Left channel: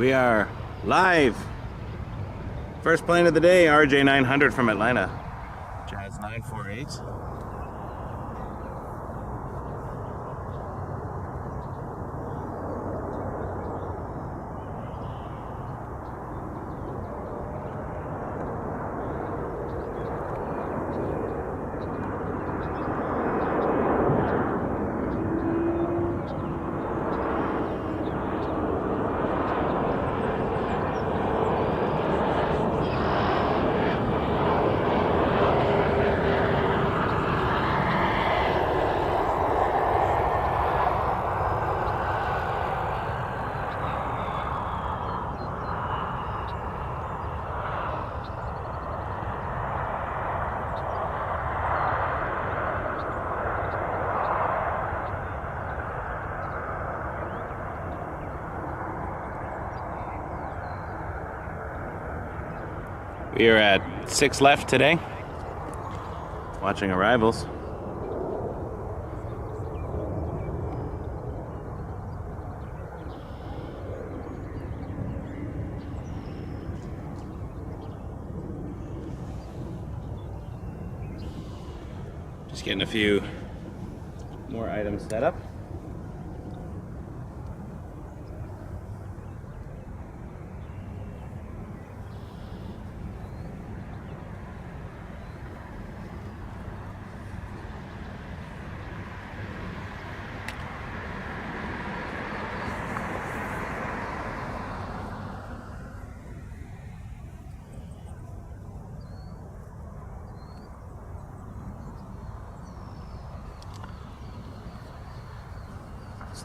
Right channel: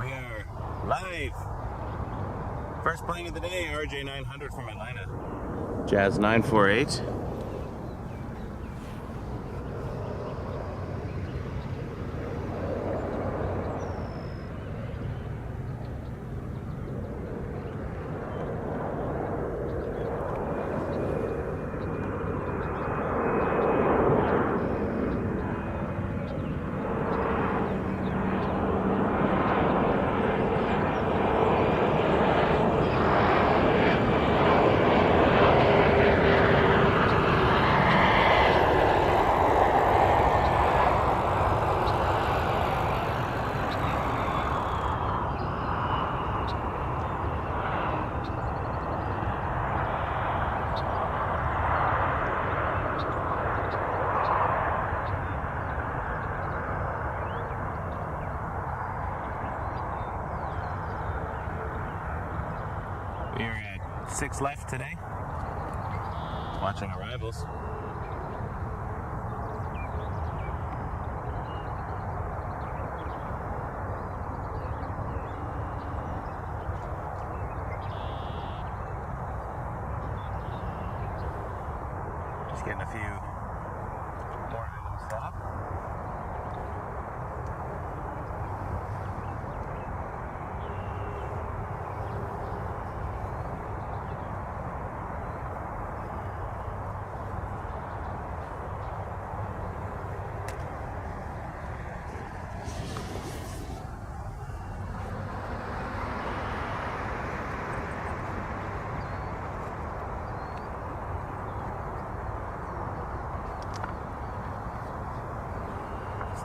We are live. First plane of the day, RJ900 from Atlanta. Jazz 948. We are at 6 left today, watching arrivals. Just getting a few more items set up.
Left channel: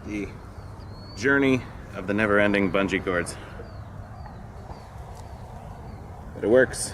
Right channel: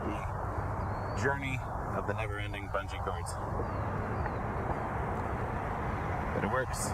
The journey of the never-ending bungee cords. But it works.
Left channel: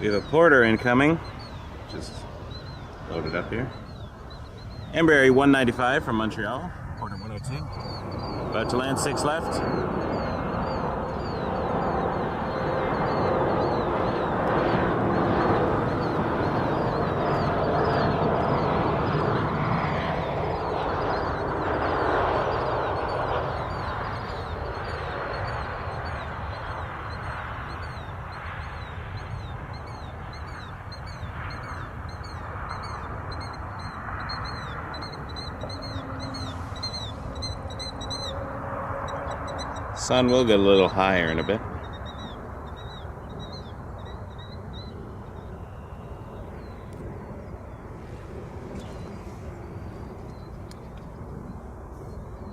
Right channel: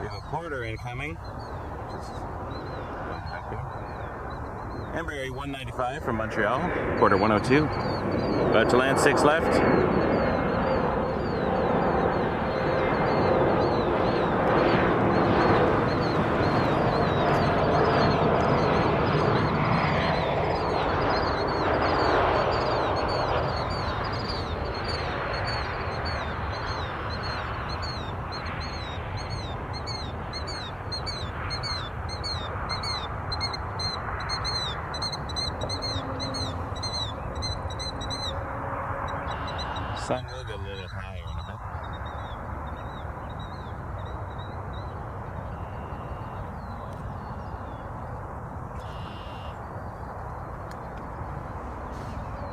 We have a porter incoming, just loaded up here. Emirates 195 from Montreal, porter 102. About to land 6 left. Sun will get a little higher in a bit.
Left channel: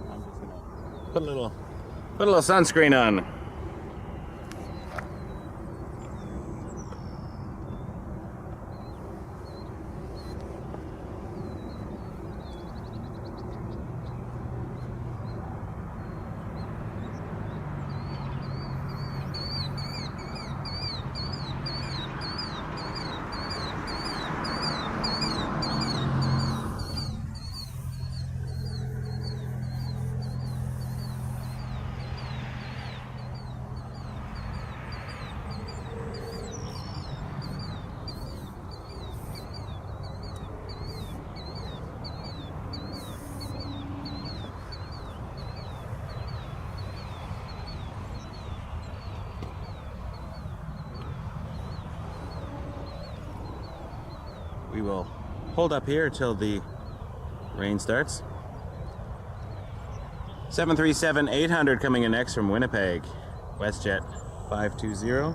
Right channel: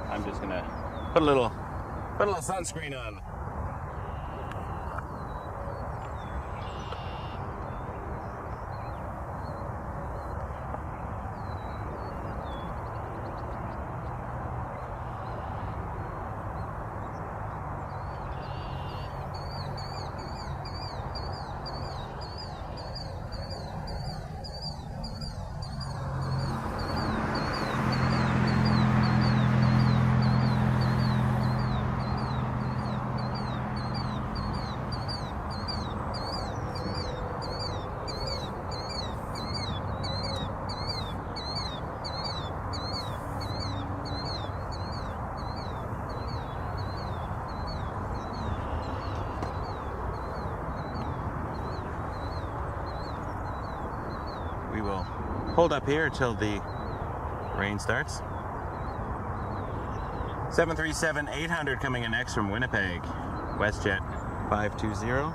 I'm just gonna put a little sunscreen on. We will hold up here until the rain starts. 737-800 coming in next from Winnipeg, WestJet 520.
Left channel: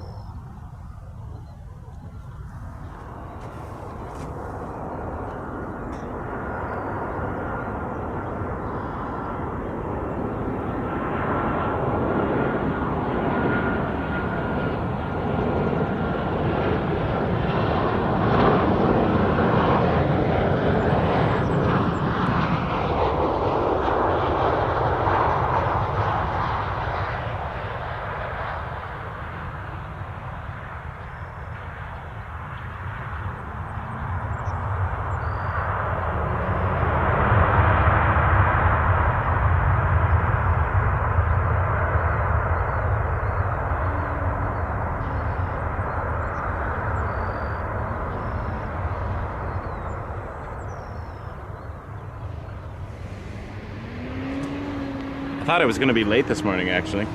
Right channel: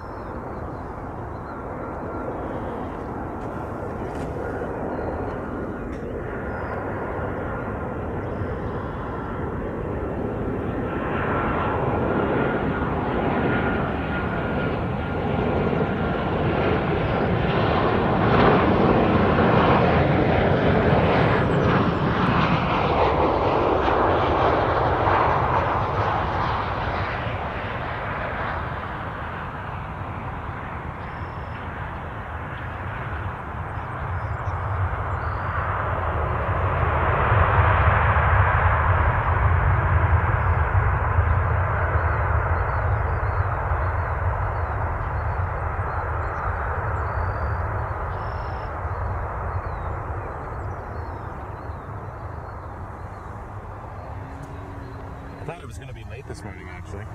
I thought I was going to be late this morning, actually.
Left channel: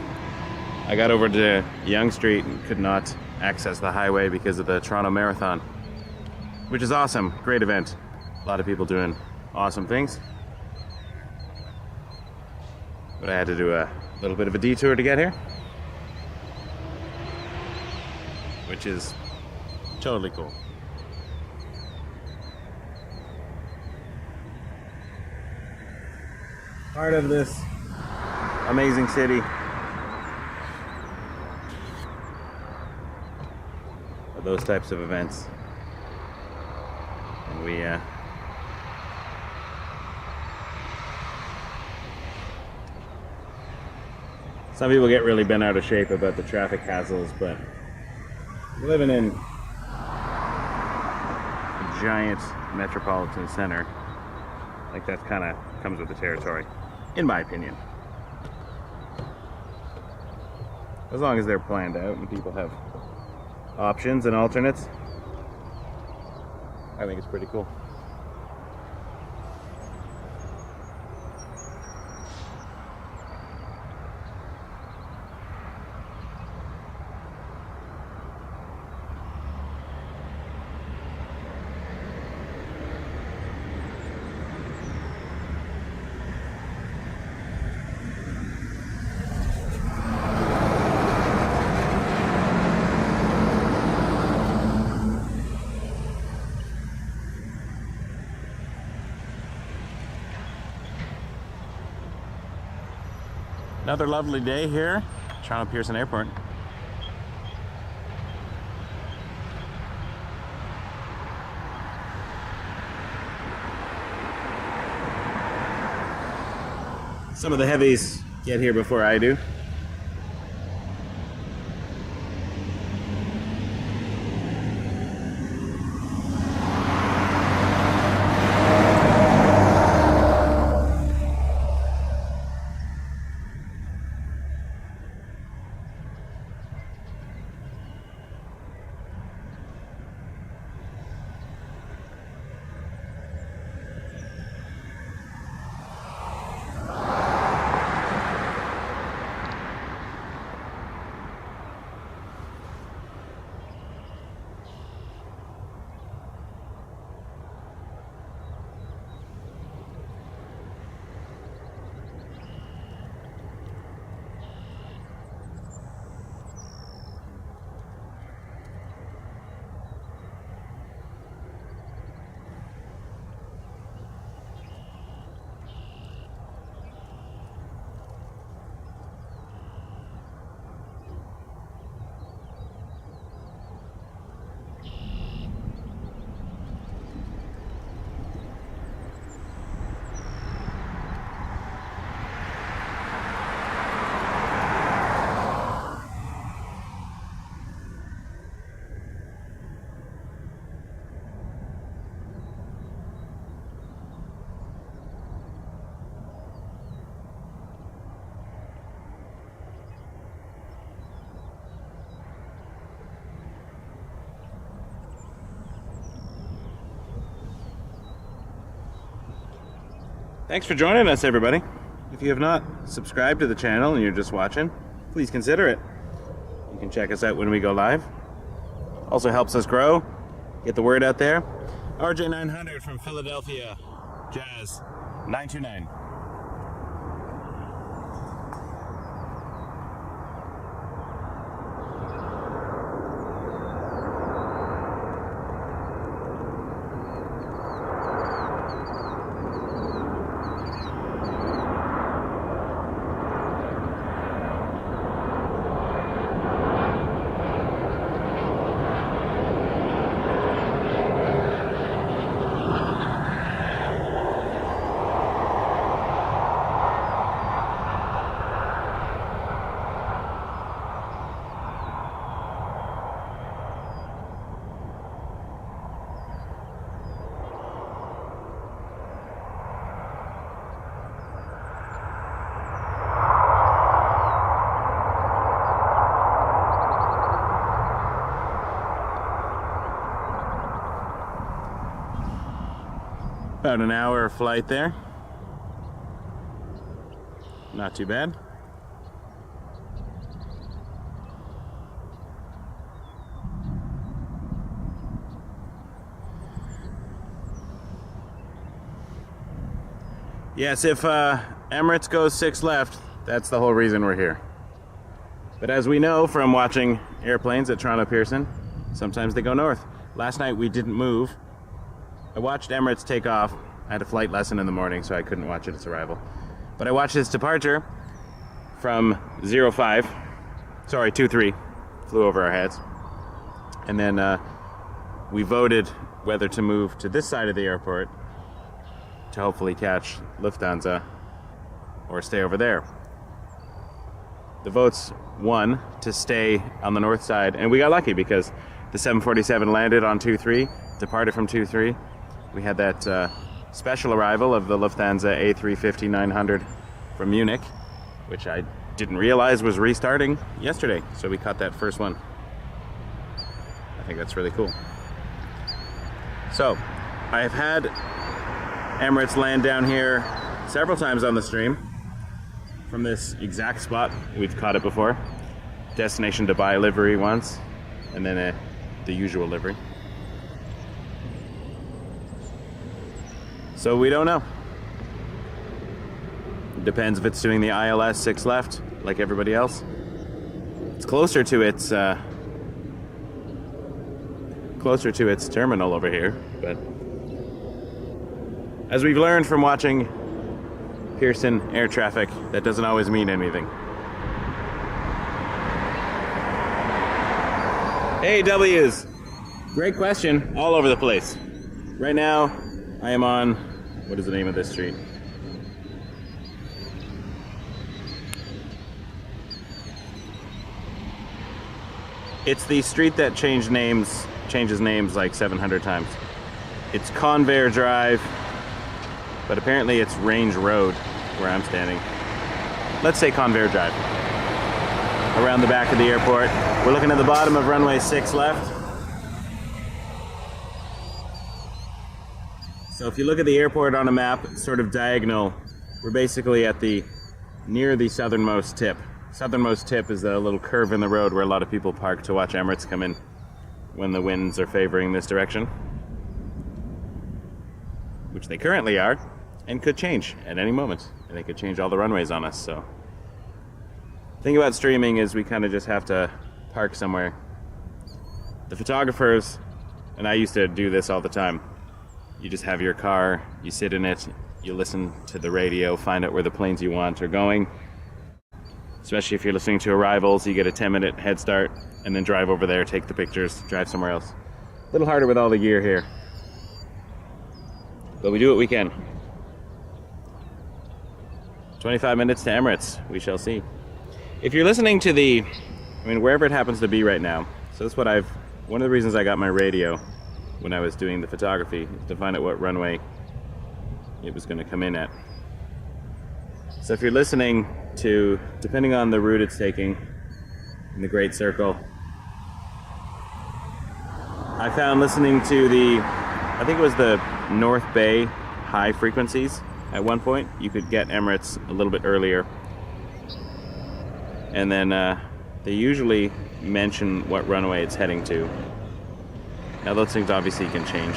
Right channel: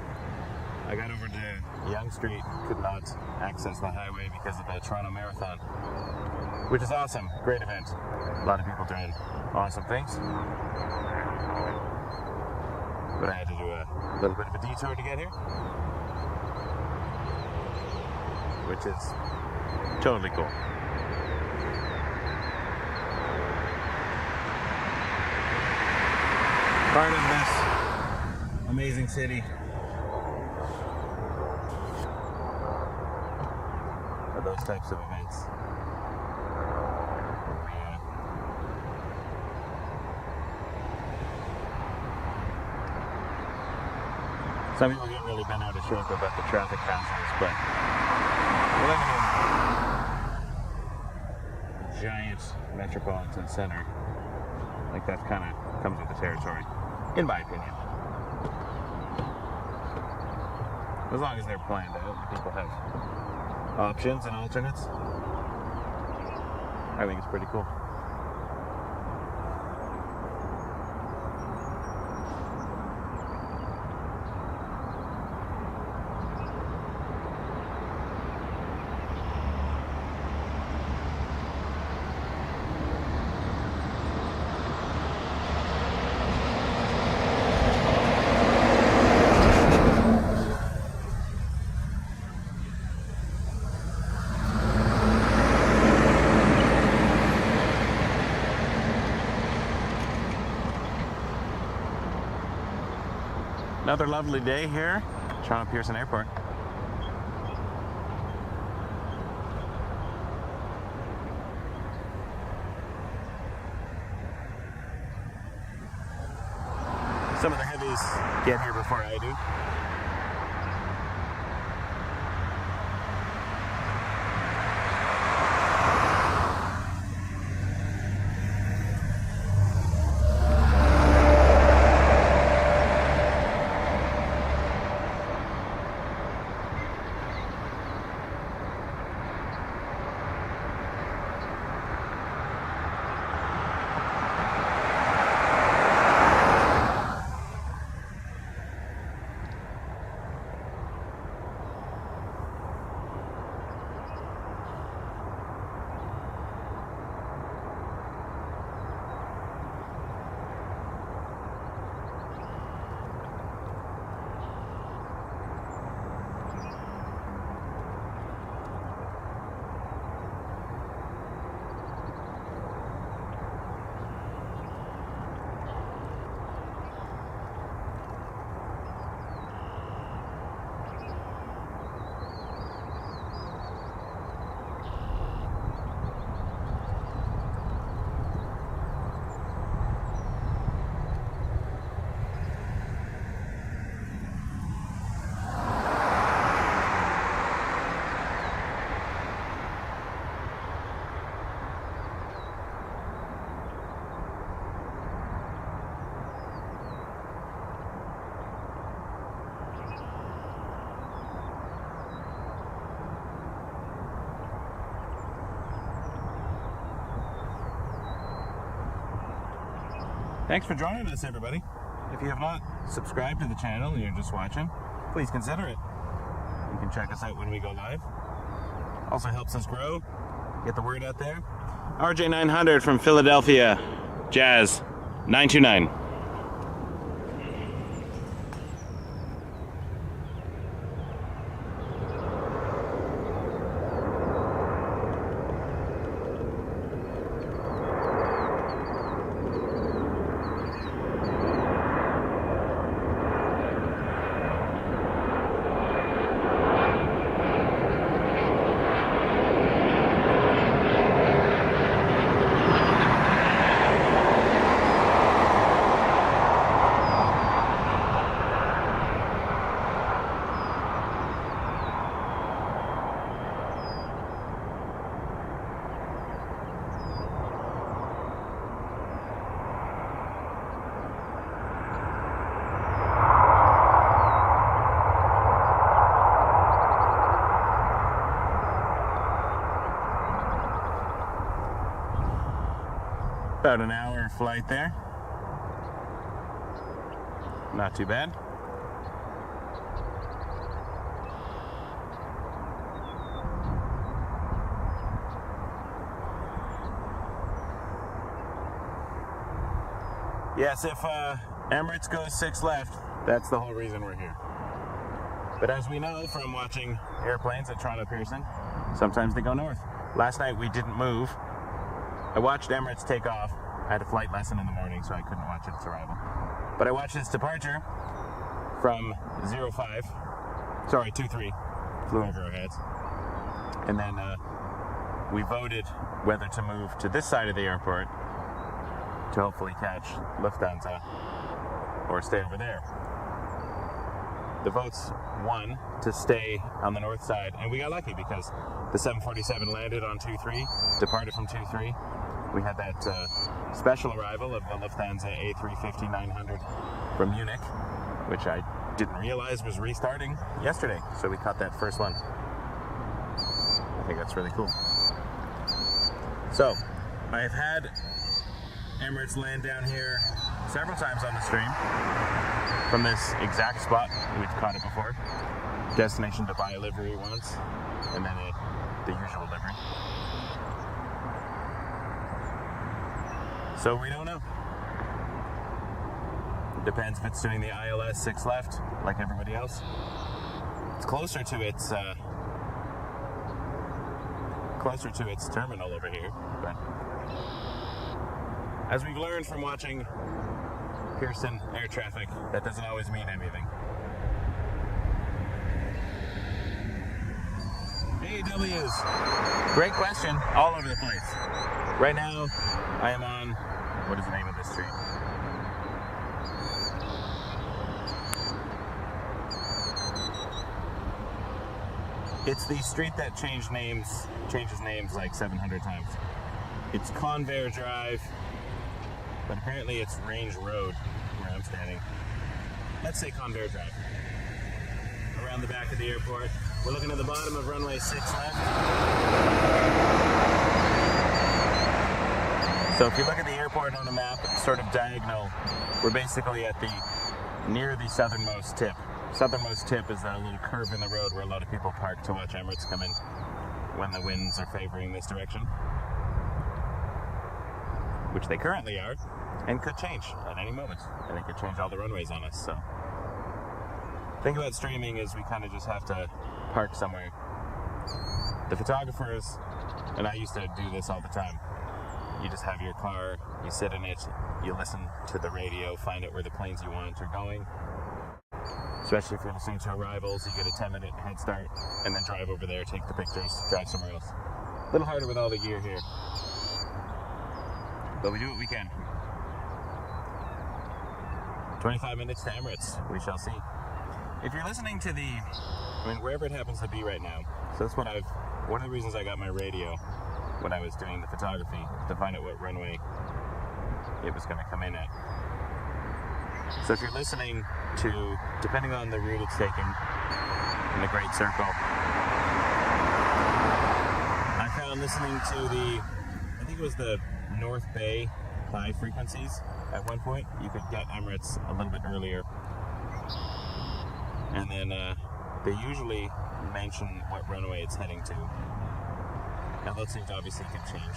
I got over to Yonge Street and could not access the highway because of the Toronto Marathon, which is awesome. Great event. A lot of people doing awesome things. But I had to do a little bit of a detour to get here, which is totally cool. Part of this amazing city are those types of events. And we some people get really bent out of shape about the traffic hassles, but we're living in a giant metropolitan center. Like that kind of comes with the territory, in my opinion. As long as they're planned out and people have options and alternates, I think it's pretty cool. Another lovely day here, Toronto Pearson Airport. Some of the heavies get here before I do. Thanks for joining us, everybody. If you have not subscribed to the channel and you're just watching, please consider it. You can check us out when we go live. Also helps us grow, get the word out there. RJ900 from Philadelphia, Jazz 929. About an hour flight there. not too bad. Yes, if Emirates goes 6 left, that's the whole reason we're here. But as we know from watching airplanes at Toronto Pearson, sometimes they go north. Last night we didn't move. I watched Emirates take off. I had a flight lesson in the morning, so I couldn't watch its arrival. But I watched its departure from 23, flew over our heads. And then we voted whether to move to this side of the airport to hopefully catch Lufthansa or stay over there. The votes won to stay on the north side, and we got lucky because the 747 landed on 23, departed from 23. We had that special arrival of the Lufthansa A380-800 from Munich, which I didn't realize was restarting yesterday, so we caught that first one. I think that's really cool. So, I have had Emirates land down here several times on the stream from this exact spot. We've caught it before. Destination Dubai livery once, and then the usual livery. So we don't know. It depends if it's doing the ILS 6 left, like everybody else. It's closer to its terminal over here, but as we've learned from watching Pearson air traffic, that doesn't always mean anything. Hey W's, great question, all over the place. Right now, I am on, what is the name of this street? It's the street that changes names like 700 times. It's Conveyor Drive, but apparently it's Range Road where I'm standing. Let's say Conveyor Drive. Around the back of the airport. We're looking at the bottom of runway 6 left. So if you look at the airport on a map, sort of diagonal, we're basically at near the southernmost tip. Southernmost tip is the little curve in the road where a lot of people park to watch Emirates come in when the winds are favoring this direction, which they currently are, and could change at any moment, and they could change all the runways on us. So the thing about streaming is we kind of just have to park somewhere. The photographers, and I used to do this all the time, you just have your car, you sit in it, you listen to the radio, find out where the planes you want are going. Especially if you're listening to arrivals, you get a 10-minute head start, and then drive over there, take the pictures, drive somewhere else. A little harder with all the gear here, but we do what we can. 25 minutes to Emirates, we shall see. If you're listening to wherever it happens to be right now, so that's one of the reasons I got my radio when I was doing the photography, to find out what runway it was going to come in at. So if you're listening to, depending on the route it's taking in the Great Circle, I found listening to I think it was the North Bay high frequencies at one point, you could get Emirates a little bit earlier. And then they usually mention what runway it's heading to. Now those things obviously can change.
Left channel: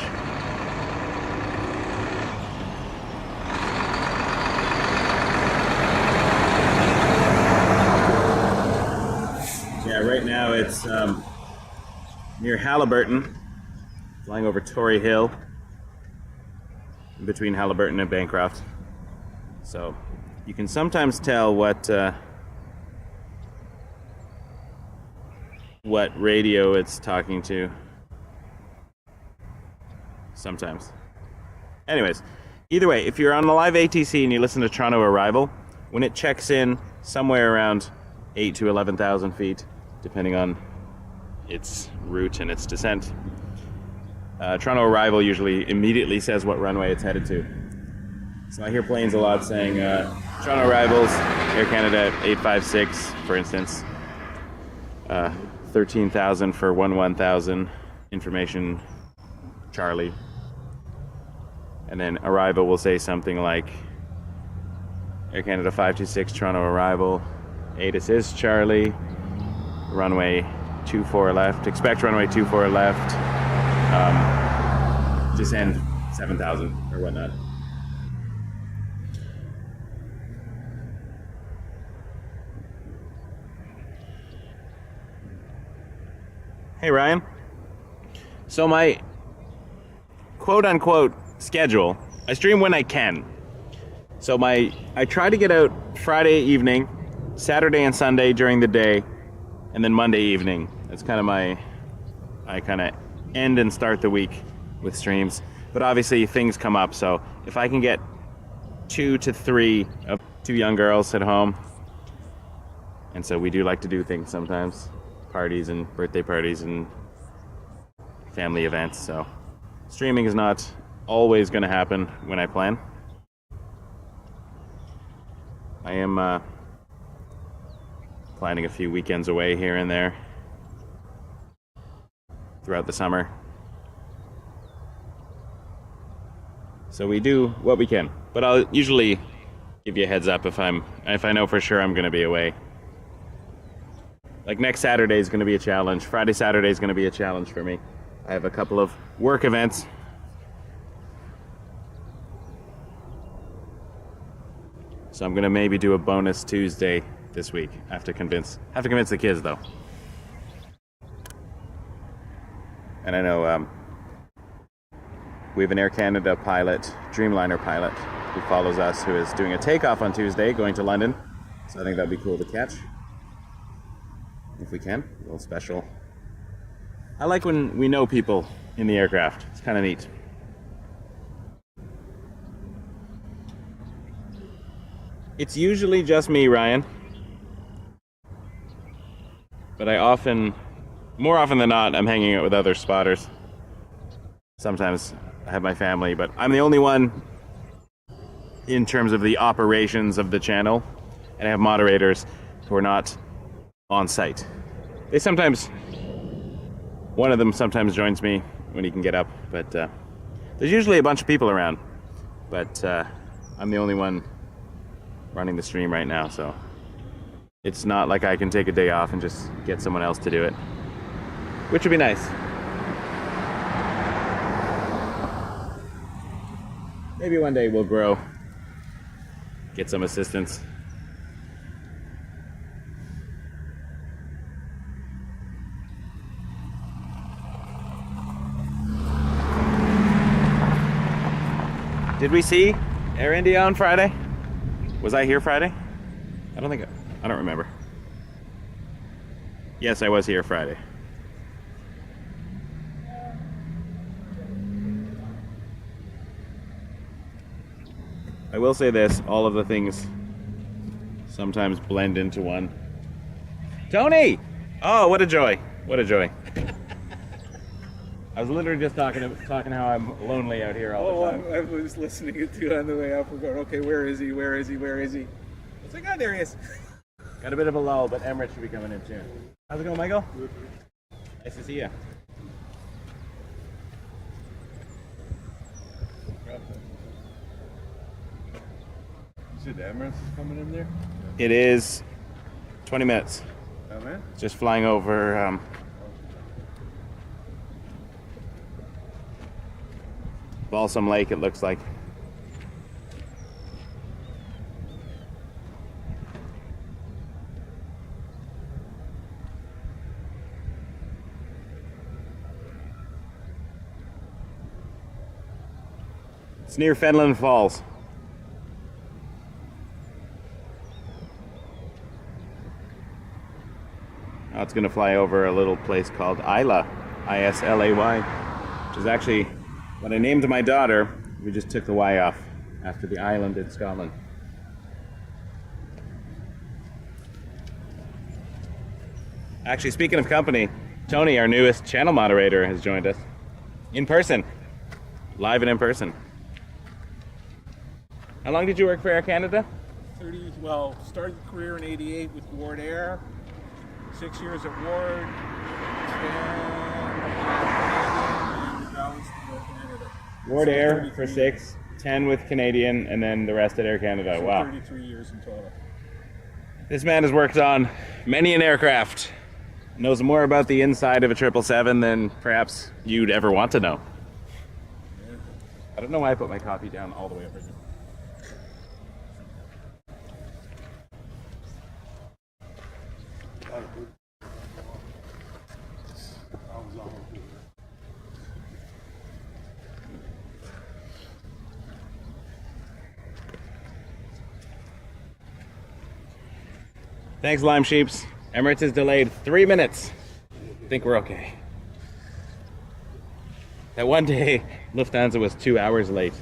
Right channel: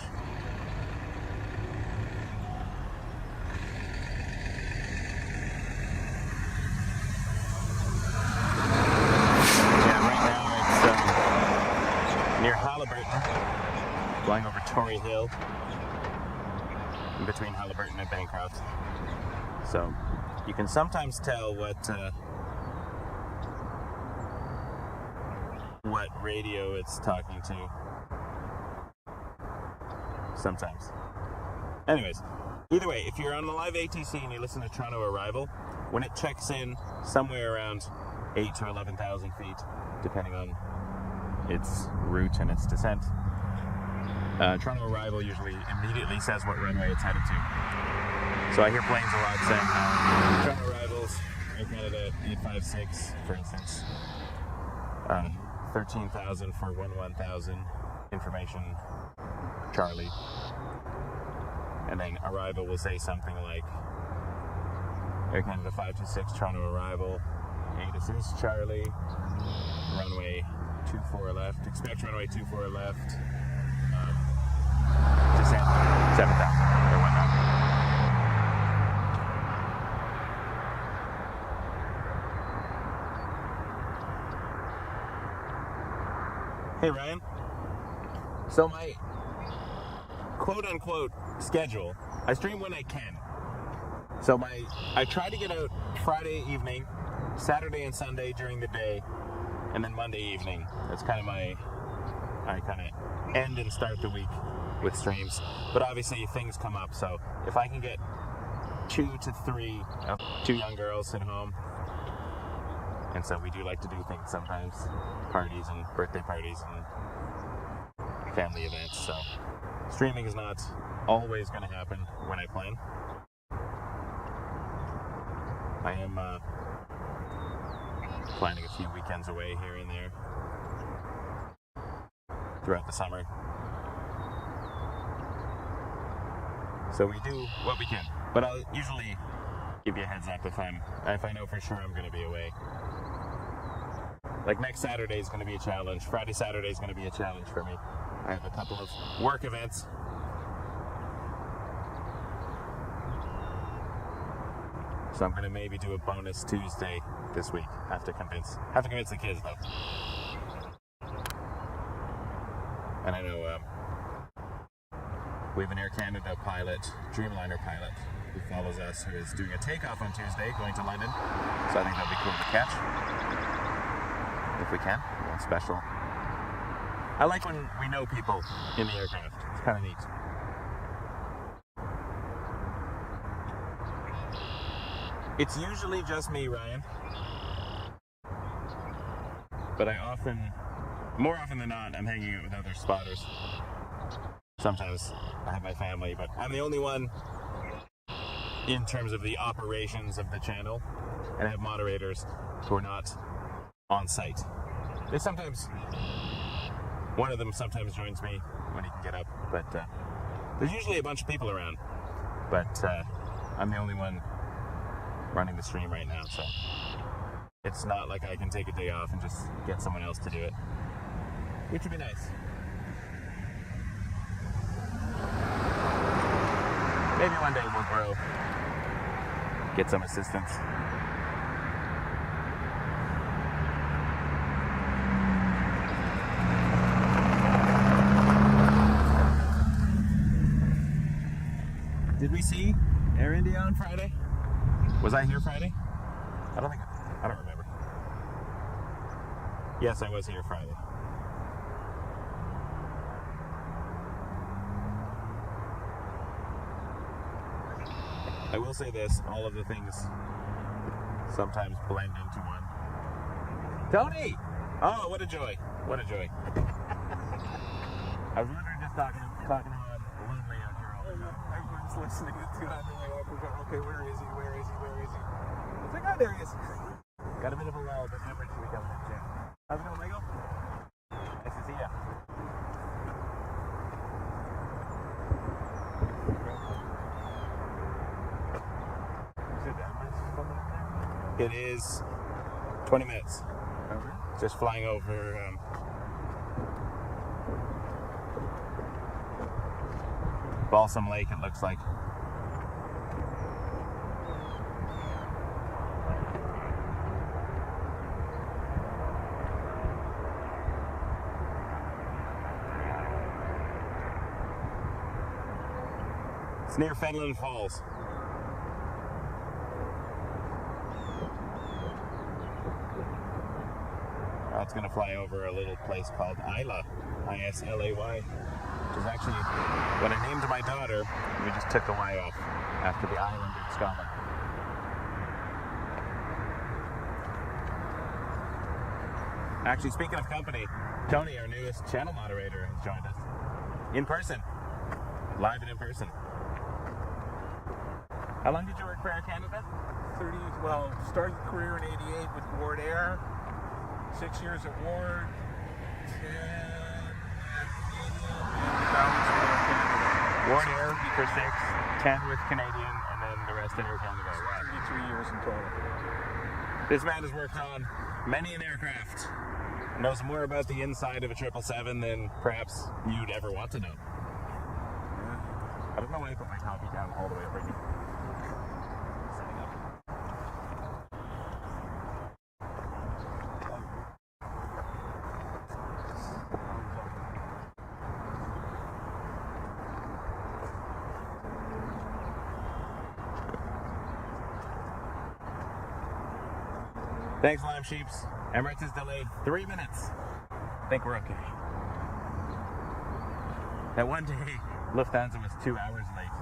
Yeah, right now it's near Halliburton, flying over Torrey Hill, in between Halliburton and Bancroft. So you can sometimes tell what radio it's talking to. Sometimes. Anyways, either way, if you're on the live ATC and you listen to Toronto Arrival, when it checks in somewhere around 8,000 to 11,000 feet, depending on its route and its descent, Toronto Arrival usually immediately says what runway it's headed to. So I hear planes a lot saying Toronto Arrivals, Air Canada 856, for instance, 13,000 for 11,000, information Charlie. And then Arrival will say something like Air Canada 526 Toronto arrival. ATIS is Charlie. Runway 24 left. Expect runway 24 left. Descend 7,000 or whatnot. Hey Ryan. So my quote-unquote schedule, I stream when I can. So I try to get out Friday evening, Saturday and Sunday during the day, and then Monday evening. That's kind of I kind of end and start the week with streams. But obviously things come up, so if I can get 2 to 3 of 2 young girls at home, and so we do like to do things sometimes, parties and birthday parties and family events, so streaming is not always going to happen when I plan. I am planning a few weekends away here and there throughout the summer. So we do what we can, but I'll usually give you a heads up if I know for sure I'm going to be away. Like next Saturday is going to be a challenge. Friday, Saturday is going to be a challenge for me. I have a couple of work events. So I'm going to maybe do a bonus Tuesday this week. I have to convince the kids though. And I know we have an Air Canada pilot, Dreamliner pilot, who follows us, who is doing a takeoff on Tuesday, going to London. So I think that'll be cool to catch. If we can, a little special. I like when we know people in the aircraft. It's kind of neat. It's usually just me, Ryan. But more often than not, I'm hanging out with other spotters. Sometimes I have my family, but I'm the only one in terms of the operations of the channel. And I have moderators who are not on site. One of them sometimes joins me when he can get up, but there's usually a bunch of people around. But I'm the only one running the stream right now, so it's not like I can take a day off and just get someone else to do it, which would be nice. Maybe one day we'll grow, get some assistance. Did we see Air India on Friday? Was I here Friday? I don't remember. Yes, I was here Friday. I will say this, all of the things sometimes blend into one. Tony! Oh, what a joy. What a joy. I was literally just talking how I'm lonely out here all the time. I was listening to it on the way up. We're going, okay, where is he? Where is he? Where is he? It's like, oh, there he is. Got a bit of a lull, but Emirates should be coming in soon. How's it going, Michael? Nice to see you. You said Emirates is coming in there? It is 20 minutes. Oh, man. Just flying over Balsam Lake, it looks like. It's near Fenland Falls. Now it's going to fly over a little place called Islay, I-S-L-A-Y, which is actually what I named my daughter. We just took the Y off after the island in Scotland. Actually, speaking of company, Tony, our newest channel moderator, has joined us in person, live and in person. How long did you work for Air Canada? Started the career in '88 with Ward Air, 6 years at Ward, 10 at Canadian, and the balance with Air Canada. Ward Air for 6, 10 with Canadian, and then the rest at Air Canada. So Wow. 33 years in total. This man has worked on many an aircraft. Knows more about the inside of a 777 than perhaps you'd ever want to know. Yeah. I don't know why I put my coffee down all the way over here. Thanks, Lime Sheeps. Emirates is delayed 3 minutes. I think we're okay. That one day, Lufthansa was 2 hours late.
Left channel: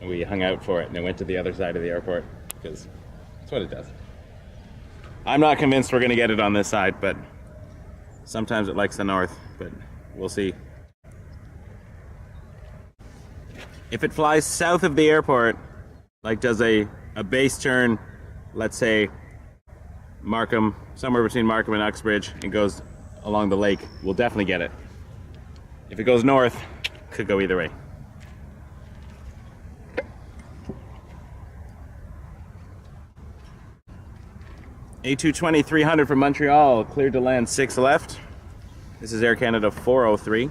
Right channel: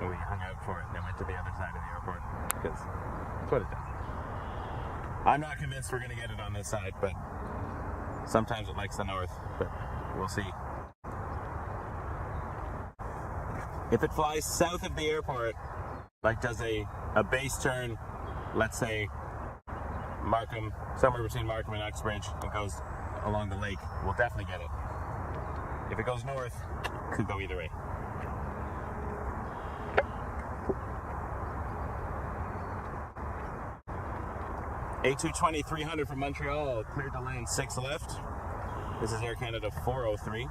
And we hung out for it and it went to the other side of the airport because that's what it does. I'm not convinced we're going to get it on this side, but sometimes it likes the north, but we'll see. If it flies south of the airport, like does a base turn, let's say Markham, somewhere between Markham and Uxbridge, and goes along the lake, we'll definitely get it. If it goes north, could go either way. A320-800 from Montreal, cleared to land 6 left. This is Air Canada 403.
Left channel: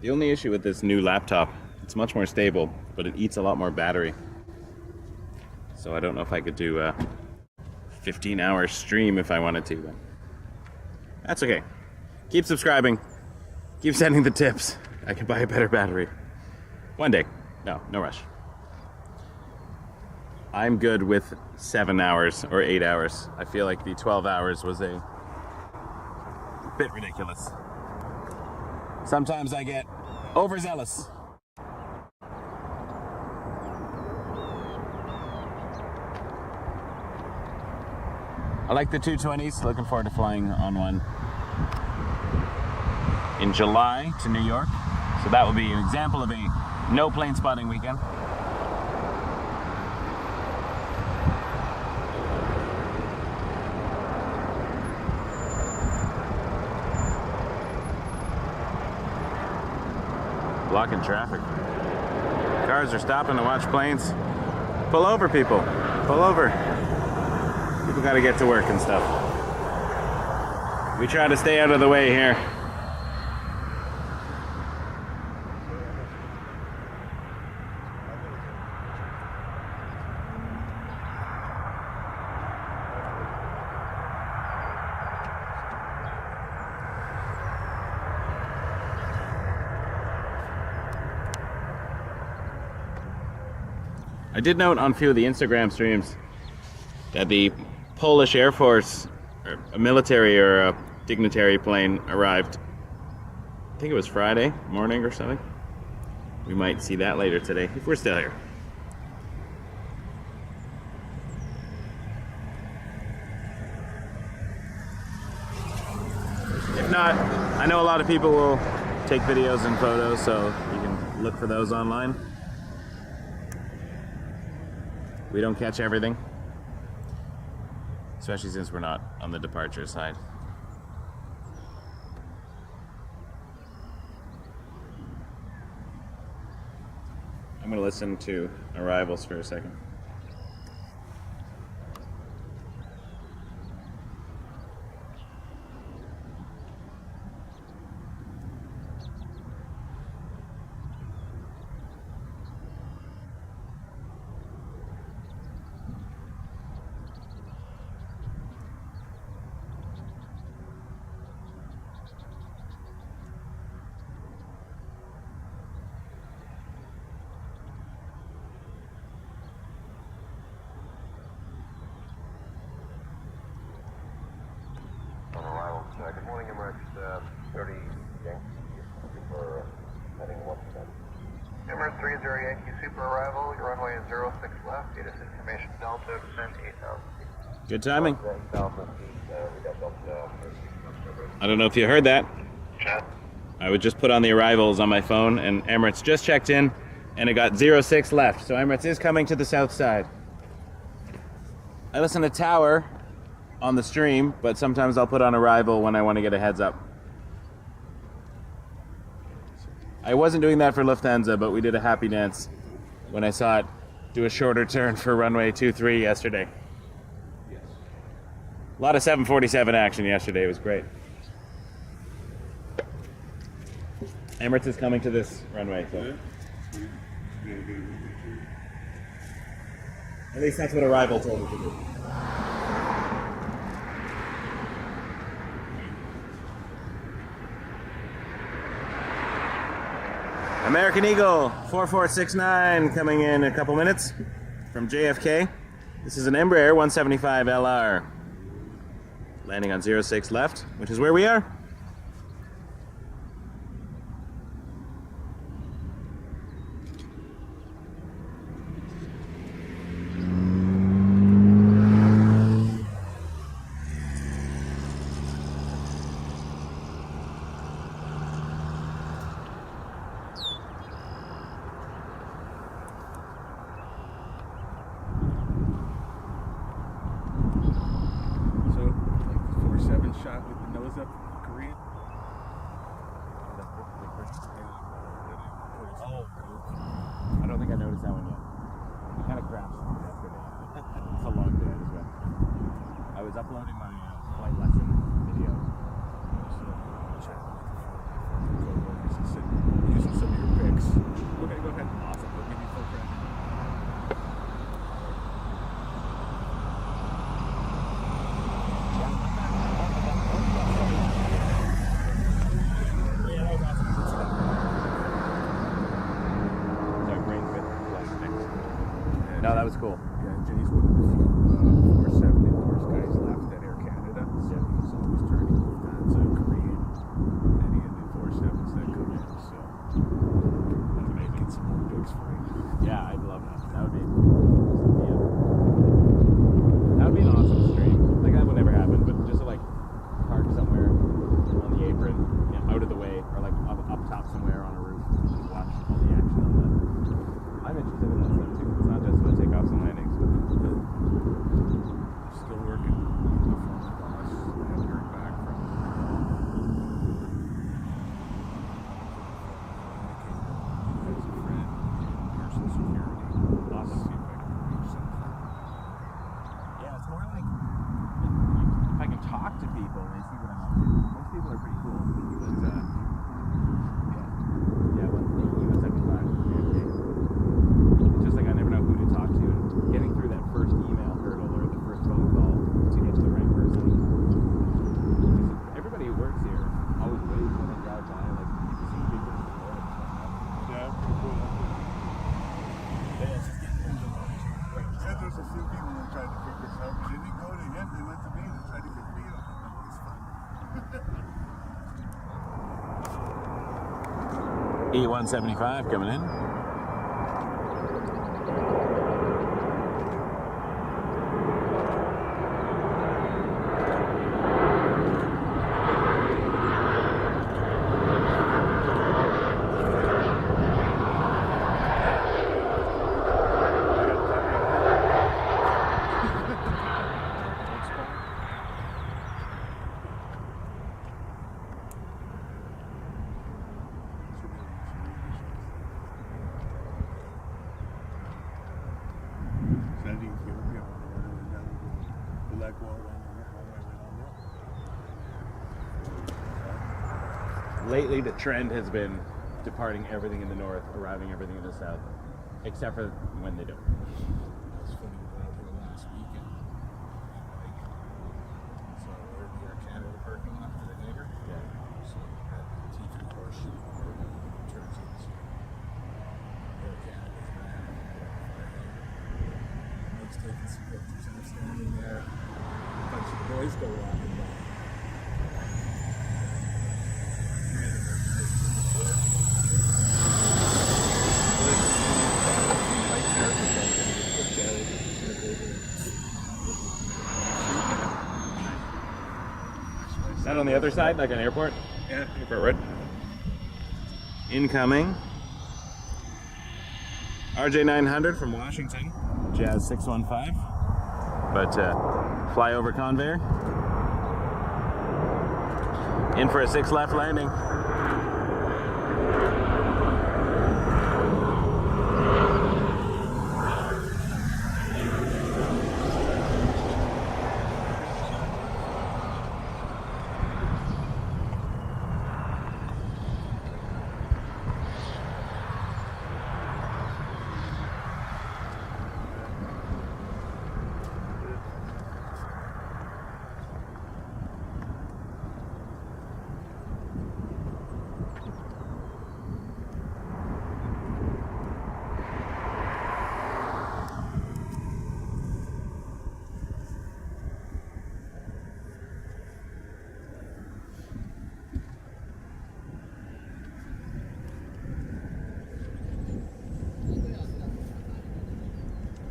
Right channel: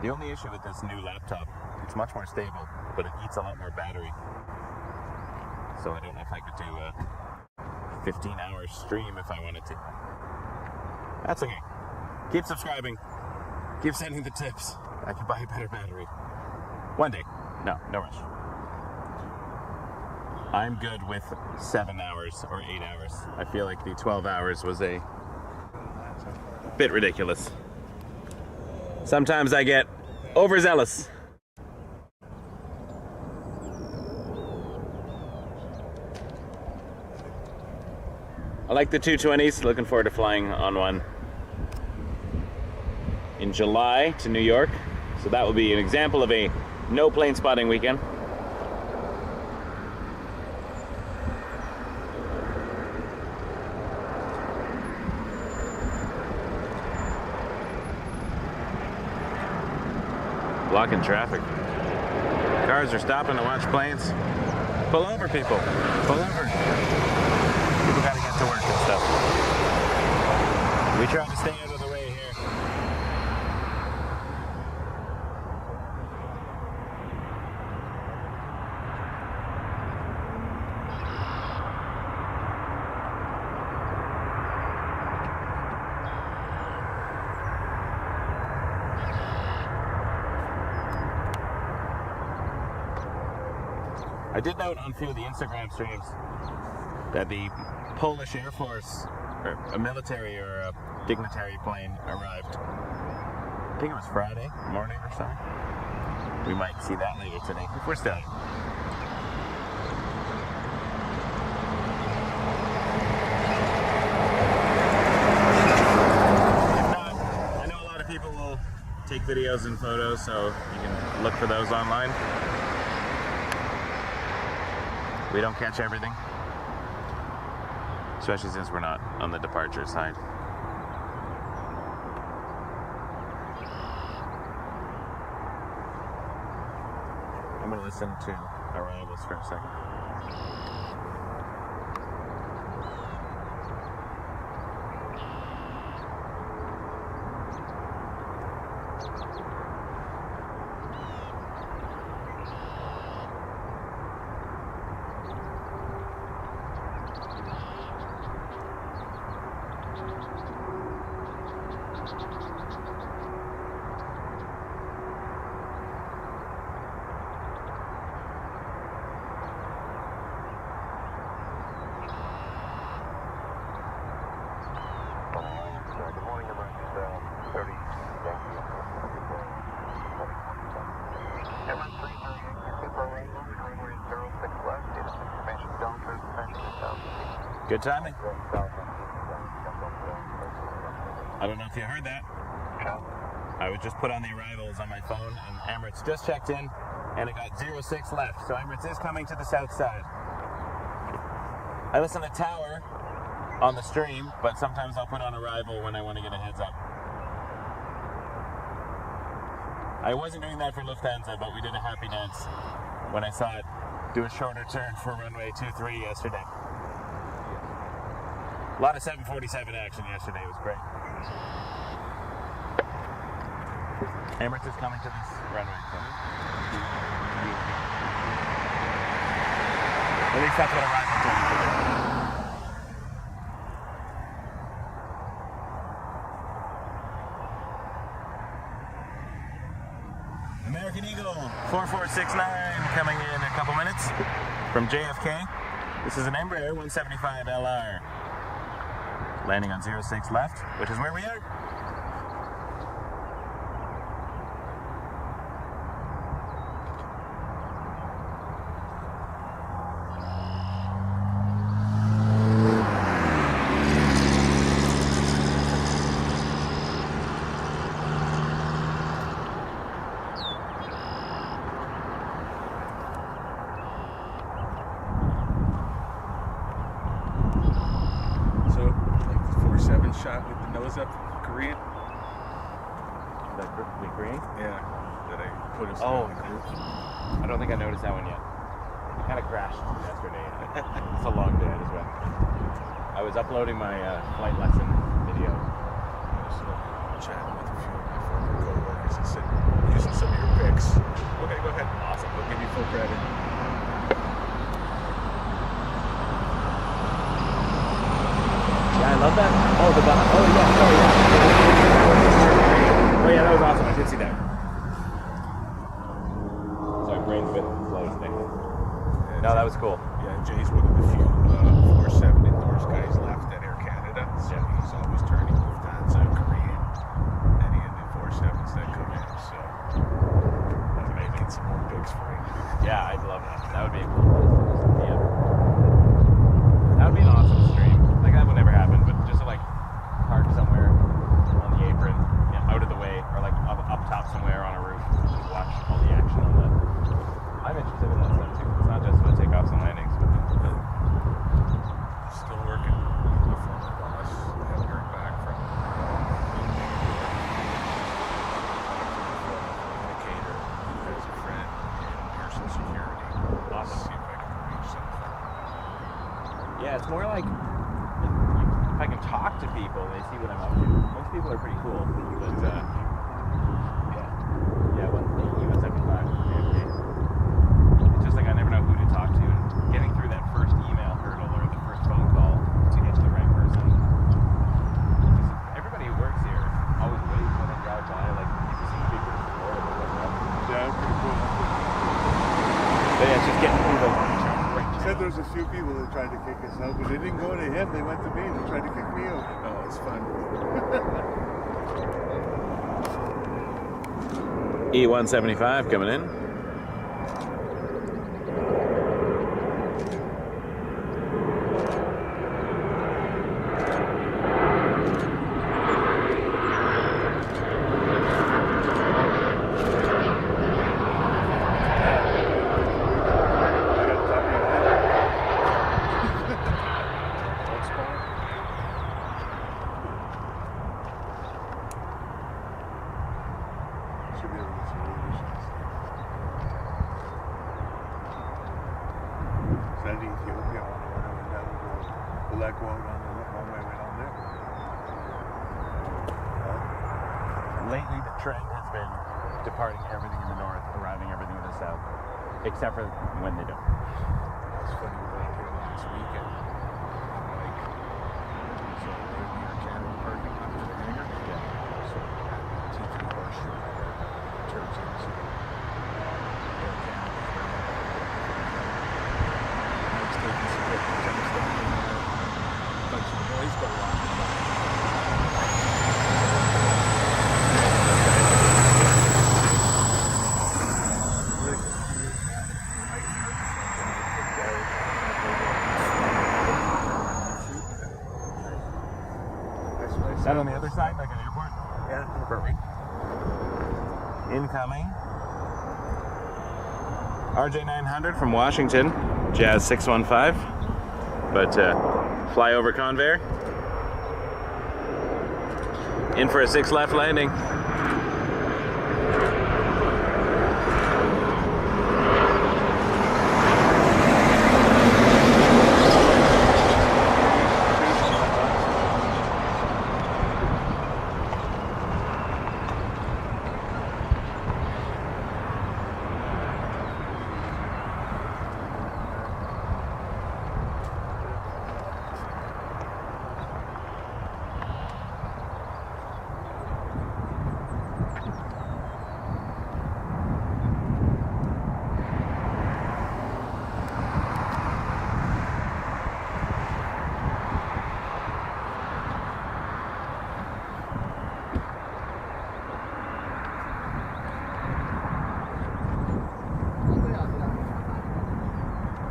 The only issue with this new laptop, it's much more stable, but it eats a lot more battery. So I don't know if I could do a 15-hour stream if I wanted to, but that's okay. Keep subscribing. Keep sending the tips. I can buy a better battery. One day. No rush. I'm good with 7 hours or 8 hours. I feel like the 12 hours was a bit ridiculous. Sometimes I get overzealous. I like the 220s. Looking forward to flying on one in July to New York. So that will be an example of a no plane spotting weekend. Blocking traffic. Cars are stopping to watch planes. Pull over, people. Pull over. People gotta get to work and stuff. We try to stay out of the way here. I did note on a few of the Instagram streams that the Polish Air Force, or a military or a dignitary plane arrived. I think it was Friday morning or something. We might see that later today, if we're still here. If not, I know a lot of people will take videos and photos, so you can look for those online. We don't catch everything, especially since we're not on the departure side. I'm going to listen to arrivals for a second. Good morning, Emirates 30 Yankee for heading 17. Emirates 308 Yankee for arrival, runway 06 left, data information Delta, descent 8,000 feet. Good timing. I don't know if you heard that. I would just put on the arrivals on my phone, and Emirates just checked in and it got 06 left. So Emirates is coming to the south side. I listen to Tower on the stream, but sometimes I'll put on Arrival when I want to get a heads up. I wasn't doing that for Lufthansa, but we did a happy dance when I saw it do a shorter turn for runway 23 yesterday. A lot of 747 action yesterday. It was great. Emirates is coming to this runway, so at least that's what Arrival told me to do. American Eagle 4469 coming in a couple minutes from JFK. This is an Embraer 175 LR landing on 06 left, which is where we are. Shot with the nose up, Korean. That perfectly green? Yeah, that I put us in the group. I don't think I noticed that one yet. It kind of crashed yesterday. It's a long day as well. I was uploading my flight lesson video. Chatting with a few of my former co-workers and said, using some of your pics. Okay, go ahead. Awesome. We'll give you full credit. I love that. Oh, the button. Oh, yeah. Sorry, yeah. Oh, yeah, that was awesome. I did see that. Sorry, brain's a bit slow today. No, that was cool. Yeah, Jay's one of the few 47 endorsed guys left at Air Canada. So he's always turning Lufthansa, Korean, any of the 47s that come in. So I'm making some more pics for you. Yeah, I'd love that. That would be cool. Yeah. That would be an awesome stream. Like, that would never happen, but just to, like, park somewhere on the apron, out of the way, or, like, up top somewhere on a roof, and watch all the action on the... I'm interested in that stuff, too. It's not just for takeoffs and landings, but still working with my former boss. I haven't heard back from indicator who has a friend in Pearson Security. Awesome. See if I can arrange something. yeah, it's more like... if I can talk to people, they see what I'm up to. Most people are pretty cool, but well, he was 75. It's just like I never know who to talk to, and getting through that first email hurdle or the first phone call to get to the right person. Everybody who works here always waits when they drive by, like you see people before. Yeah, pretty cool. But yeah, it's just getting through those right Said there was a few people that tried to kick us out, but they didn't go to him. They went to me. They tried to kick me out. Oh, it's fun. E175 coming in. Lately, the trend has been departing everything in the north, arriving everything in the south, except for when they don't. It's funny, we were out here last weekend. So we're in the Air Canada parking lot for the hangar. Yeah. So we had the T3 horseshoe turns into Air Canada. Mike's taking some pictures. I'm standing there. A bunch of the boys go walking by. Is that on the other side, like an airport? Yeah. Airport road. Incoming. RJ900 from Washington, Jazz 615. But fly over Convair. In for a 6 left landing.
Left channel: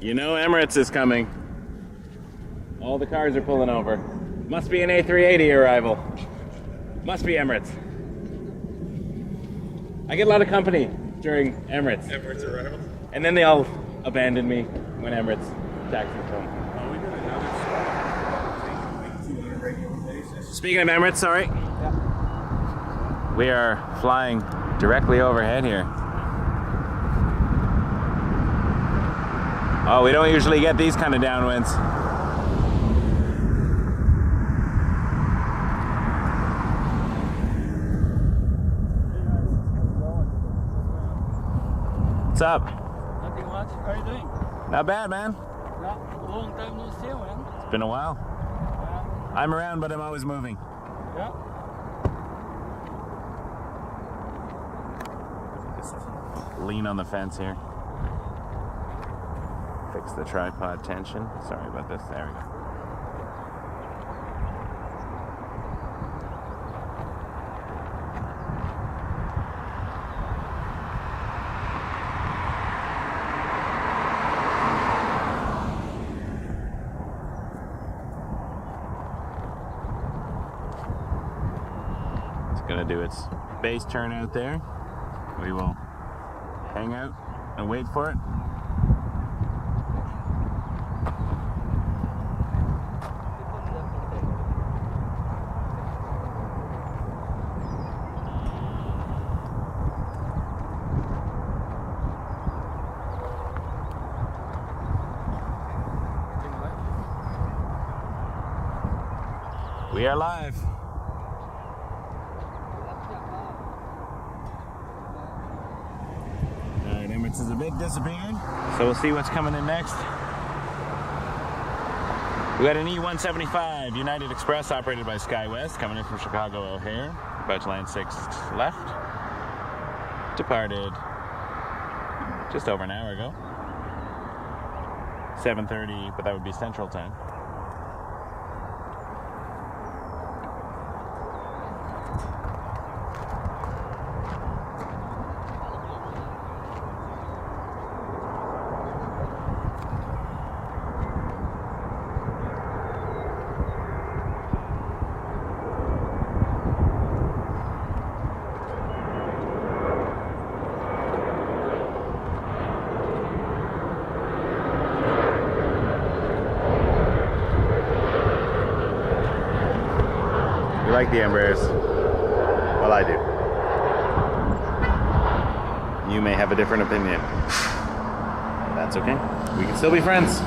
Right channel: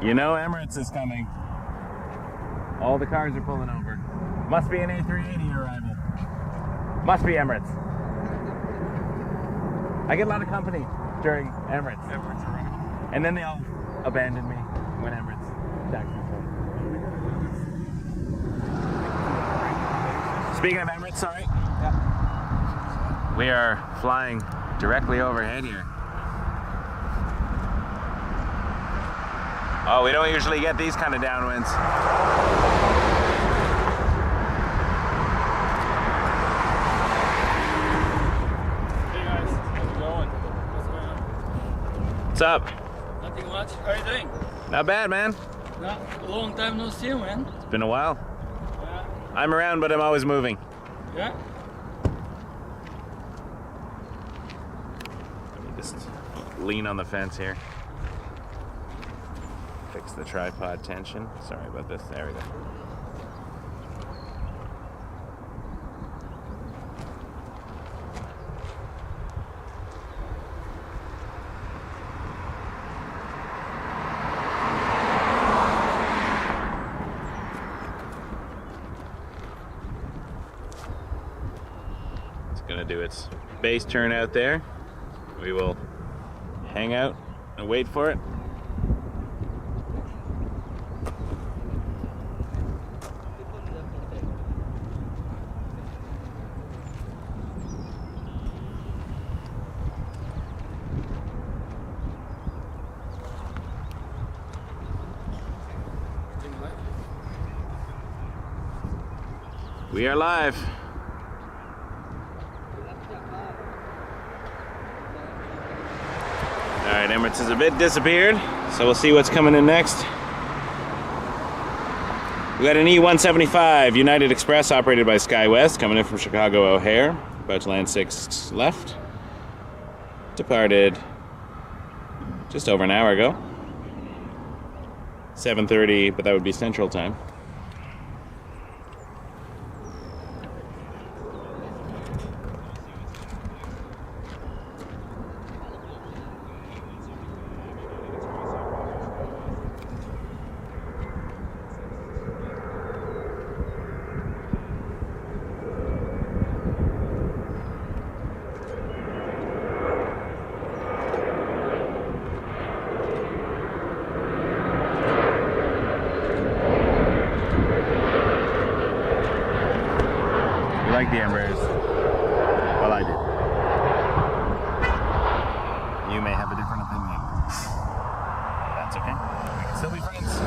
You know Emirates is coming. All the cars are pulling over. Must be an A380 arrival. Must be Emirates. I get a lot of company during Emirates. Emirates arrival. And then they all abandon me when Emirates taxis home. Oh, we got another spot. On a regular basis. Speaking of Emirates, sorry. Yeah. We are flying directly overhead here. Oh, we don't usually get these kind of downwinds. Hey guys, how's it going? What's going on? What's up? Nothing much. How are you doing? Not bad, man. Not a long time no see, man. It's been a while. Yeah. I'm around, but I'm always moving. Yeah. Just lean on the fence here. Fix the tripod tension. Sorry about this. There we go. It's gonna do its base turn out there. We will hang out and wait for it. We are live. Alright, Emirates is a bit disappeared, so we'll see what's coming in next. We got an E175 United Express operated by SkyWest coming in from Chicago O'Hare. About to land 6 left. Departed just over an hour ago. 7:30, but that would be Central Time. Like the Embraers. Well, I do. You may have a different opinion. That's okay. We can still be friends.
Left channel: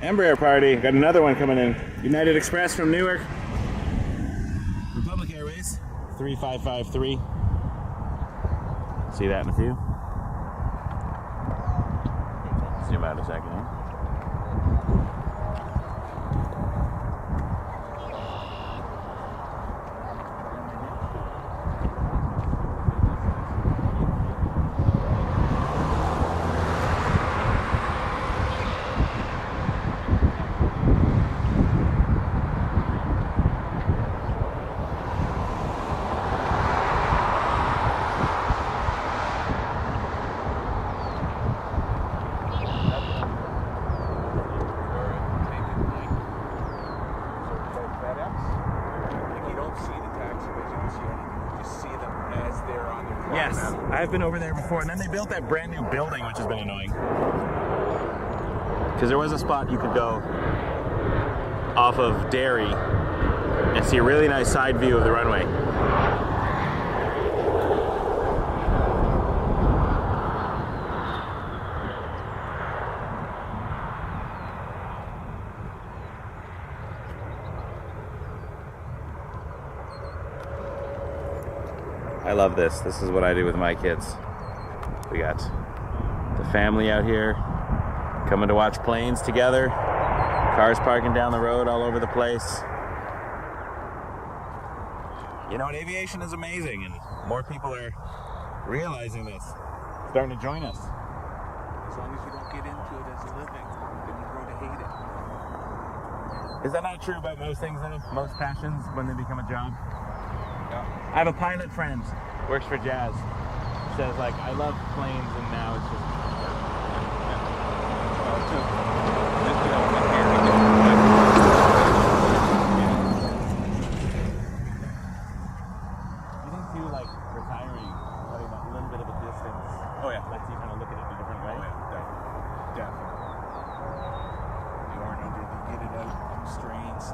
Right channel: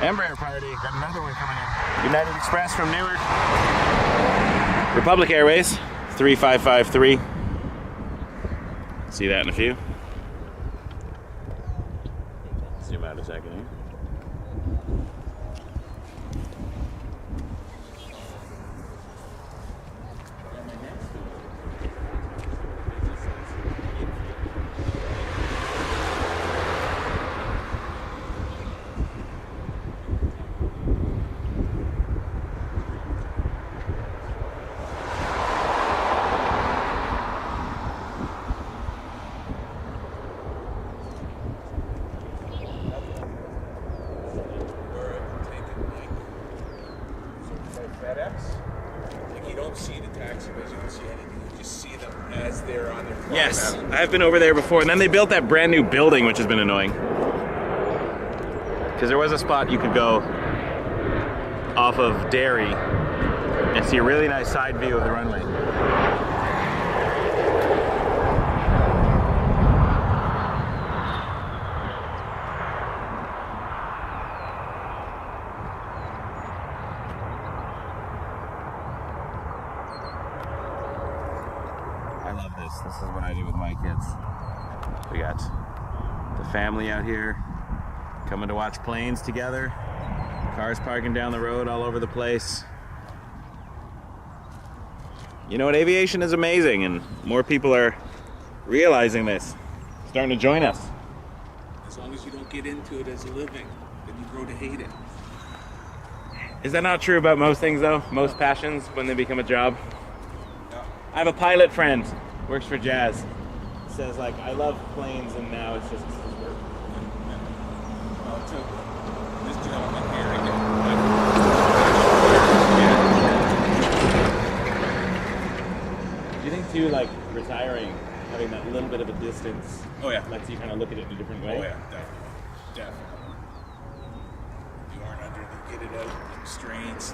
Embraer party. Got another one coming in. United Express from Newark. Republic Airways 3553. See that in a few. Zoom out a second here. Yes, I've been over there before, and then they built that brand new building, which has been annoying. Because there was a spot you could go off of Derry and see a really nice side view of the runway. I love this. This is what I do with my kids. We got the family out here coming to watch planes together. Cars parking down the road all over the place. You know what? Aviation is amazing, and more people are realizing this, starting to join us. As long as you don't get into it as a living, then you grow to hate it. Is that not true about most things, though? Most passions, when they become a job? Yeah. I have a pilot friend, works for Jazz. Says, like, I love planes, and now it's just work. Well, it took this gentleman here to get Do you think, too, like, retiring, having that little bit of a distance, Oh yeah. lets you kind of look at it in a different way? Oh yeah, definitely. You aren't under the get it out constraints,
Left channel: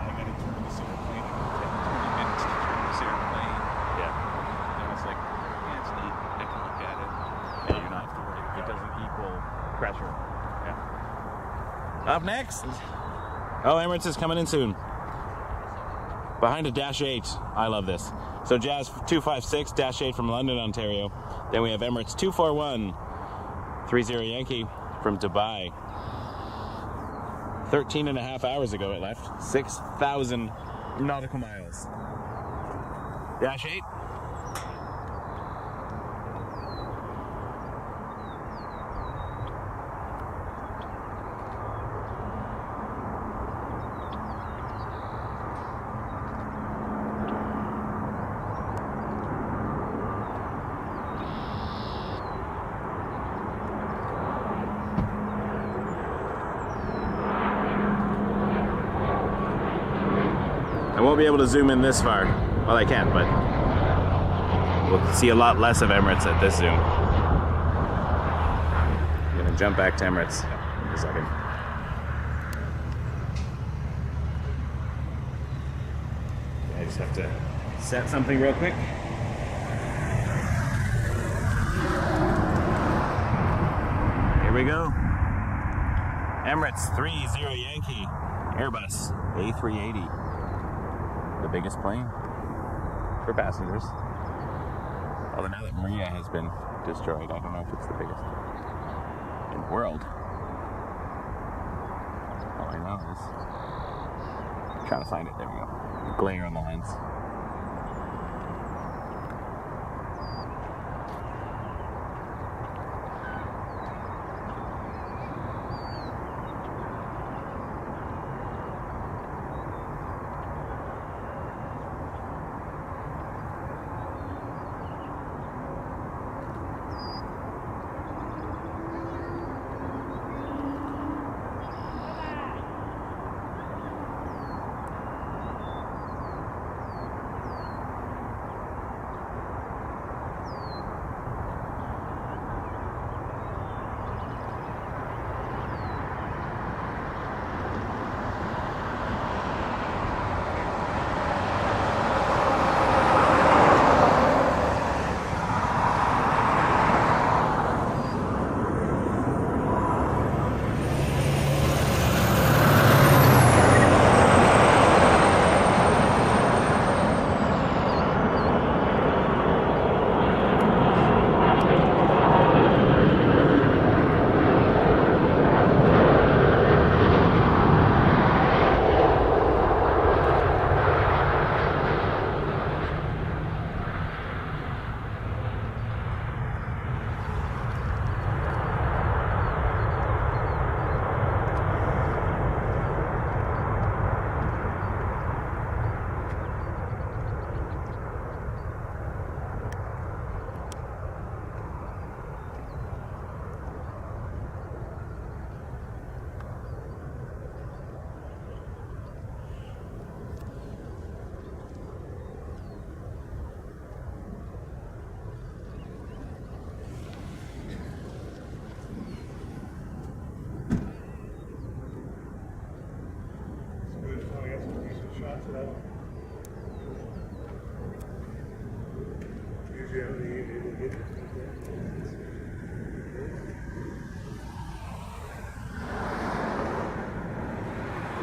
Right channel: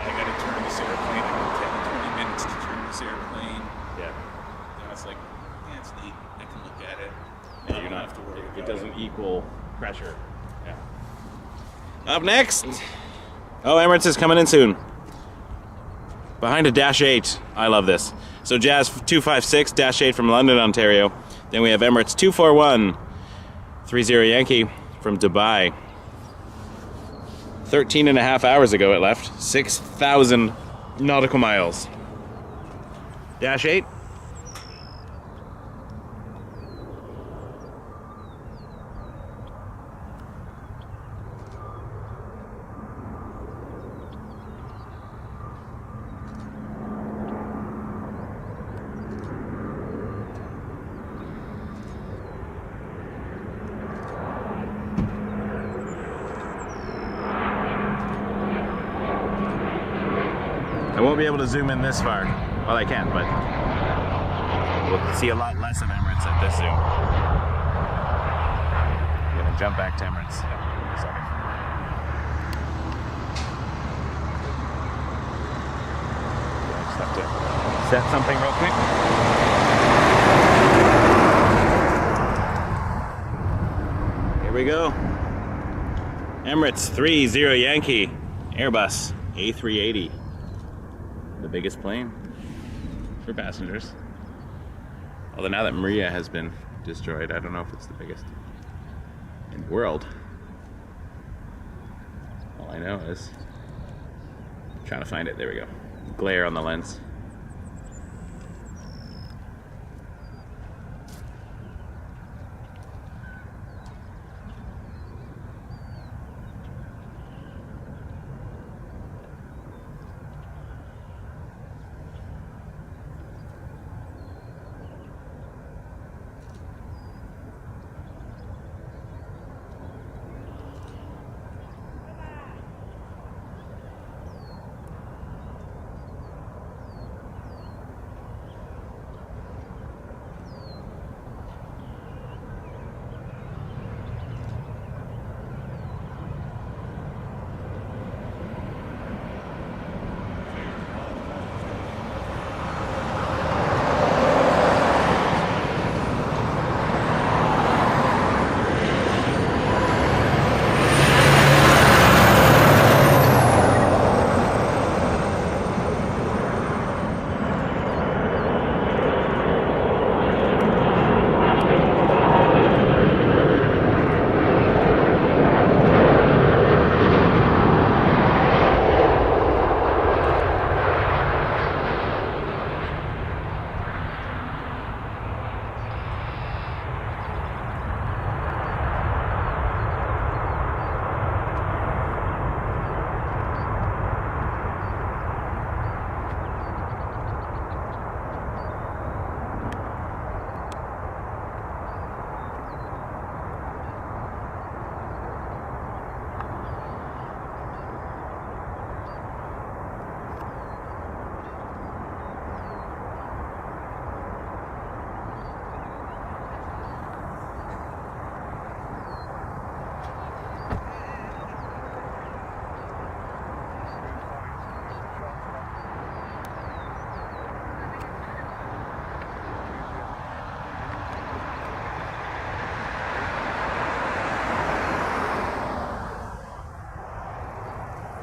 I gotta turn this airplane, it will take 20 minutes to turn this airplane. Yeah. You know, it's like, yeah, it's neat, I can look at it. Yeah, you're not, have to worry it about doesn't it. equal pressure. Yeah. Up next. Oh, Emirates is coming in soon. Behind a Dash 8. I love this. So Jazz 256, Dash 8 from London, Ontario. Then we have Emirates 241, 30 Yankee from Dubai. 13 and a half hours ago it left. 6,000 nautical miles. Dash 8. I won't be able to zoom in this far. Well, I can, but we'll see a lot less of Emirates at this zoom. I'm gonna jump back to Emirates in a second. I just have to set something real quick. Here we go. Emirates 30 Yankee, Airbus A380. The biggest plane for passengers. Although now that Maria has been destroyed, I don't know if it's the biggest in the world. All I know is I'm trying to find it. There we go. Glare on the lens.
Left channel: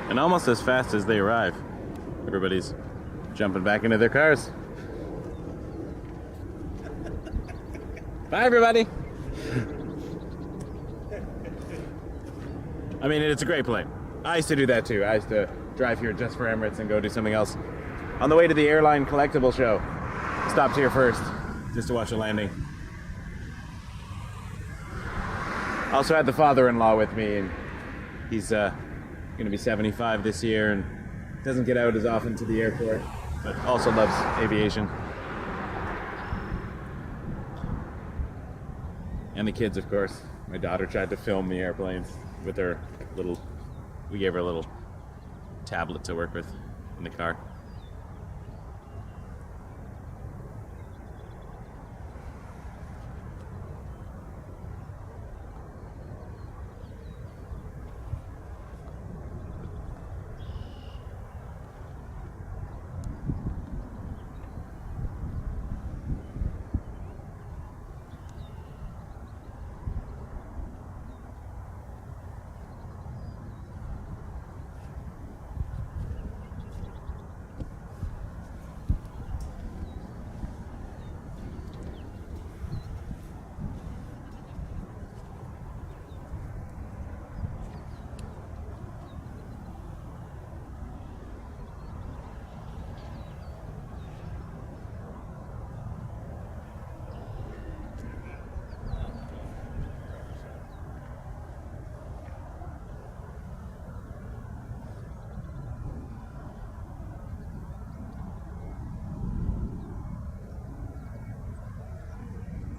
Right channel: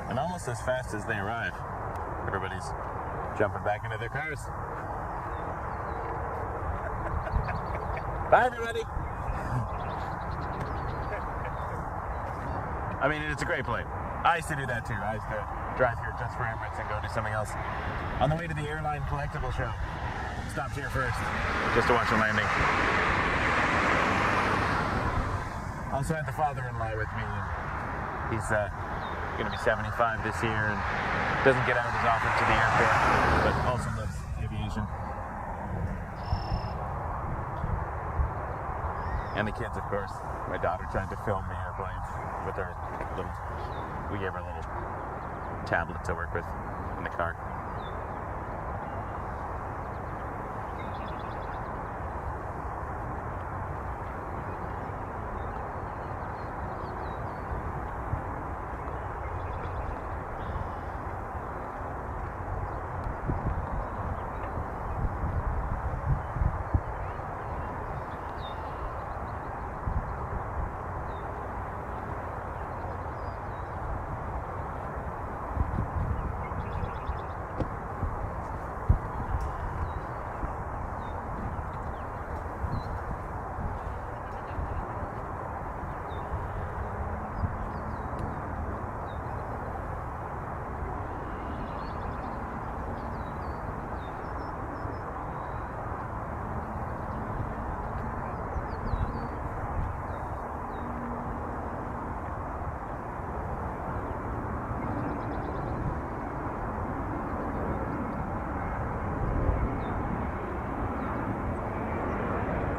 And almost as fast as they arrive, everybody's jumping back into their cars. Bye, everybody. I mean, it's a great plane. I used to do that too. I used to drive here just for Emirates and go do something else. On the way to the airline collectible show, stopped here first just to watch a landing. Also had the father-in-law with me, and he's going to be 75 this year and doesn't get out as often to the airport, but also loves aviation. And the kids, of course. My daughter tried to film the airplanes with her little, we gave her a little tablet to work with in the car.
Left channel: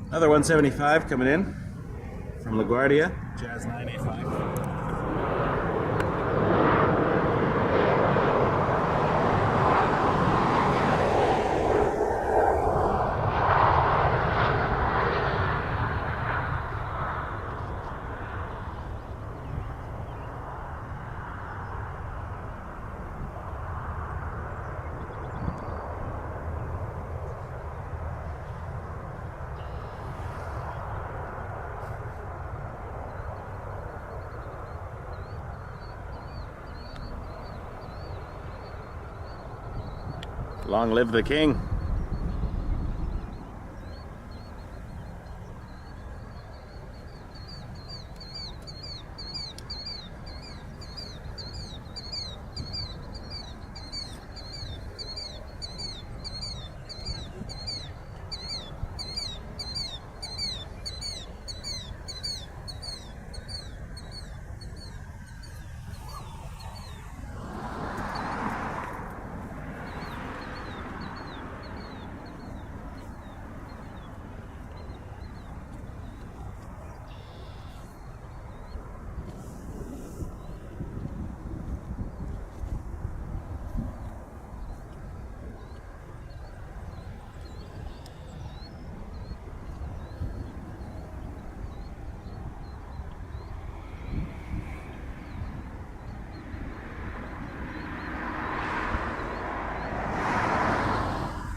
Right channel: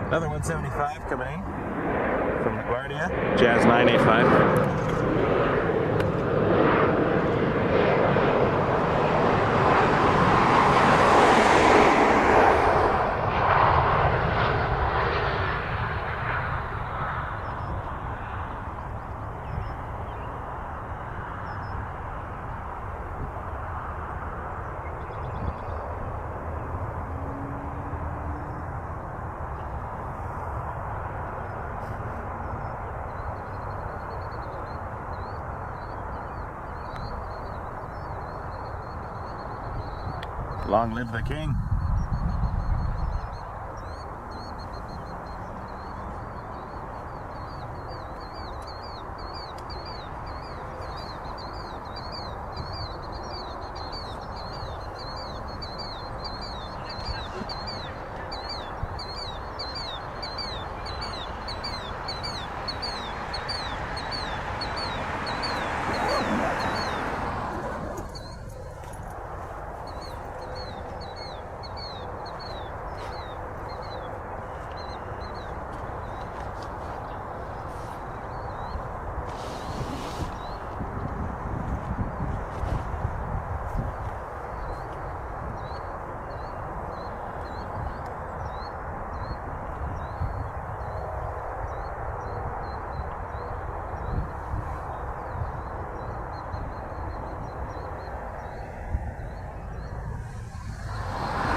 Another 175 coming in from LaGuardia, Jazz 985. Long live the king.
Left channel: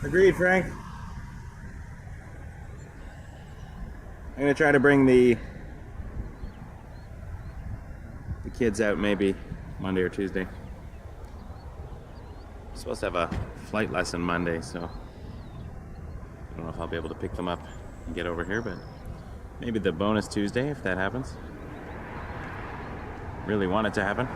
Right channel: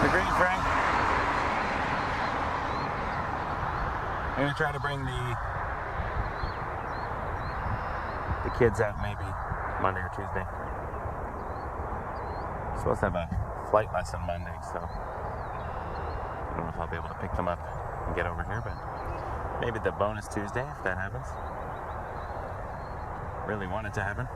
Agreed, Frank. I'm gonna try to bring the kids out maybe Monday or Tuesday. I'm supposed to have a flight lesson Monday, so I don't know if I'll be able to pick them up and get over here, but maybe the bonus Tuesday if that happens. Really want it to happen.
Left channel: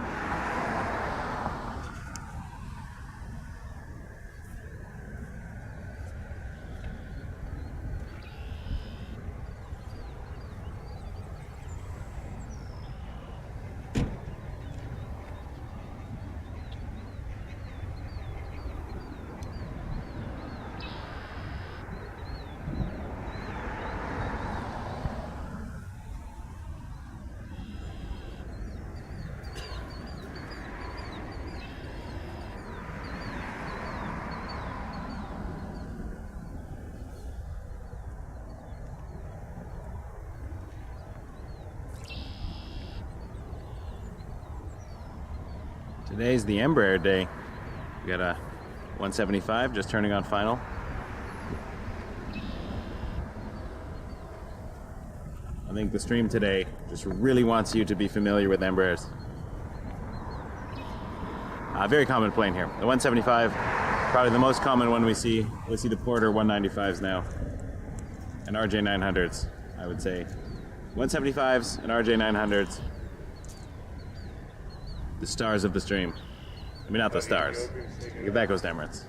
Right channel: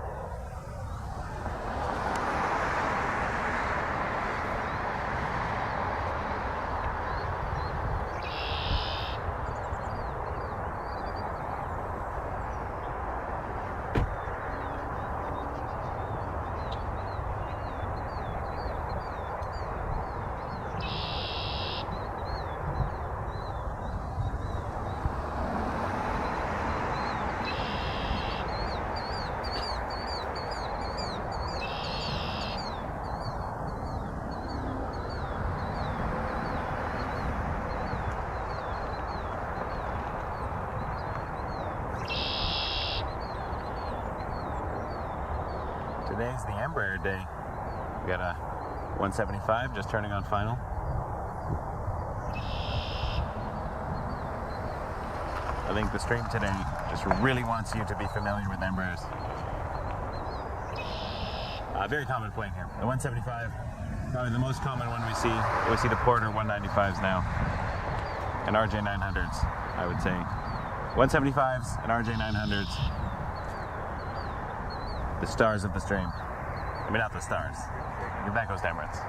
Today's the Embraer day. We got a 175 just turning on final. I think the stream today just really wants you to be familiar with Embraers. Very common plane here. The 175, probably the most common one we see. We see the Porter 195s now, and RJ900s, I would say. 175s and RJ900s, the stars of the stream. I mean, not the stars. That goes to Emirates.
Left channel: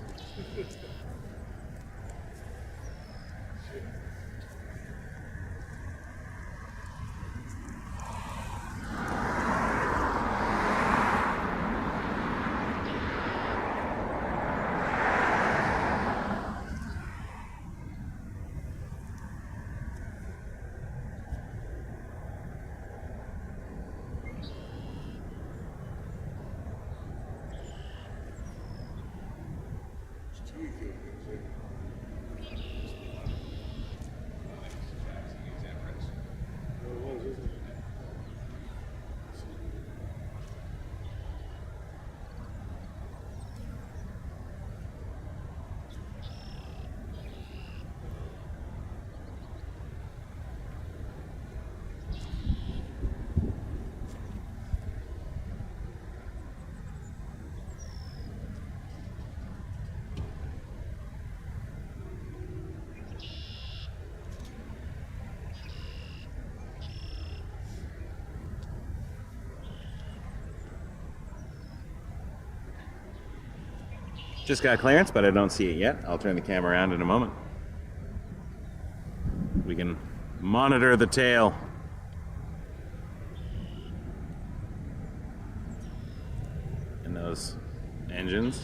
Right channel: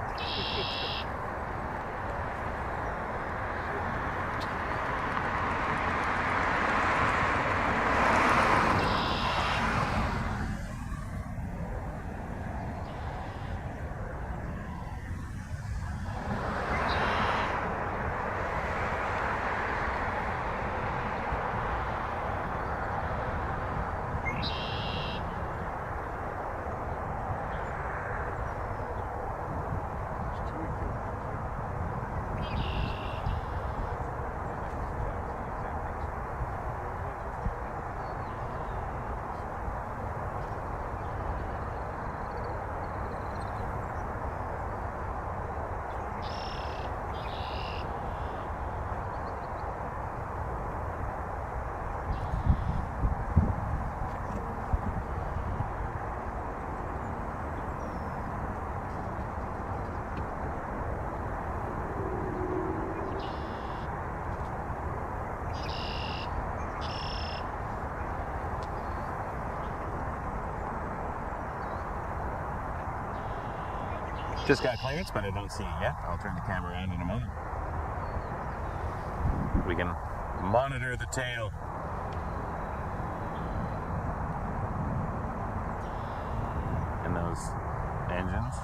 Just got clearance, but I don't see it yet. I'll turn the camera around in a moment. We can monitor the tail. And those engines.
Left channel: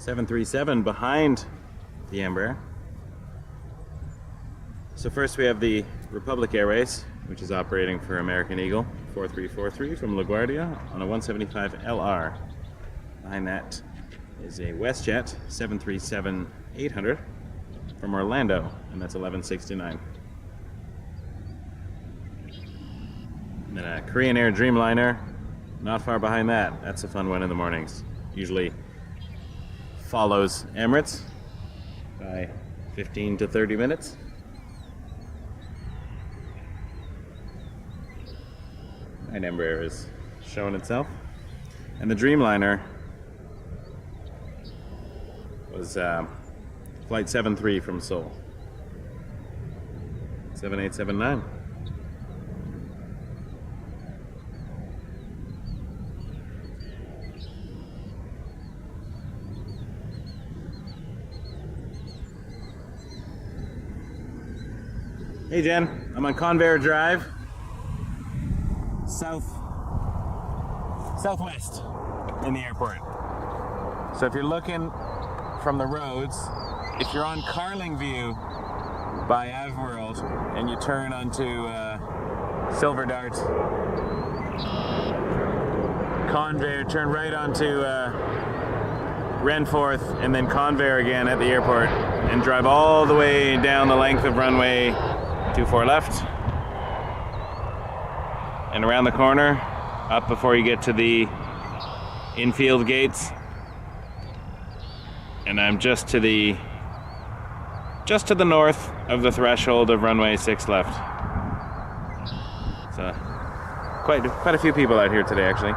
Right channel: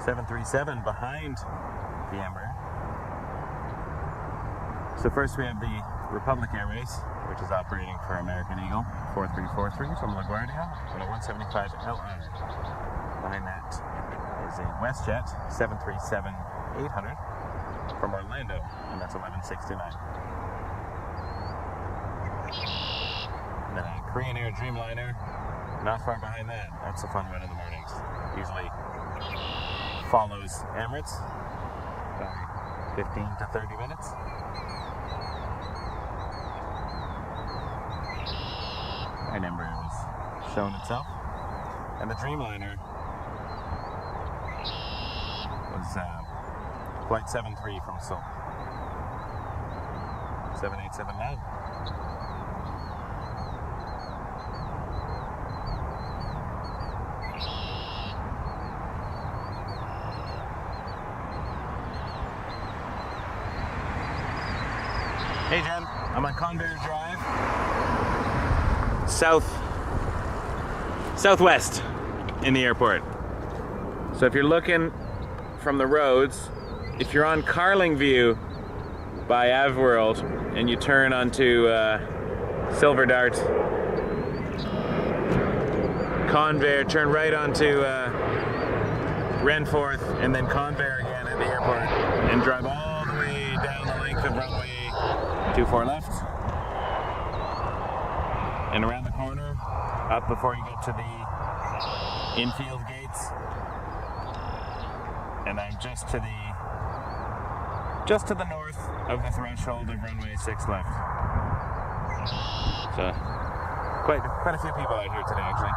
.737 behind the Embraer. So first we have the Republic Airways, which is operating for American Eagle 4343 from LaGuardia on a 175 LR. Behind that is a WestJet 737-800 from Orlando, and that's 1169. And then a Korean Air Dreamliner, not far behind that. That's a fun one in the mornings. Usually follows Emirates by 15 to 30 minutes. And Embraer is showing itself. And the Dreamliner was flight 73 from Seoul. 7879. Hey Jen, I'm on Convair Drive, southwest in the airport. So if you're looking from the roads, if you're on Carling View by AvWorld and you turn onto Silver Dart, Convair, turn right onto Renforth and then Convair again at the airport and drive all the way down the length of runway 24 left and around the corner up before you get to the infield gates, and I'm just to the north of the threshold of runway 6 left. So quite a few people out here today, actually.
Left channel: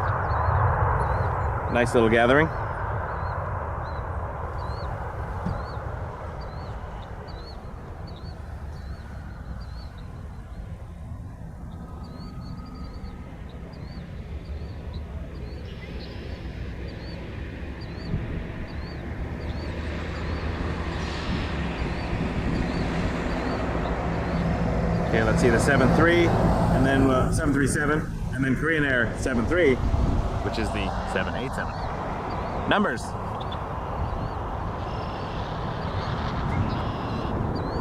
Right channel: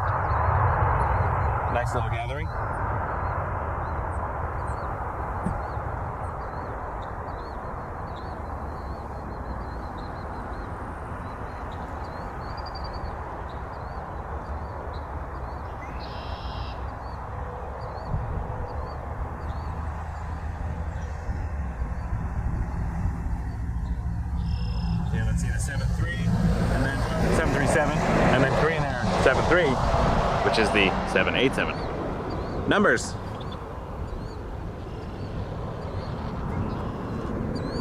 Nice little gathering. Okay, let's see the 7.3, and then 737, and then Korean Air 7.3, which is the 787. Numbers.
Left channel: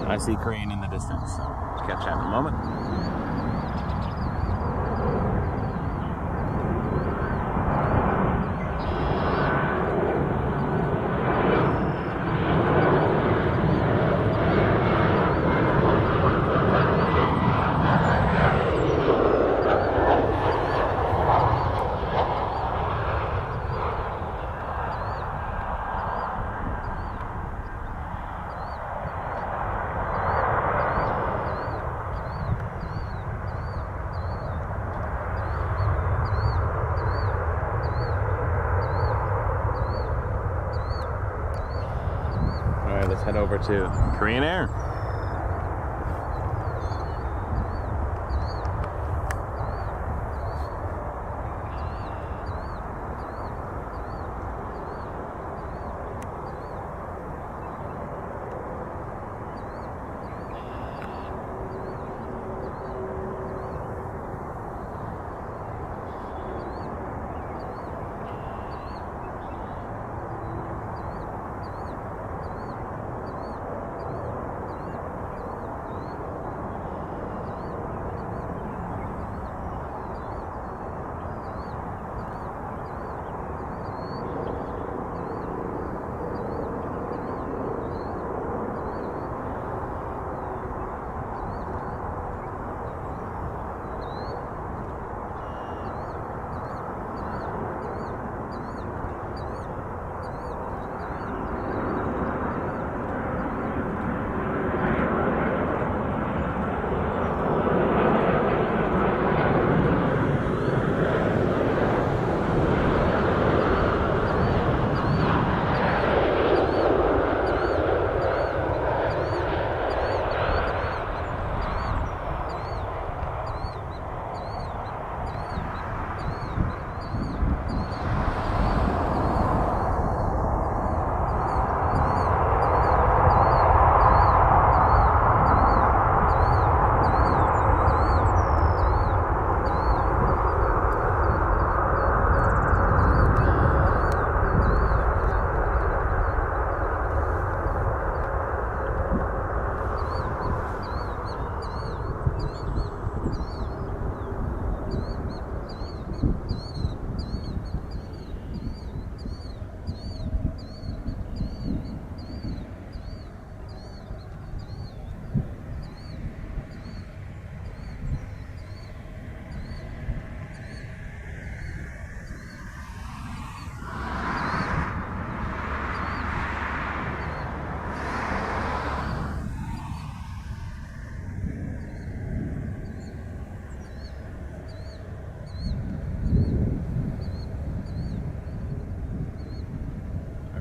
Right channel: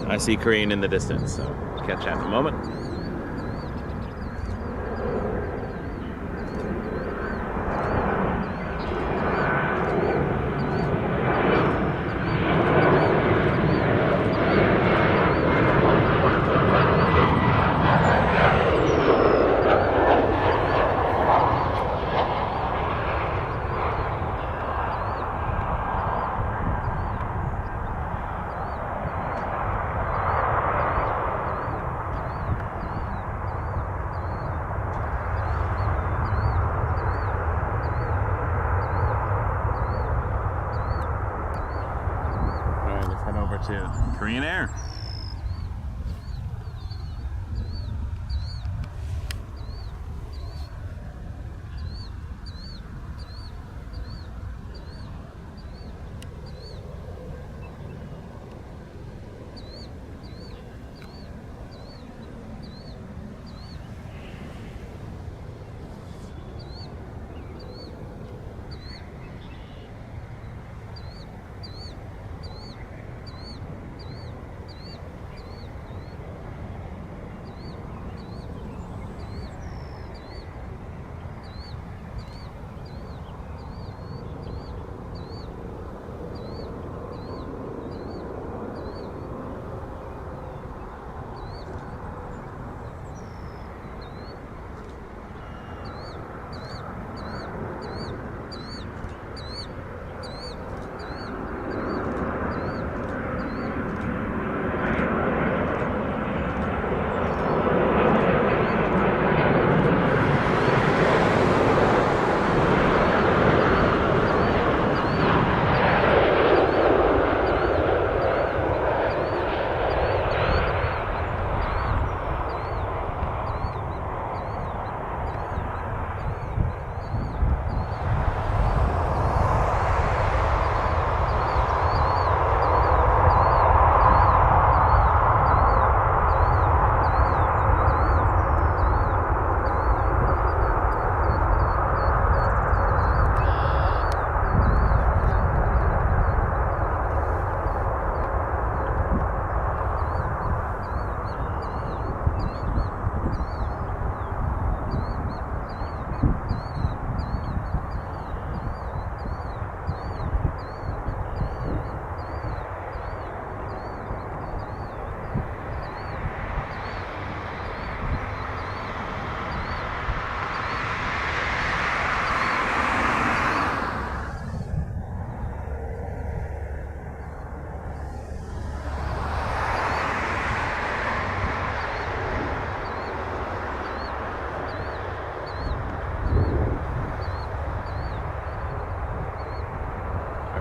I see Korean in the distance, so catch that in a moment. over to Korean Air.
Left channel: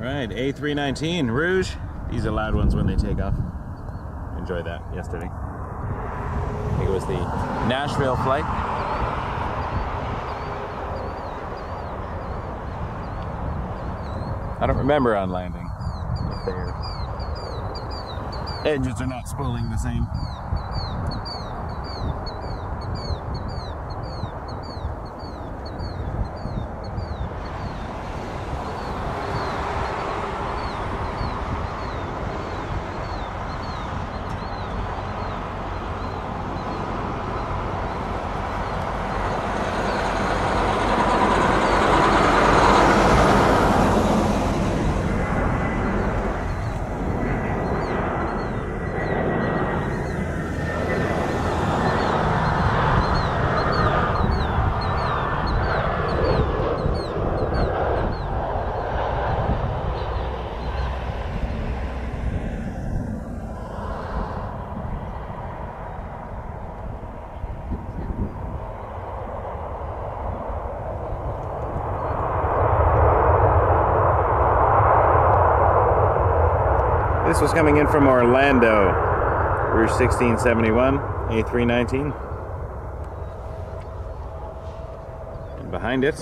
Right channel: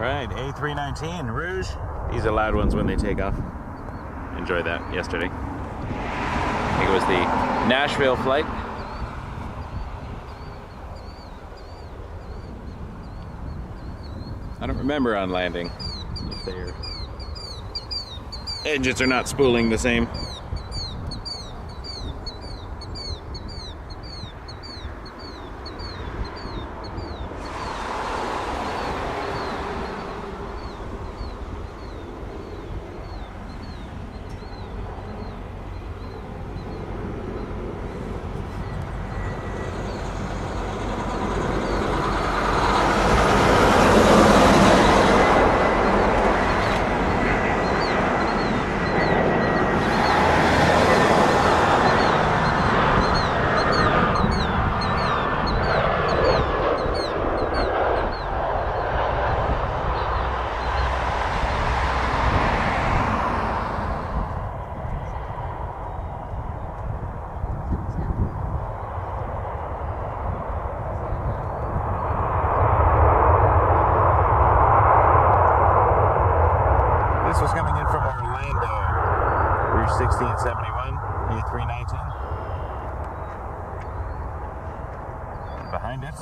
Alright, A319 Rouge. These are loud ones when they take off. Enjoyed that yesterday. I think it was the Nashville flight. I don't remember on landing if their engines are not spooling the same. This was coming in from Orlando, Rouge 1671, A319. And behind it,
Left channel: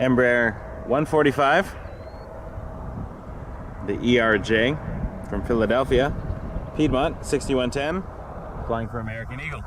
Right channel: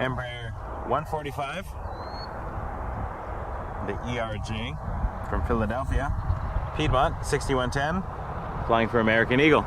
Embraer 145, the ERJ from Philadelphia, Piedmont 6110, flying for American Eagle.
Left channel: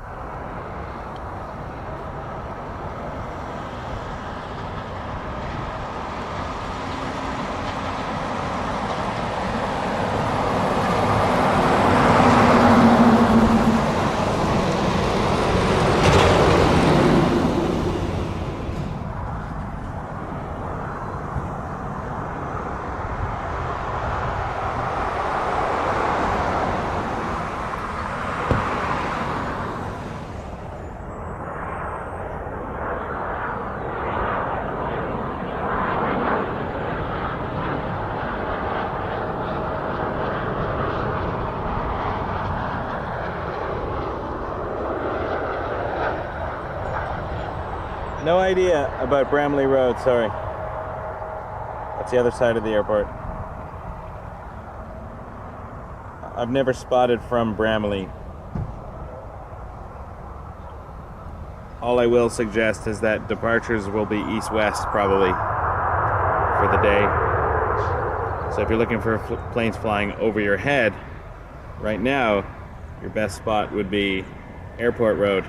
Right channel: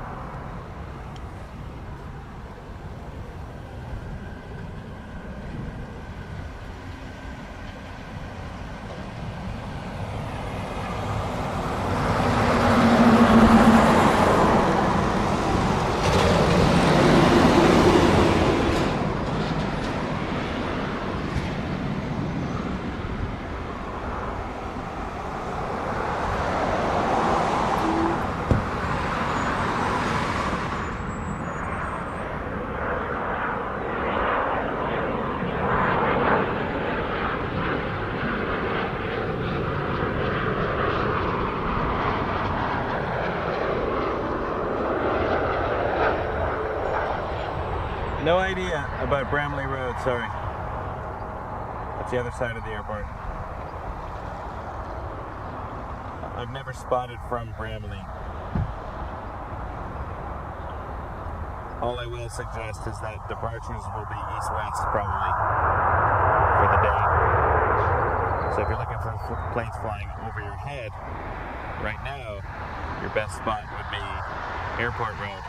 No idea about Bramley Road, sorry. That's the other side of the airport. I've never spotted from Bramalea. All I will suggest is that departures will be east-west probably for the day. So if you're looking for planes flying over your head, right now, your best spot would be Airport Road.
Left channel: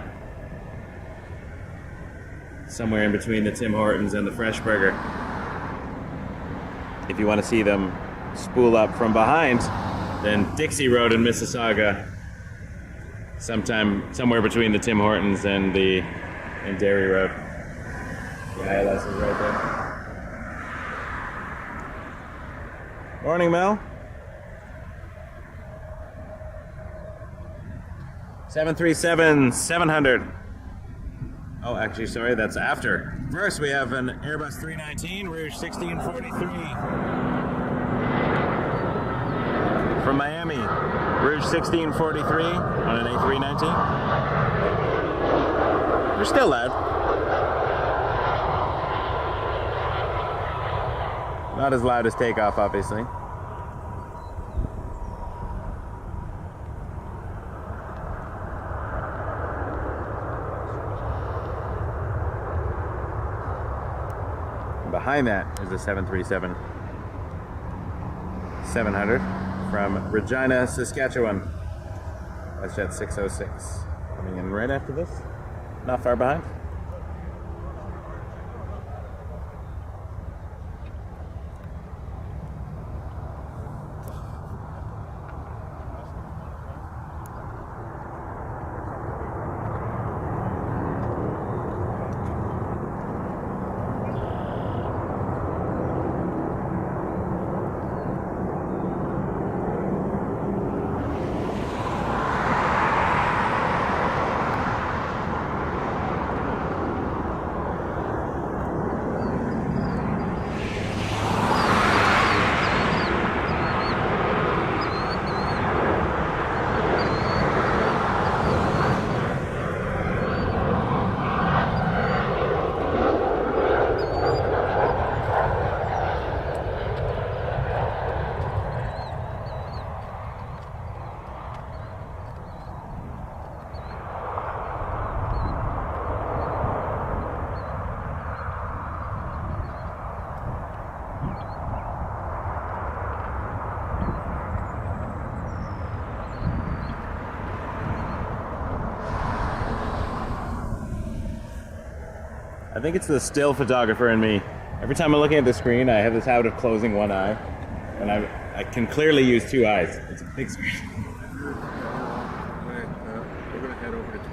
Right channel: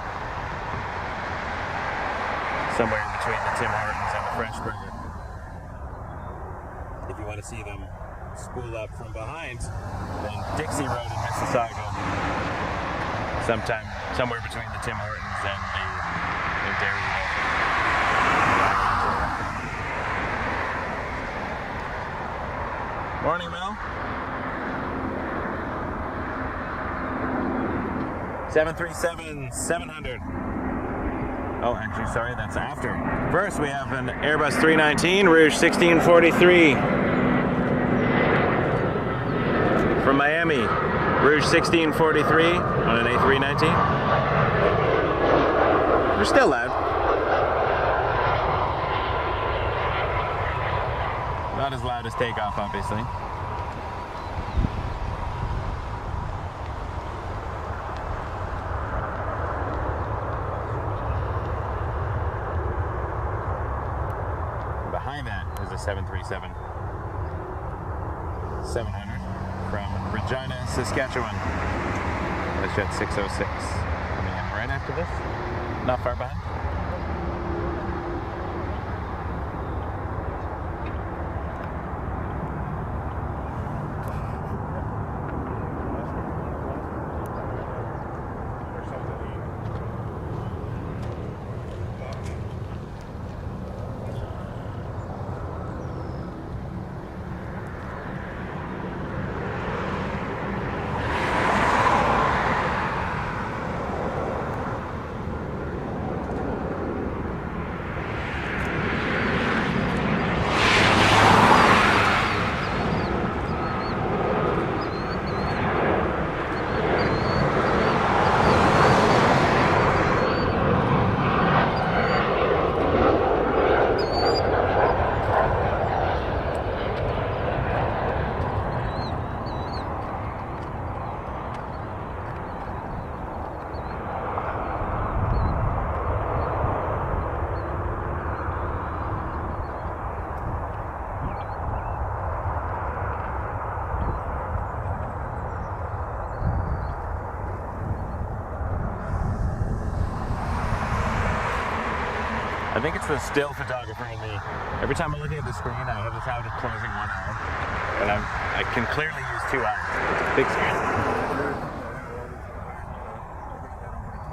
Somewhere in between the Tim Hortons and the Fresh Burger. If you want to see them spool up from behind, then Dixie Road in Mississauga. Somewhere between the Tim Hortons and Derry Road. The ILS is right there. Morning, Mel. 737-700. Oh, actually, sorry, that's after. First, we have an Airbus 319, Rouge 1643. From Miami, Rouge 1643 on an A319. They're still loud. Not as loud as takeoff, obviously. Behind that is a 737-700 from Regina, Saskatchewan. WestJet 606 coming in right after this. Not far behind. I think it's the still photographer in me. Every time I'm looking at the screen, I have this habit of closing one eye, and I can clearly use two eyes. It's a big screen. We're going to head over to 23.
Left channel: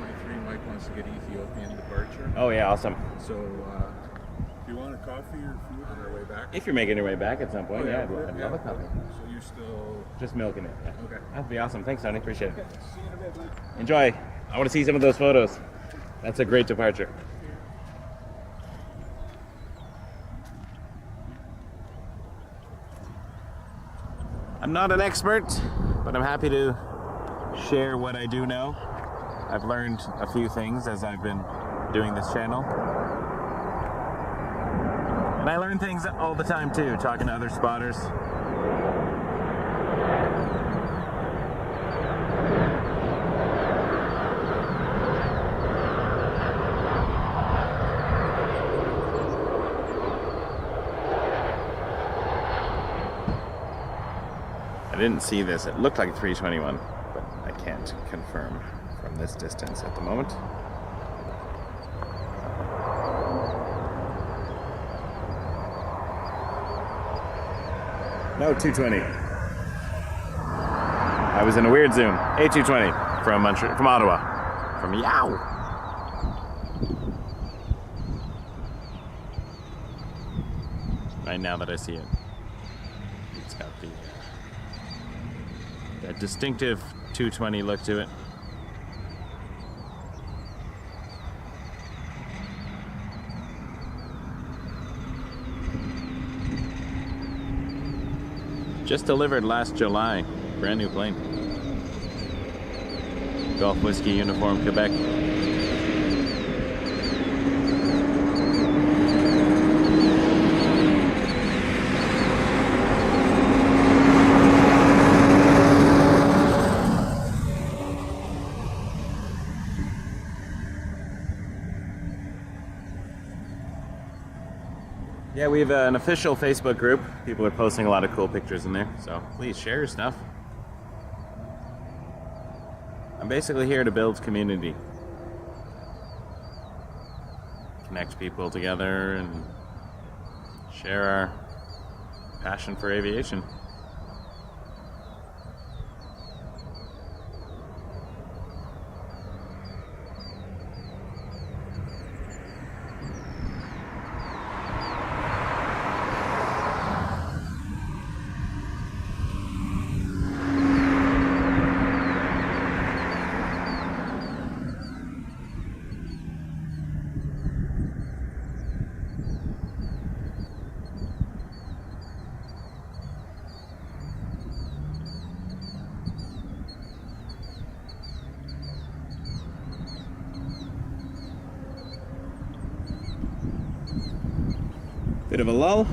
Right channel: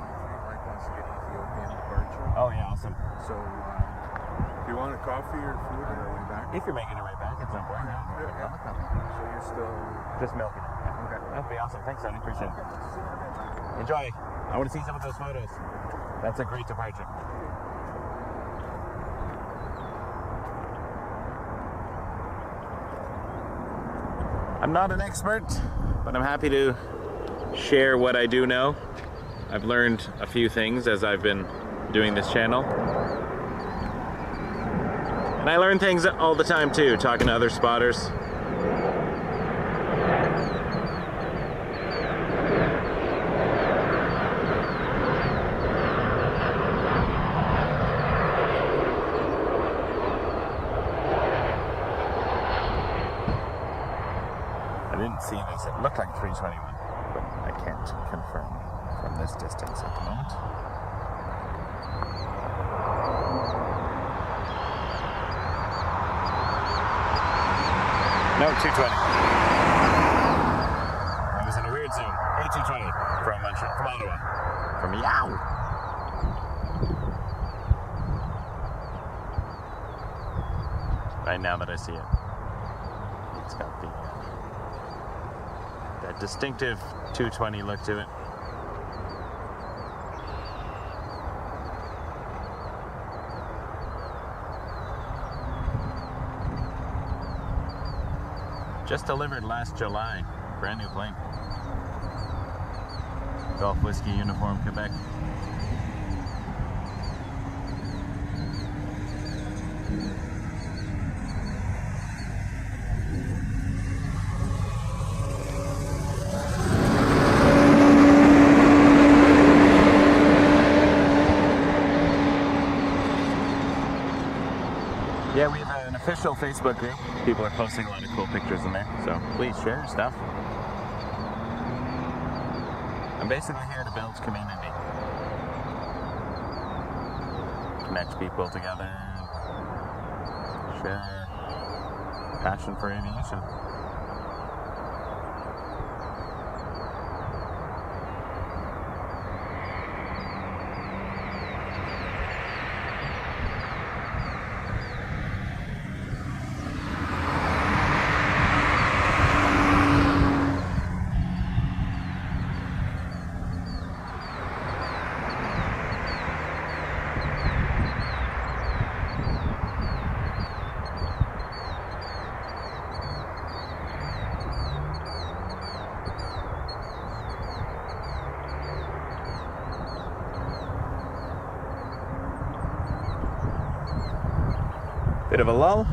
Mike wants to get Ethiopian departure. Oh yeah, awesome. So, Do you want a coffee or food? on our way back. If you're making your way back at some point, Oh, yeah, I'd yeah. love a coffee. So you're still... Just milking it. Yeah. Okay. That'd be awesome. Thanks, Tony. Appreciate it. See you in a bit, man. Enjoy. I want to see some of those photos. That's a great departure. I'm not an expert, but I'm happy to share what I do know. I've learned a few things as I've been doing this channel. And I learn things all the time too, talking to other spotters. I didn't see this. It looked like 321, but I can't confirm from this distance at the moment. No, 220. I was in a weird zoom. A220 from Ottawa. From Yow. Right now that I see it. It's got that distinctive 220 look to it. Just delivered last July. Brand new plane. Golf Whiskey Uniform, Quebec. Yeah, we have an official Facebook group. People are posting a lot of cool pictures in there, so please share your stuff. I'm basically here to build community. Connect people together and share our passion for aviation. Bit of a lull.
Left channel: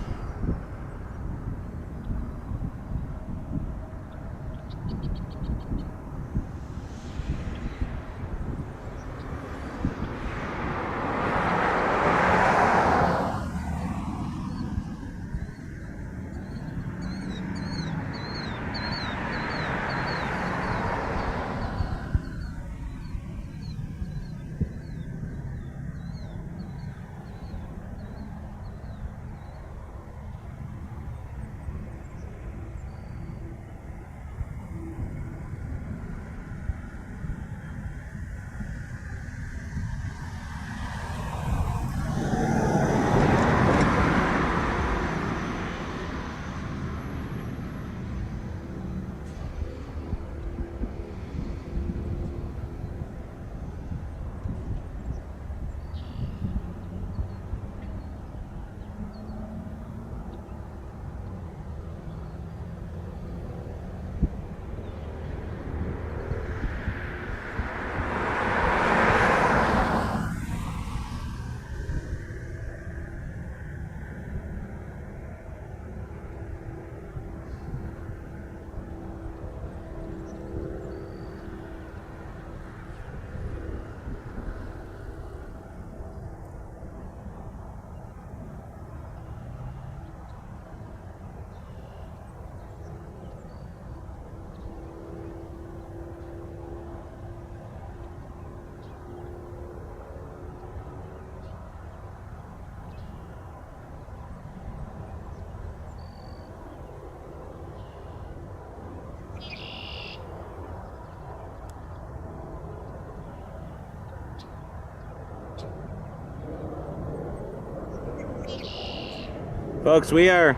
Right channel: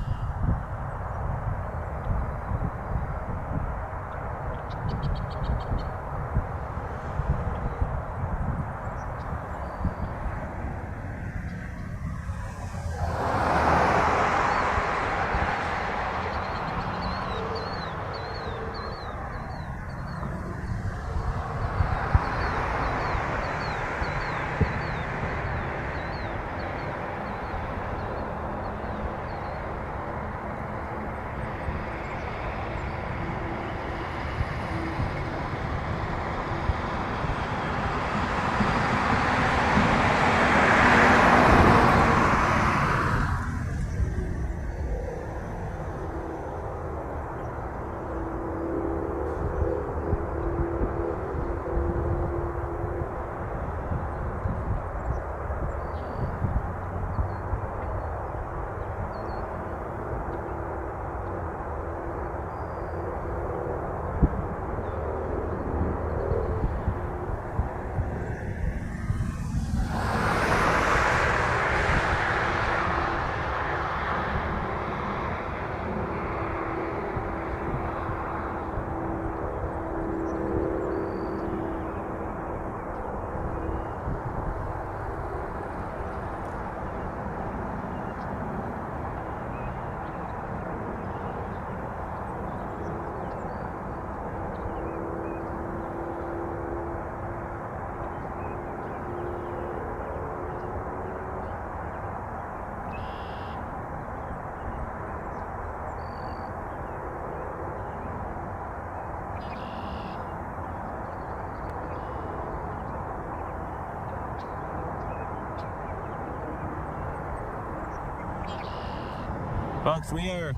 Folks, we are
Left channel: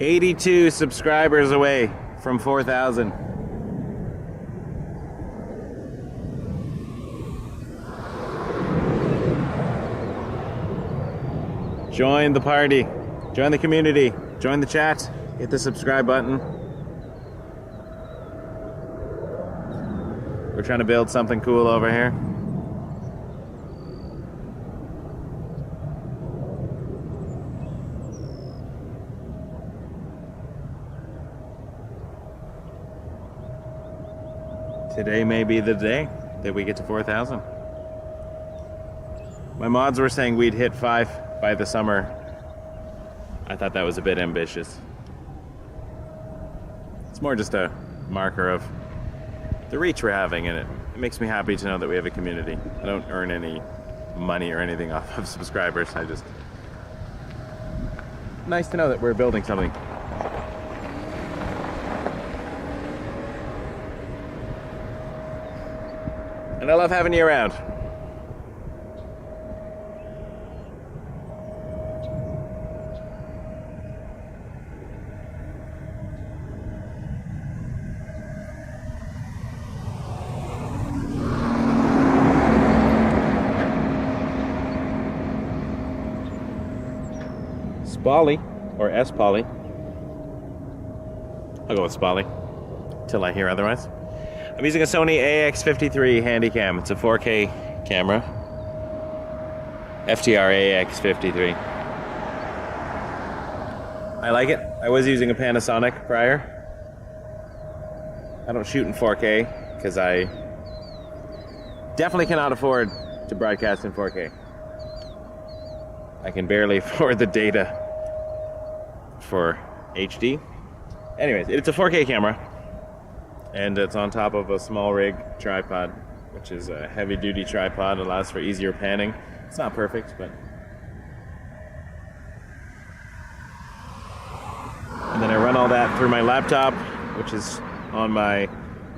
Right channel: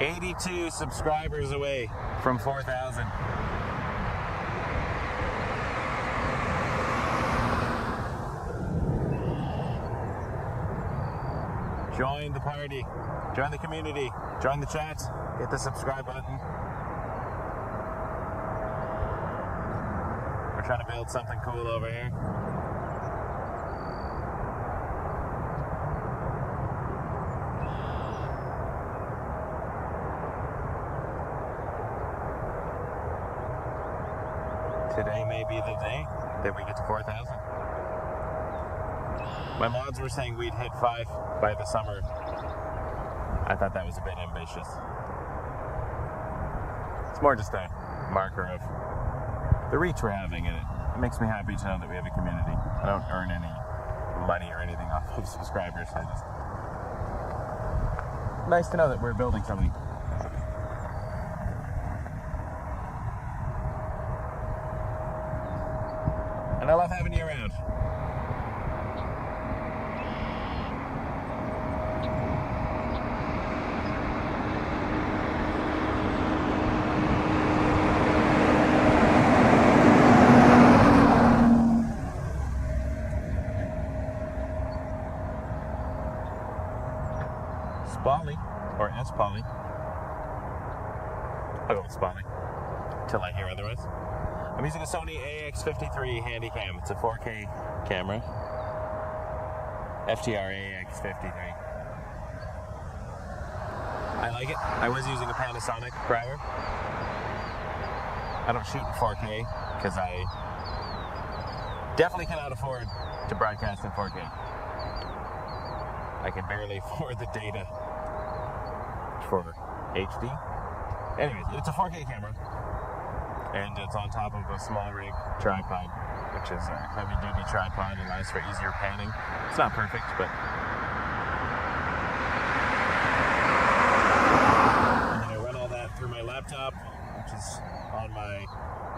82 subscribers away from 4,000. Join the party, join the community, join the chat, hit the subscribe button. We're trying to build something cool over here. Today may be the day that we get to 4,000. My mods were saying we'd hit 5 by the summer. I thought that was a bit ambitious. It's more just a marker of the reach we're having, and it makes me happy to know that we have a community. I don't earn any money or anything off of subscribers. Nice to know that we're building something. And I love having you around. Spally, or S-Poly. I'll go with Spally, till I hear otherwise. I'm using a Sony AX53 Handycam. It's a 4K camera. FTR AX53. I like it. I was using a Panasonic prior. I don't shoot in 4K because I definitely cannot afford to broadcast in 4K. I can barely afford the data for HD. Anyways, it's a 4K camera, and it's on top of a small rig tripod, which is a heavy-duty tripod. Allows for easier panning. It's not perfect, but. And then I run all that through my laptop, which is on my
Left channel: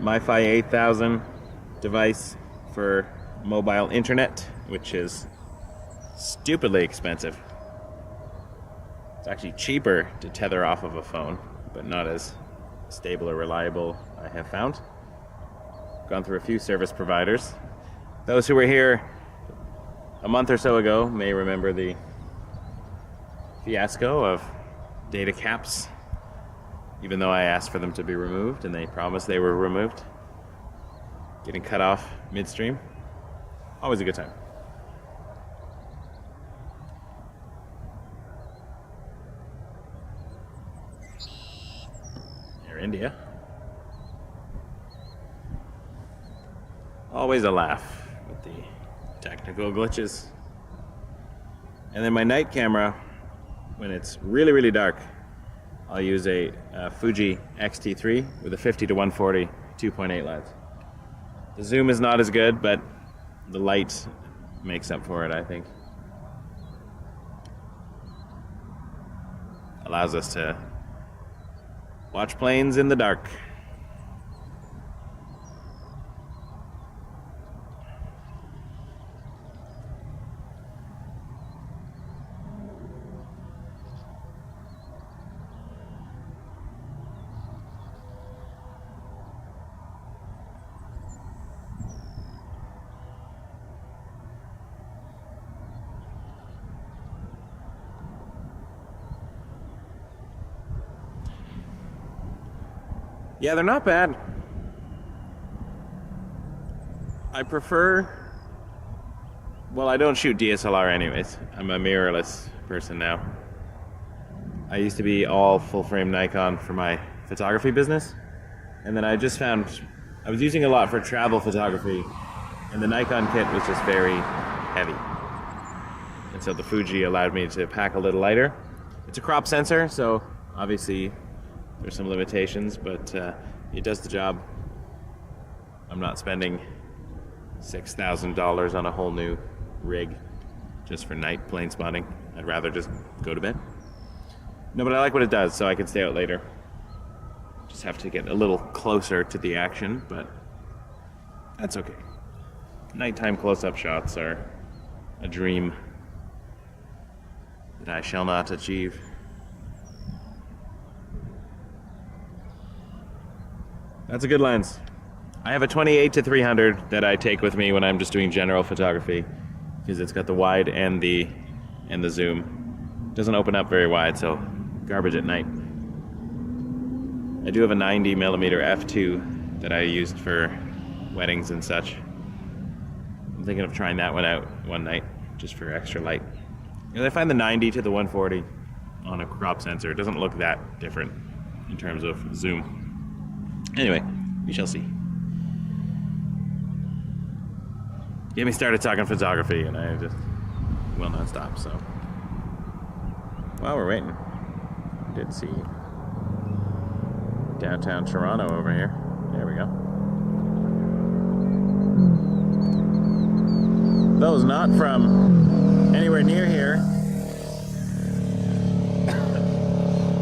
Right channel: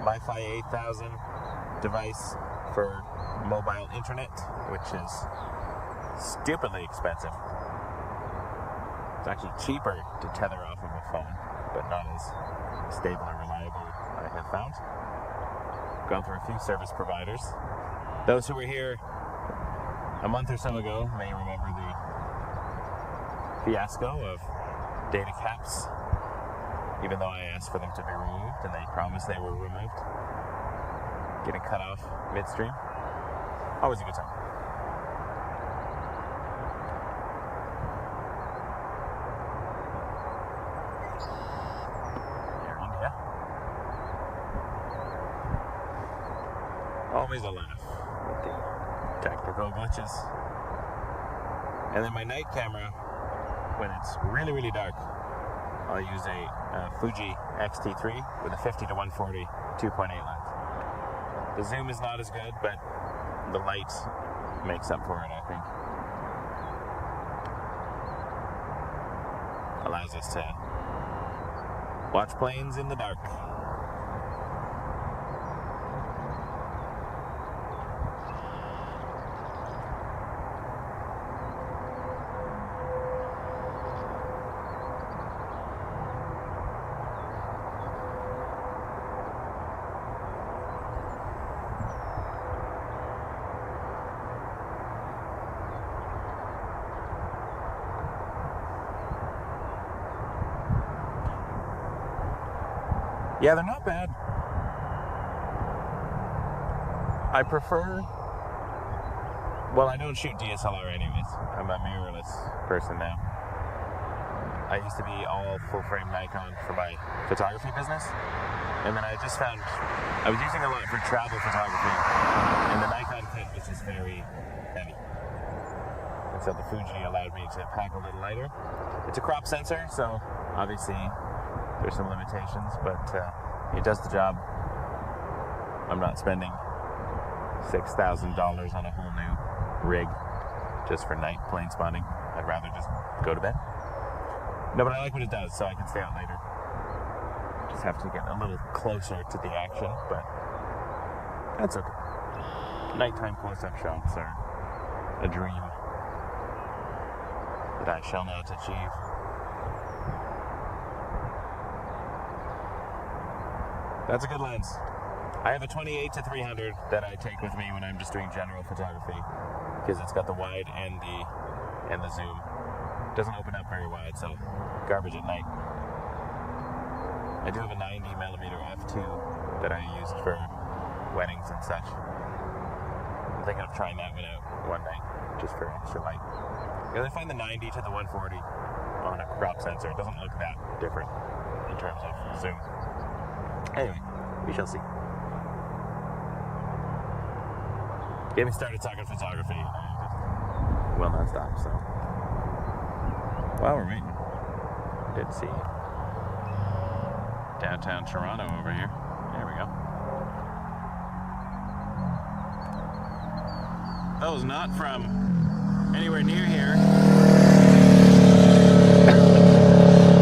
MiFi 8000 device for mobile internet, which is stupidly expensive. It's actually cheaper to tether off of a phone, but not as stable or reliable, I have found. Gone through a few service providers. Those who were here a month or so ago may remember the fiasco of data caps, even though I asked for them to be removed and they promised they were removed. Getting cut off midstream. Always a good time. Air India. Always a laugh with the technical glitches. And then my night camera, when it's really, really dark, I'll use a Fuji X-T3 with a 50 to 140 2.8 lens. The zoom is not as good, but the light makes up for it, I think. Allows us to watch planes in the dark. Yeah, they're not bad. I prefer... Well, I don't shoot DSLR anyways. I'm a mirrorless person now. I used to be all full-frame Nikon for my photography business. And then I just found... I was using a lot for travel photography. And the Nikon kit was just very heavy. And so the Fuji allowed me to pack a little lighter. It's a crop sensor, so obviously... There's some limitations, but it does the job. I'm not spending $6,000 on a whole new rig just for night plane spotting. I'd rather just go to bed. No, but I like what it does, so I can stay out later. Just have to get a little closer to the action, but that's okay. Nighttime close-up shots are a dream that I shall not achieve. That's a good lens. I have a 28-300 that I take with me when I'm just doing general photography because it's got the wide and the zoom. Doesn't open up very wide, so garbage at night. I do have a 90mm f2 that I used for weddings and such. I'm thinking of trying that one out one night just for extra light. Because I find the 90 to the 140 on a crop sensor doesn't look that different in terms of zoom. Anyway, we shall see. Get me started talking photography, and I just will not stop, so. While we're waiting, I did see downtown Toronto over here. There we go. Those not from anywhere near here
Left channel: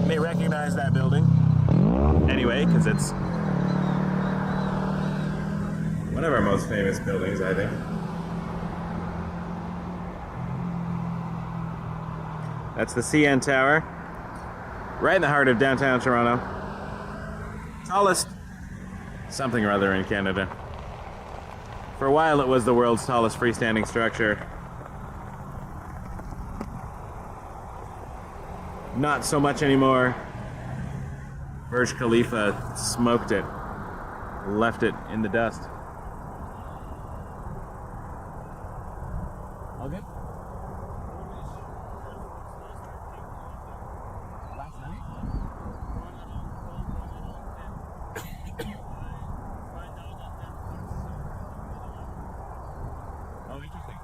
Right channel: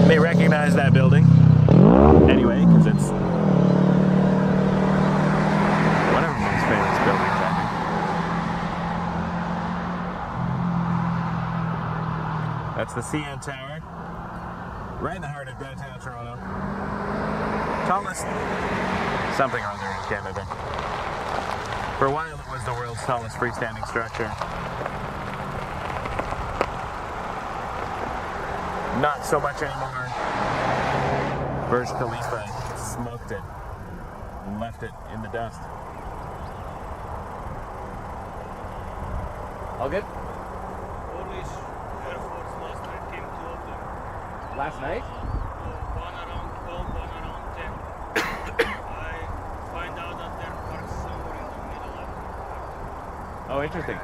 may recognize that building. Anyway, because it's one of our most famous buildings, I think. That's the CN Tower, right in the heart of downtown Toronto. Tallest something or other in Canada. For a while it was the world's tallest freestanding structure. Not so much anymore. Burj Khalifa smoked it, left it in the dust. All good? Polish Air Force last night came, two of them. Last night? One around 12, one around 10. I find out that they're parked somewhere in the middle of the park. Oh, interesting.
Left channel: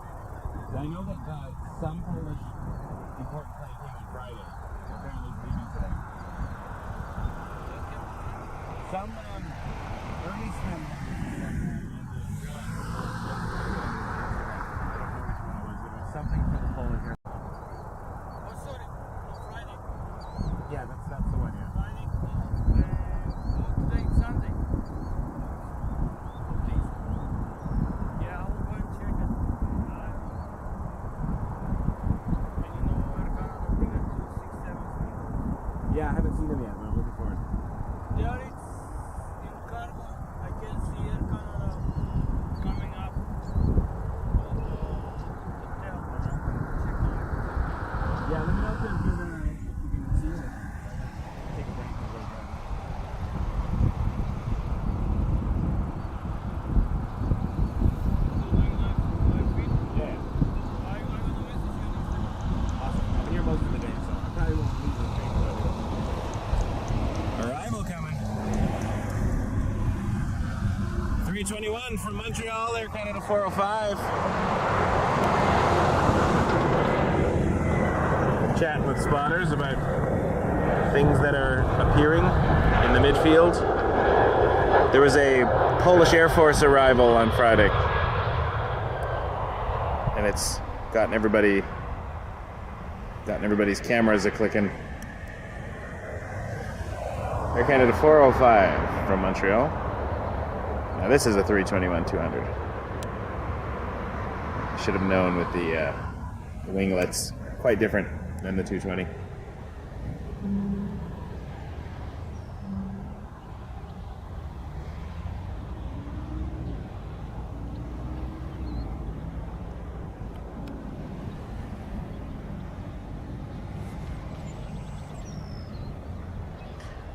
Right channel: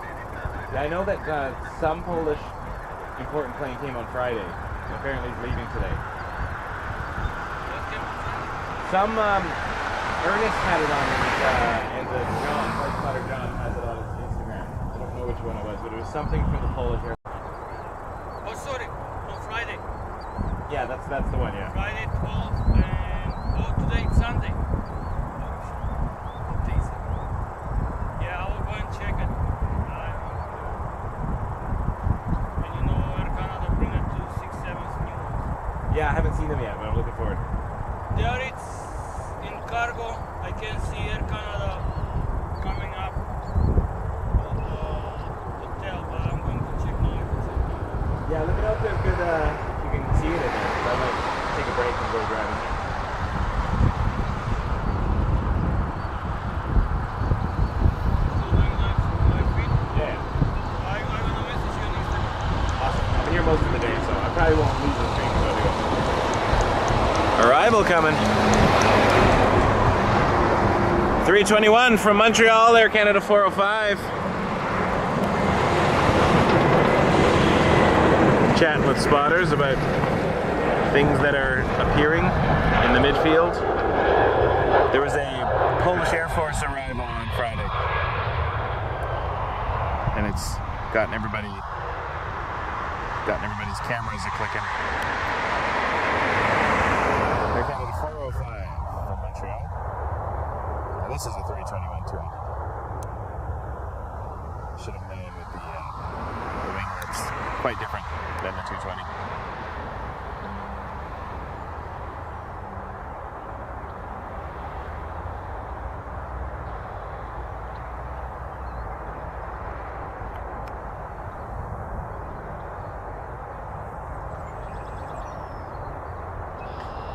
Yeah, I know that some Polish important plane came on Friday. apparently is leaving today. Some Ernest had it on his, and John, Flight Spotter John has it on his Instagram. I don't know which one it was, but it was something from the Polish Air. Oh, sorry. On Friday. Yeah, that's the one. Yeah. Friday 12 and today it's Sunday. Yeah, I will go and check it. And you know, Air Canada bring it to 6-7's new ones. Yeah, I haven't seen them yet, but I'm looking forward. There it's in cargo. I can see Air Canada coming up on the hotel, but I'm going to check now. Yeah, let me know if there's good, you can see it in there. I might take a break and go driving. Yeah. I'm gonna message you on Instagram. Awesome. I'm here most of the day, so I probably won't leave the train until I go. Arrival coming. 321 from Montreal, Air Canada 405. Chatting with spotters about things that are appearing in the midfield. There was a Polish Air Force arrival on Friday, and it's gotten everybody's cameras a clicking. Air Canada 405 from Montreal. Now this is a 321-200. Should have known with the winglets, quite different than the 220.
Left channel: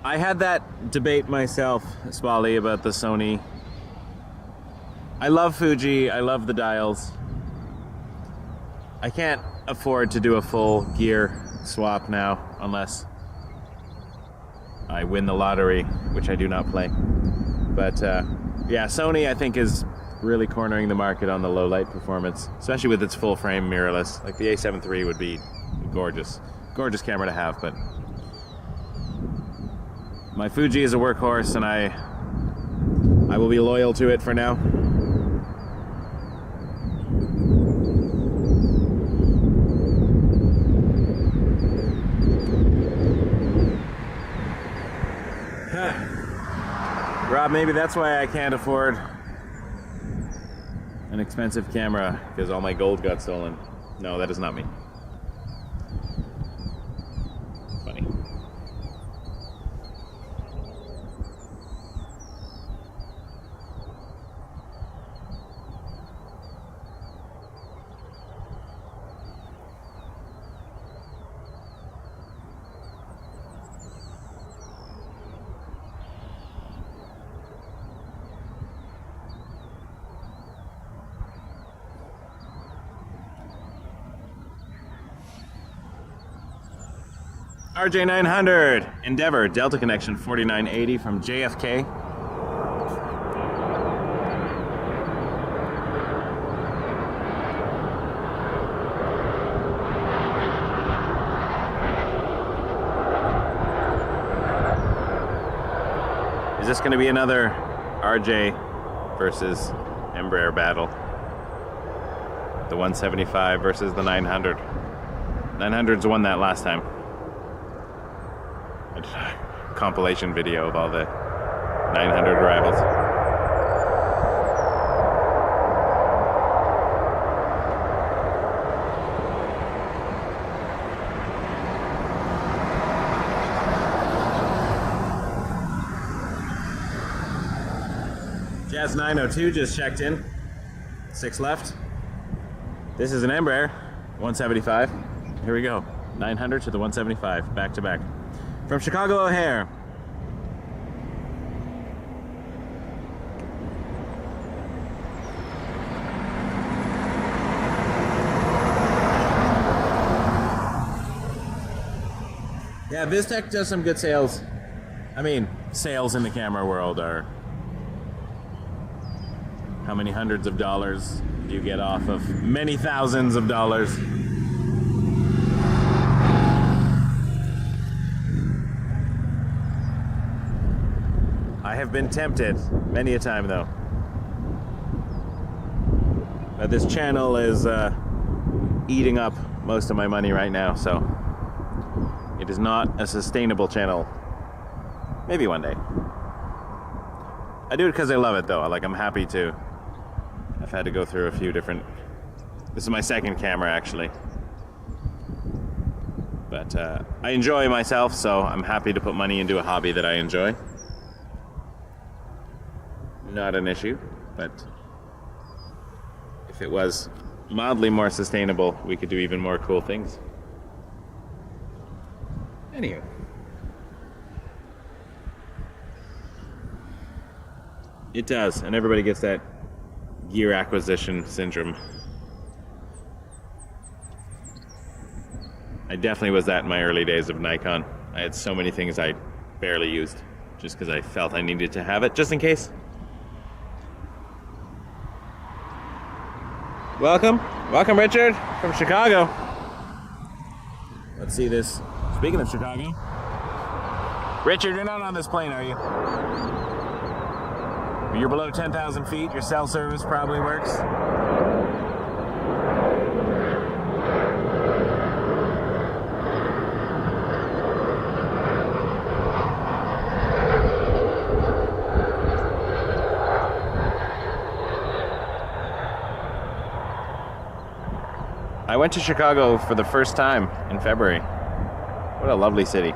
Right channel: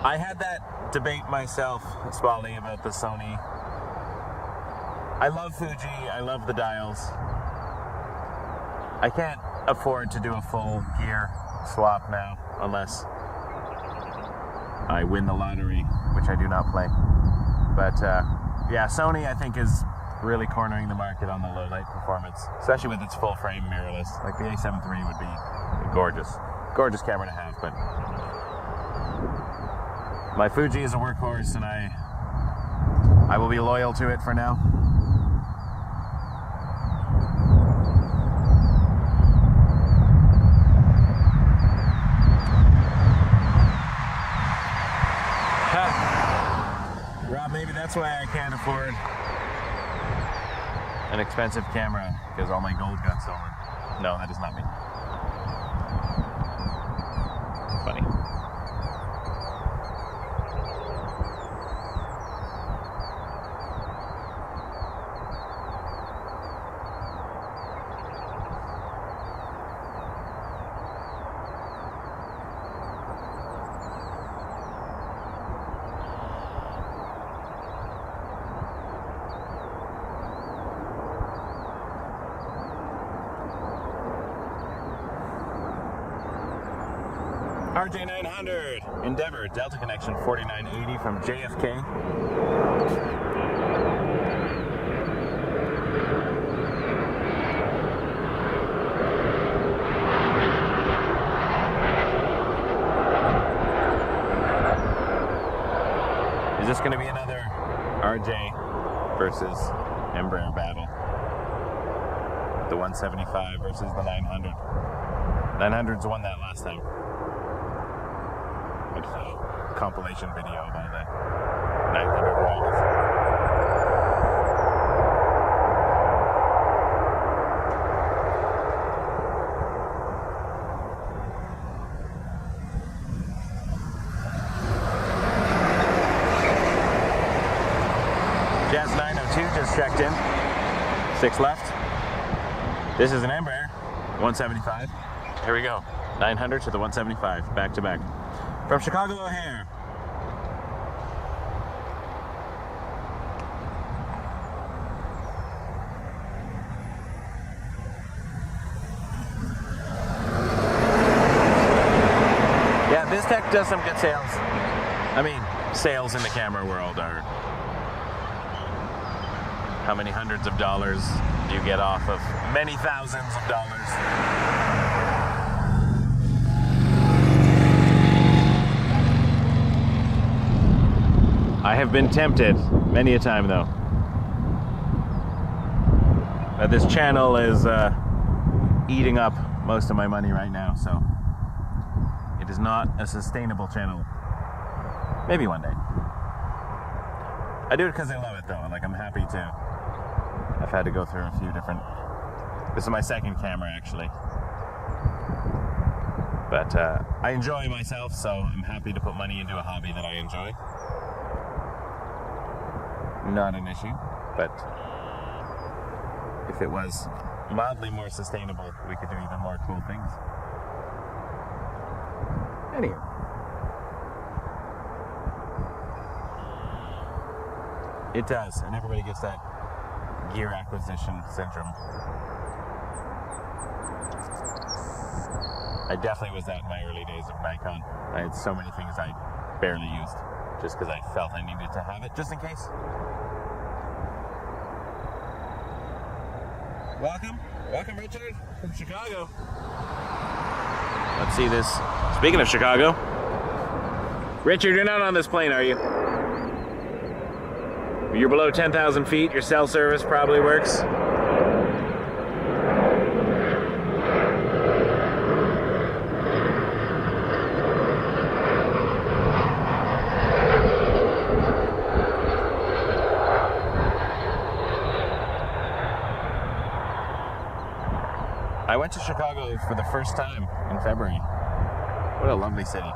I had that debate myself, Spally, about the Sony. I love Fuji, I love the dials. I can't afford to do a full gear swap now unless I win the lottery, which I do not play. But yeah, Sony I think is really cornering the market on the low light performance, especially with its full frame mirrorless. Like the A7 III would be gorgeous camera to have, but my Fuji is a workhorse, and I will be loyal to it for now. Rob, maybe that's why I can't afford an expensive camera, because all my gold got stolen. No, that is not me. Funny. RJ900 Endeavor Delta Connection 4980 from JFK. Is this going to be another RJ versus Embraer battle? The 175 versus the 900. 900's won that last time. Compilation video of all the 900 rivals. Jazz 902 just checked in. 6 left. This is an Embraer 175. Here we go. 900 to the 175, back to back. From Chicago O'Hare. Yeah, BizTech does some good sales. I mean, sales in the camera world are how many hundreds of dollars do you get off of many thousands of dollars? I have been tempted many a time though. But this channel is eating up most of my money right now, so it is not a sustainable channel. Maybe one day. I do it because I love it though. Like, I'm happy to. I've had to go through a few different. This is my second camera actually. But I enjoy myself, so I'm happy to put money into a hobby that I enjoy. Not an issue, but if it was mildly more sustainable, we could do even more cool things. Anyway. It does, and everybody gets that gear acquisition syndrome. I definitely was that in my early days of Nikon. I had so many things I barely used, just because I felt I needed to have it, just in case. Welcome, Richard, from Chicago. Let's see this. Speaking of Chicago, Richard, you're not on this plane, are you? You're below 10,000 feet, your cell service probably works. I went to Chicago for the first time in February. What a lovely city.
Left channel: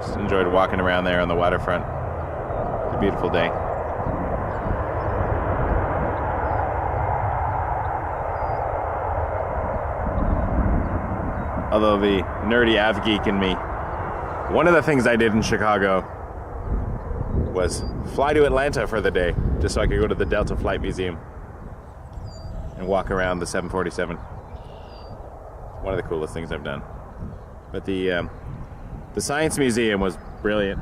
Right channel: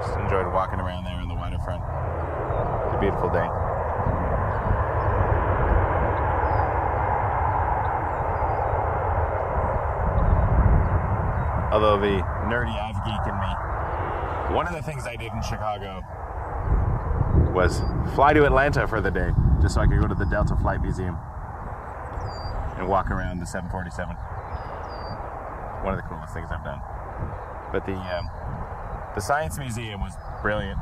Just enjoyed walking around there on the waterfront. It's a beautiful day. Although the nerdy av geek in me, one of the things I did in Chicago was fly to Atlanta for the day, just so I could go to the Delta Flight Museum and walk around the 747. One of the coolest things I've done. But the Science Museum was brilliant.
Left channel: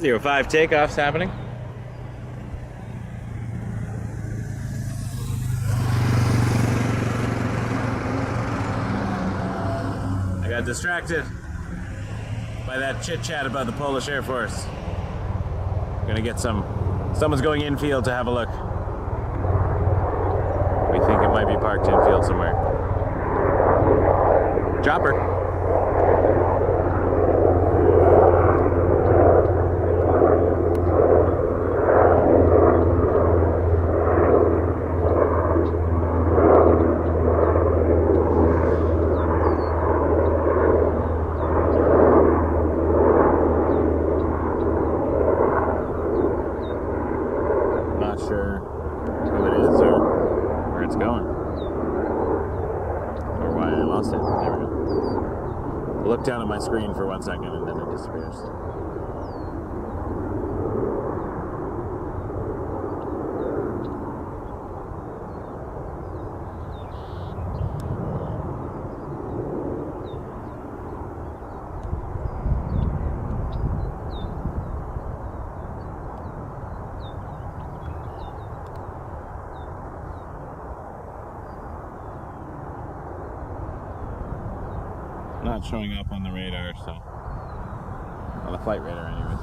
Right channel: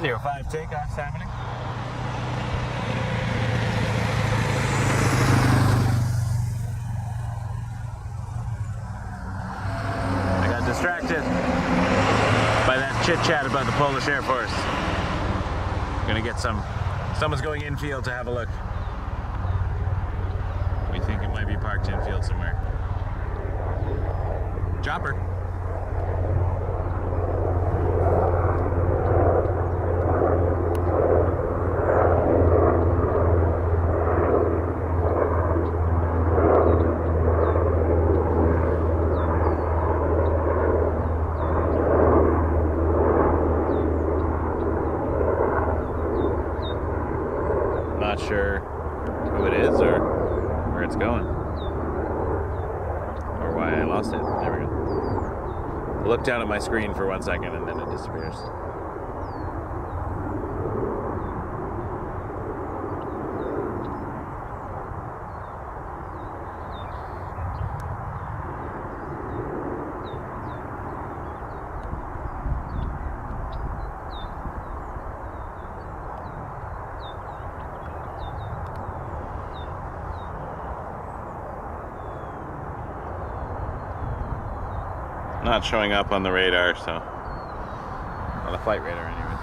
.05 takeoff's happening. I got distracted by that chit chat about the Polish Air Force. I'm gonna get someone's going infield to have a look. We think it might be parked infield somewhere. Chopper. Look down at my screen for 1 second and then it disappears. not showing up on the radar, so on the flight radar anyways.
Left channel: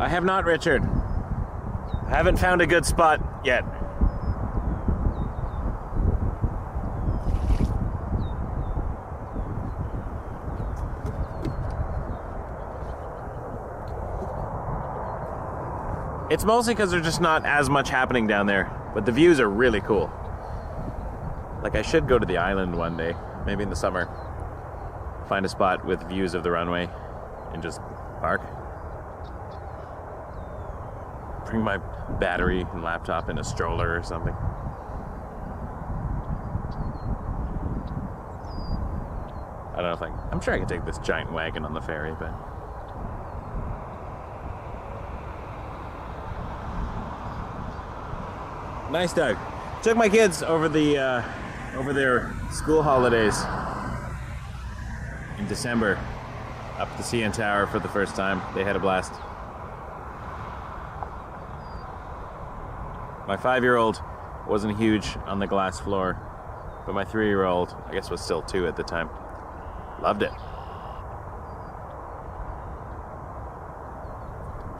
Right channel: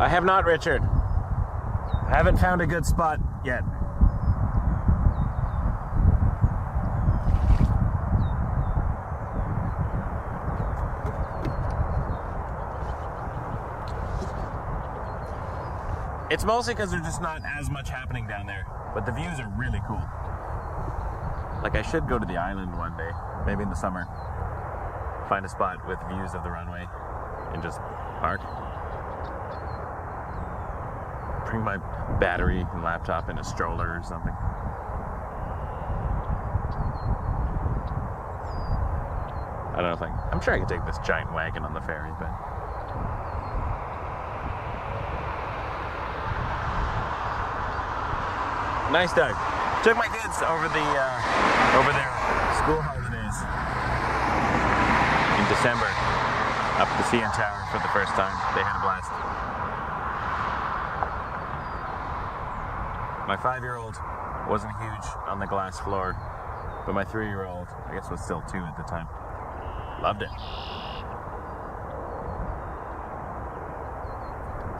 I have not, Richard. I haven't found a good spot yet. It's mostly because there's just not as much happening down there, but the views are really cool. Like, I should go to the island one day, maybe in the summer. Find a spot with views of the runway and just park. Bring my battery and laptop in a stroller or something. I don't know if I'm sure I could take this giant wagon on the ferry, but nice, Doug. Took my kids over their school holidays in December up the CN Tower for the first time. They had a blast. My 5-year-old wasn't huge on the glass floor, but my 3-year-old, I guess was still 2 at the time, loved it.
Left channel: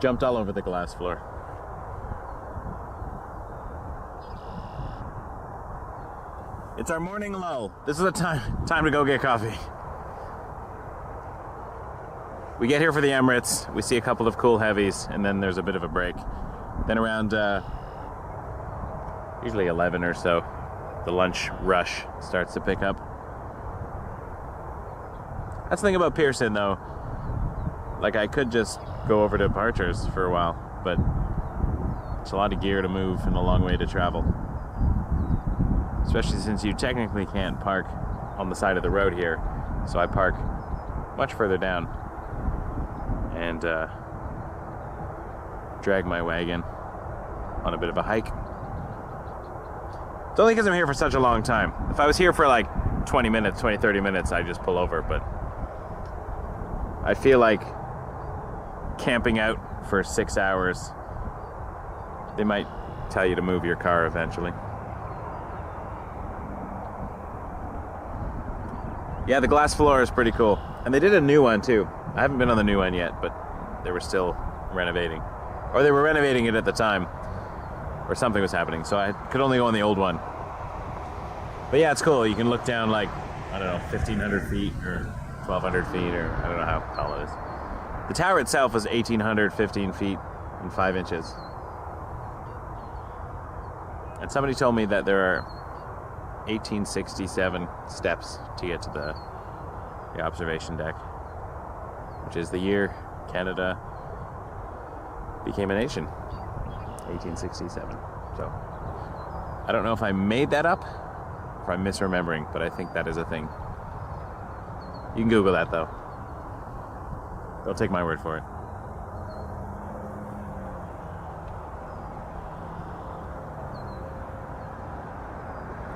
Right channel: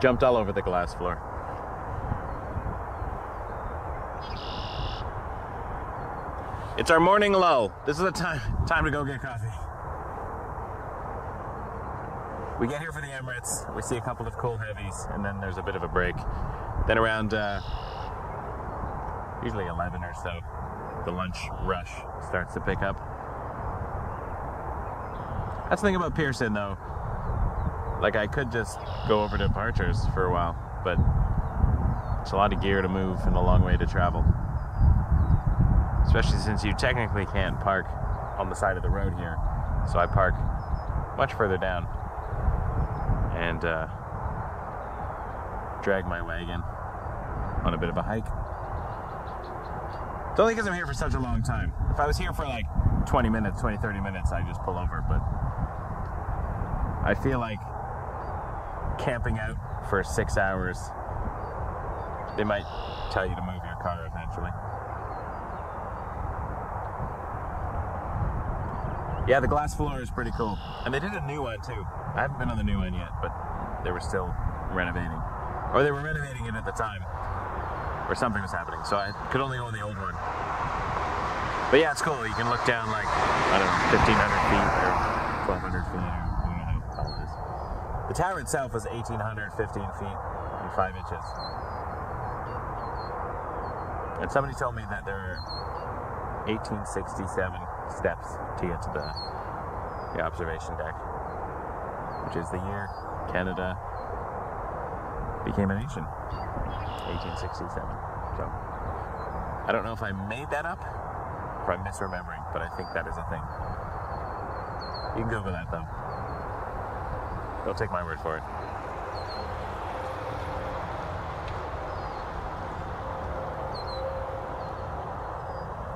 Jumped all over the glass floor. It's our morning lull. This is the time to go get coffee. We get here for the Emirates, we see a couple of cool heavies, and then there's a bit of a break. Then around usually 11 or so, the lunch rush starts to pick up. That's the thing about Pearson, though. Like, I could just go over to departures for a while, but it's a lot of gear to move and a long way to travel. Especially since you technically can't park on the side of the road here. So I park much further down and drag my wagon on a bit of a hike. It's only because I'm here for such a long time. If I was here for like 20 minutes, 30 minutes, I'd just pull over, but I feel like camping out for 6 hours, they might tell you to move your car eventually. Yeah, the glass floor is pretty cool. And they did a new one too. I haven't been on the new one yet, but they were still renovating. Or they were renovating it at the time, or something was happening, so I could only go on the old one. But yeah, it's cool. You can look down like, I don't know, 1,500 feet or 1,200 feet, or I don't know how tall it is. The tower itself is 1,815 feet and 5 inches. And somebody told me that there are 1867 steps to get to the observation deck, which is the year Canada became a nation, 1867. So I don't know if I made that up or I'm misremembering, but I think that is a thing. You can Google that though. Don't take my word for it.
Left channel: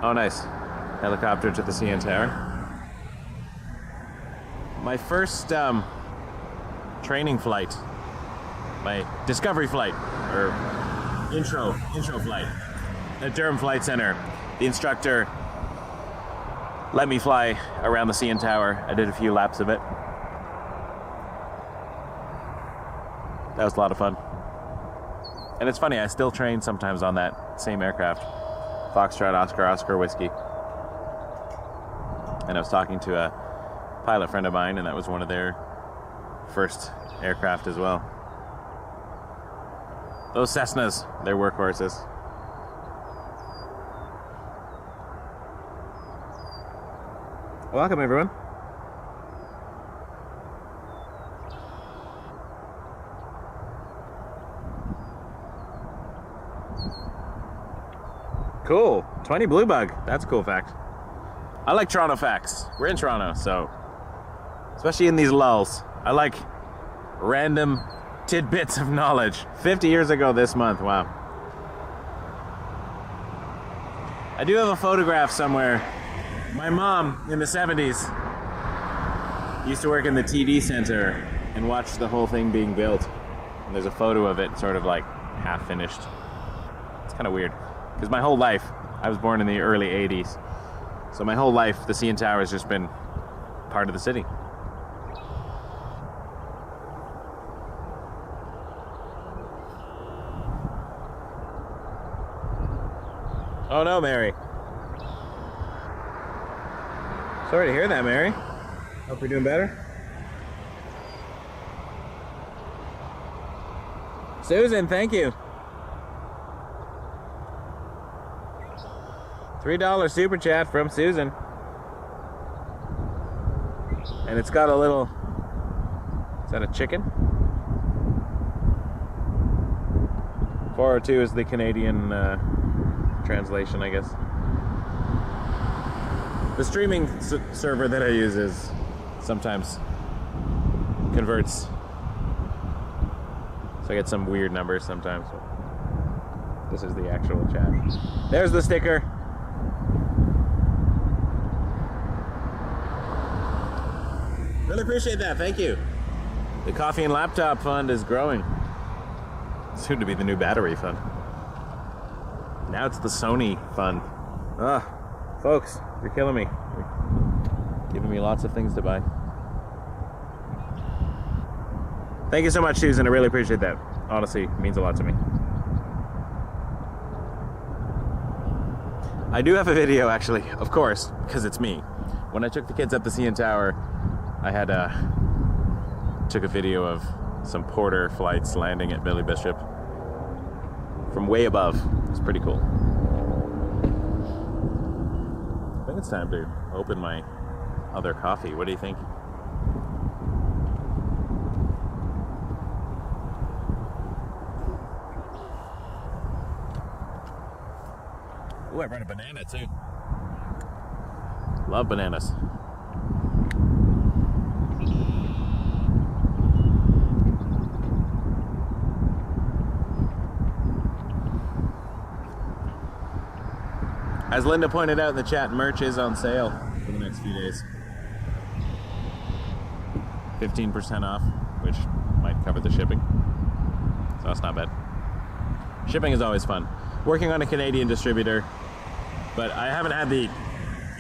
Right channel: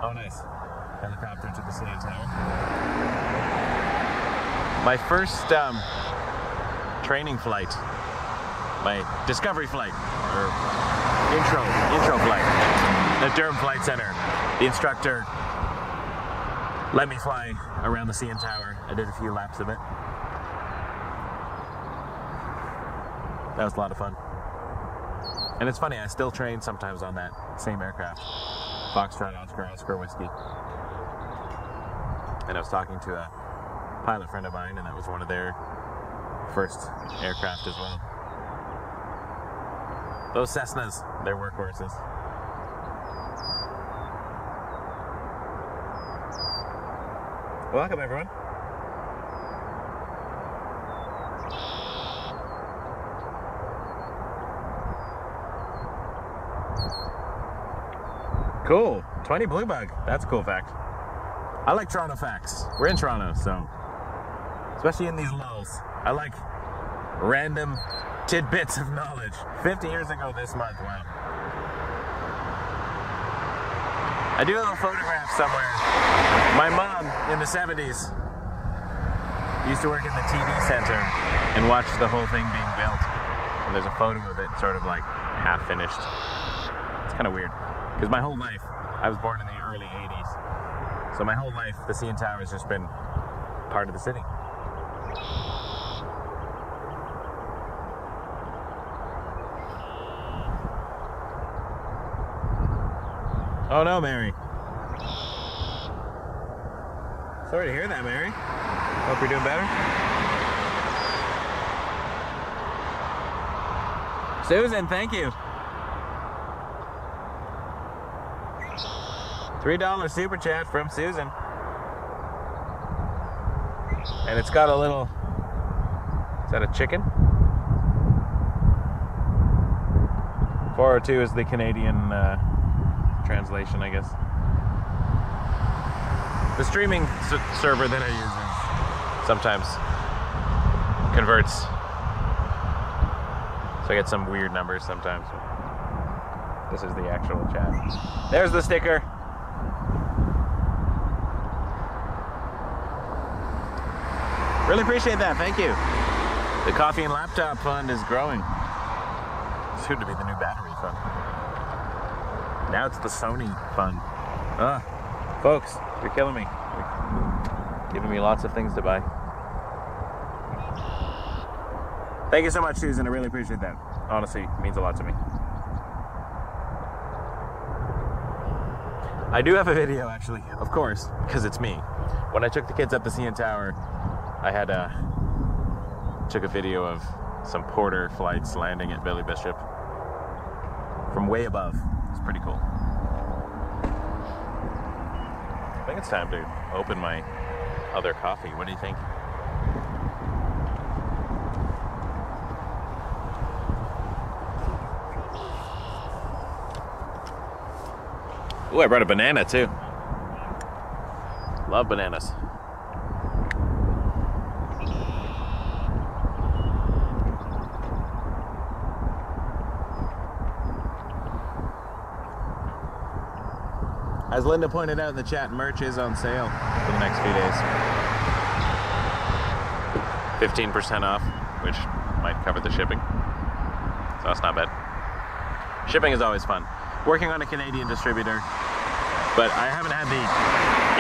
Oh, nice. Helicopter to the CN Tower. My first training flight, my discovery flight, or intro flight at Durham Flight Center. The instructor let me fly around the CN Tower. I did a few laps of it. That was a lot of fun. And it's funny, I still train sometimes on that same aircraft. Foxtrot Oscar Whiskey. And I was talking to a pilot friend of mine, and that was one of their first aircraft as well. Those Cessnas, they're workhorses. Welcome, everyone. Cool. 20 blue bug. That's a cool fact. I like Toronto facts. We're in Toronto, so especially in these lulls, I like random tidbits of knowledge. 50 years ago this month. Wow. I do have a photograph somewhere My mom in the 70s used to work in the TV center and watch the whole thing being built. And there's a photo of it sort of like half finished. It's kind of weird because my whole life, I was born in the early 80s. So my whole life, the CN Tower has just been part of the city. Oh no, Mary. Sorry to hear that, Mary. Hope you're doing better. Susan, thank you. $3 super chat from Susan. And it's got a little, is that a chicken? 402 is the Canadian translation, I guess. The streaming server that I use is sometimes converts, so I get some weird numbers sometimes. This is the actual chat. There's the sticker. Really appreciate that, thank you. The Coffee and Laptop Fund is growing. Soon to be the new battery fund. Now it's the Sony fund. Folks, you're killing me. You're giving me lots of things to buy. Thank you so much, Susan. I really appreciate that. Honestly, it means a lot to me. I do have a video, actually, of course, because it's me. When I took the kids up the CN Tower, I had took a video of some Porter flights landing at Billy Bishop from way above. It's pretty cool. I think it's time to open my other coffee. What do you think? Ooh, I brought a banana too. Love bananas. As Linda pointed out in the chat, merch is on sale for the next few days. 15% off, which might cover the shipping. So that's not bad. Shipping is always fun. Working on a Canadian distributor, but I haven't had the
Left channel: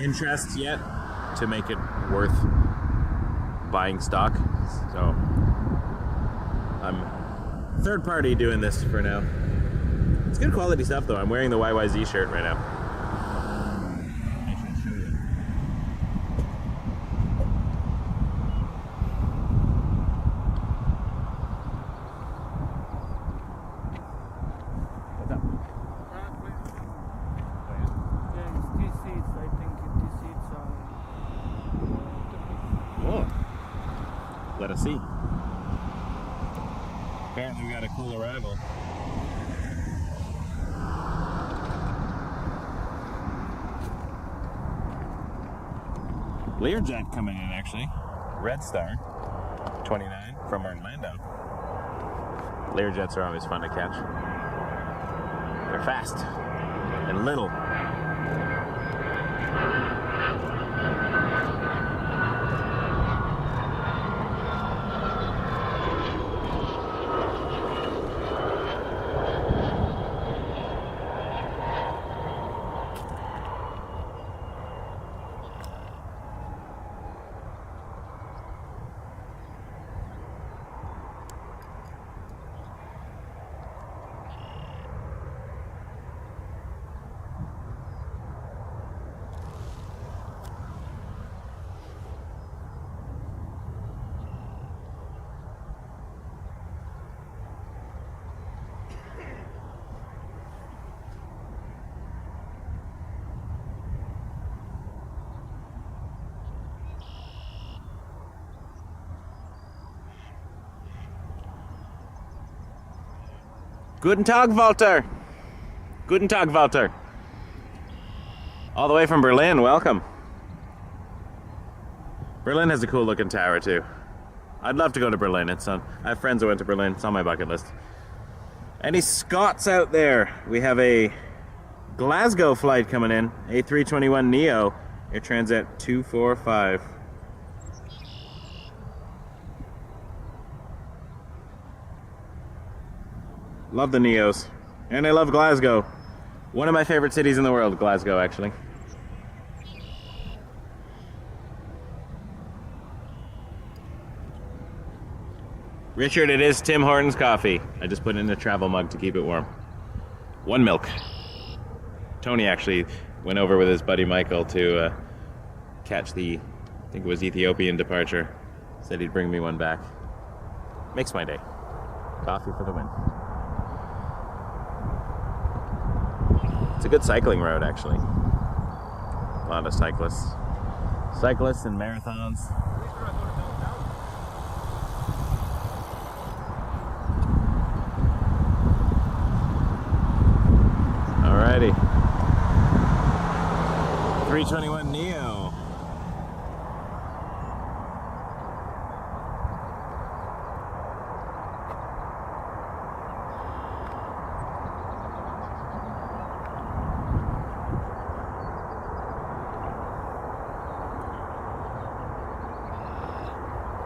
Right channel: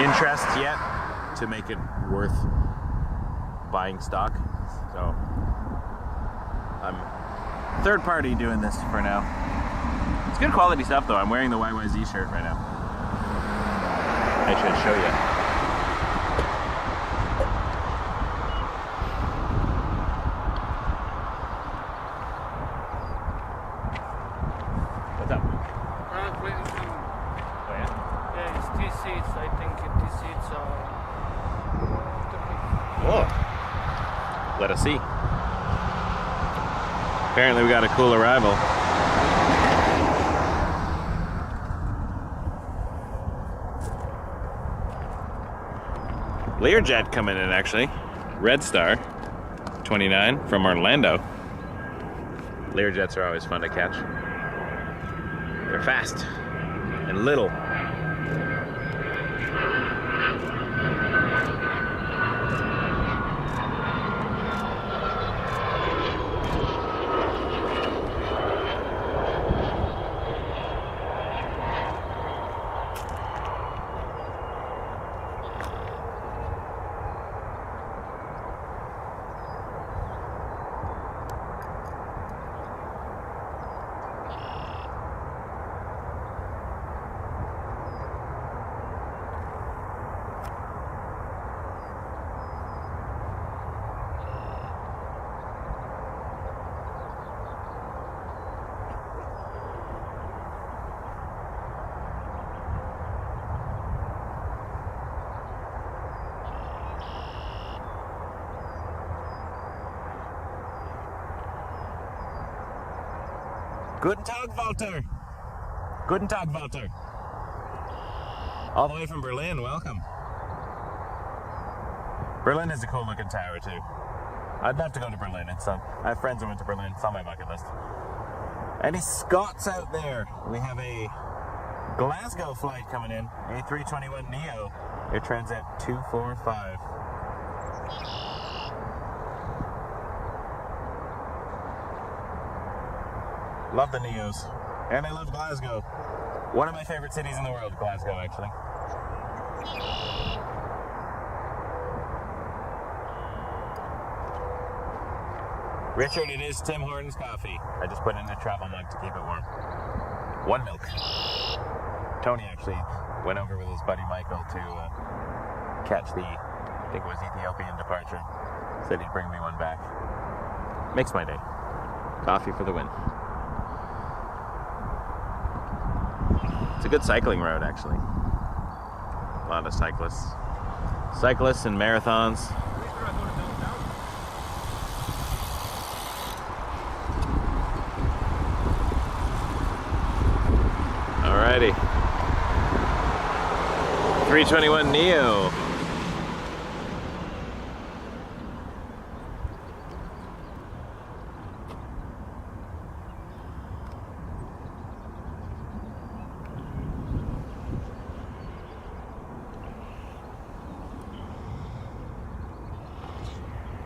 interest yet to make it worth buying stock. So I'm third party doing this for now. It's good quality stuff though. I'm wearing the CYYZ shirt right now. I should show you. What's up? Oh yeah? Yeah, it's these seats. I think these seats are... Whoa. Let us see. Apparently we got a cool arrival. Learjet coming in actually. Red Star 29 from Orlando. Learjets are always fun to catch. They're fast and little. Guten Tag, Walter. Guten Tag, Walter. All the way from Berlin, welcome. Berlin has a cool looking tower too. I'd love to go to Berlin. It's on, I have friends who went to Berlin. It's on my bucket list. Any Scots out there? We have a Glasgow flight coming in, A321neo Air Transat 245. Love the Neos. And I love Glasgow. One of my favorite cities in the world, Glasgow, actually. Richard, it is Tim Hortons coffee. I just put it in a travel mug to keep it warm. One milk. Tony actually went over with his buddy Michael to catch the, I think it was Ethiopian departure. Said he'd bring me one back. Makes my day. Coffee for the win. It's a good cycling road, actually. A lot of cyclists. Cyclists and marathons. Alrighty. 321neo.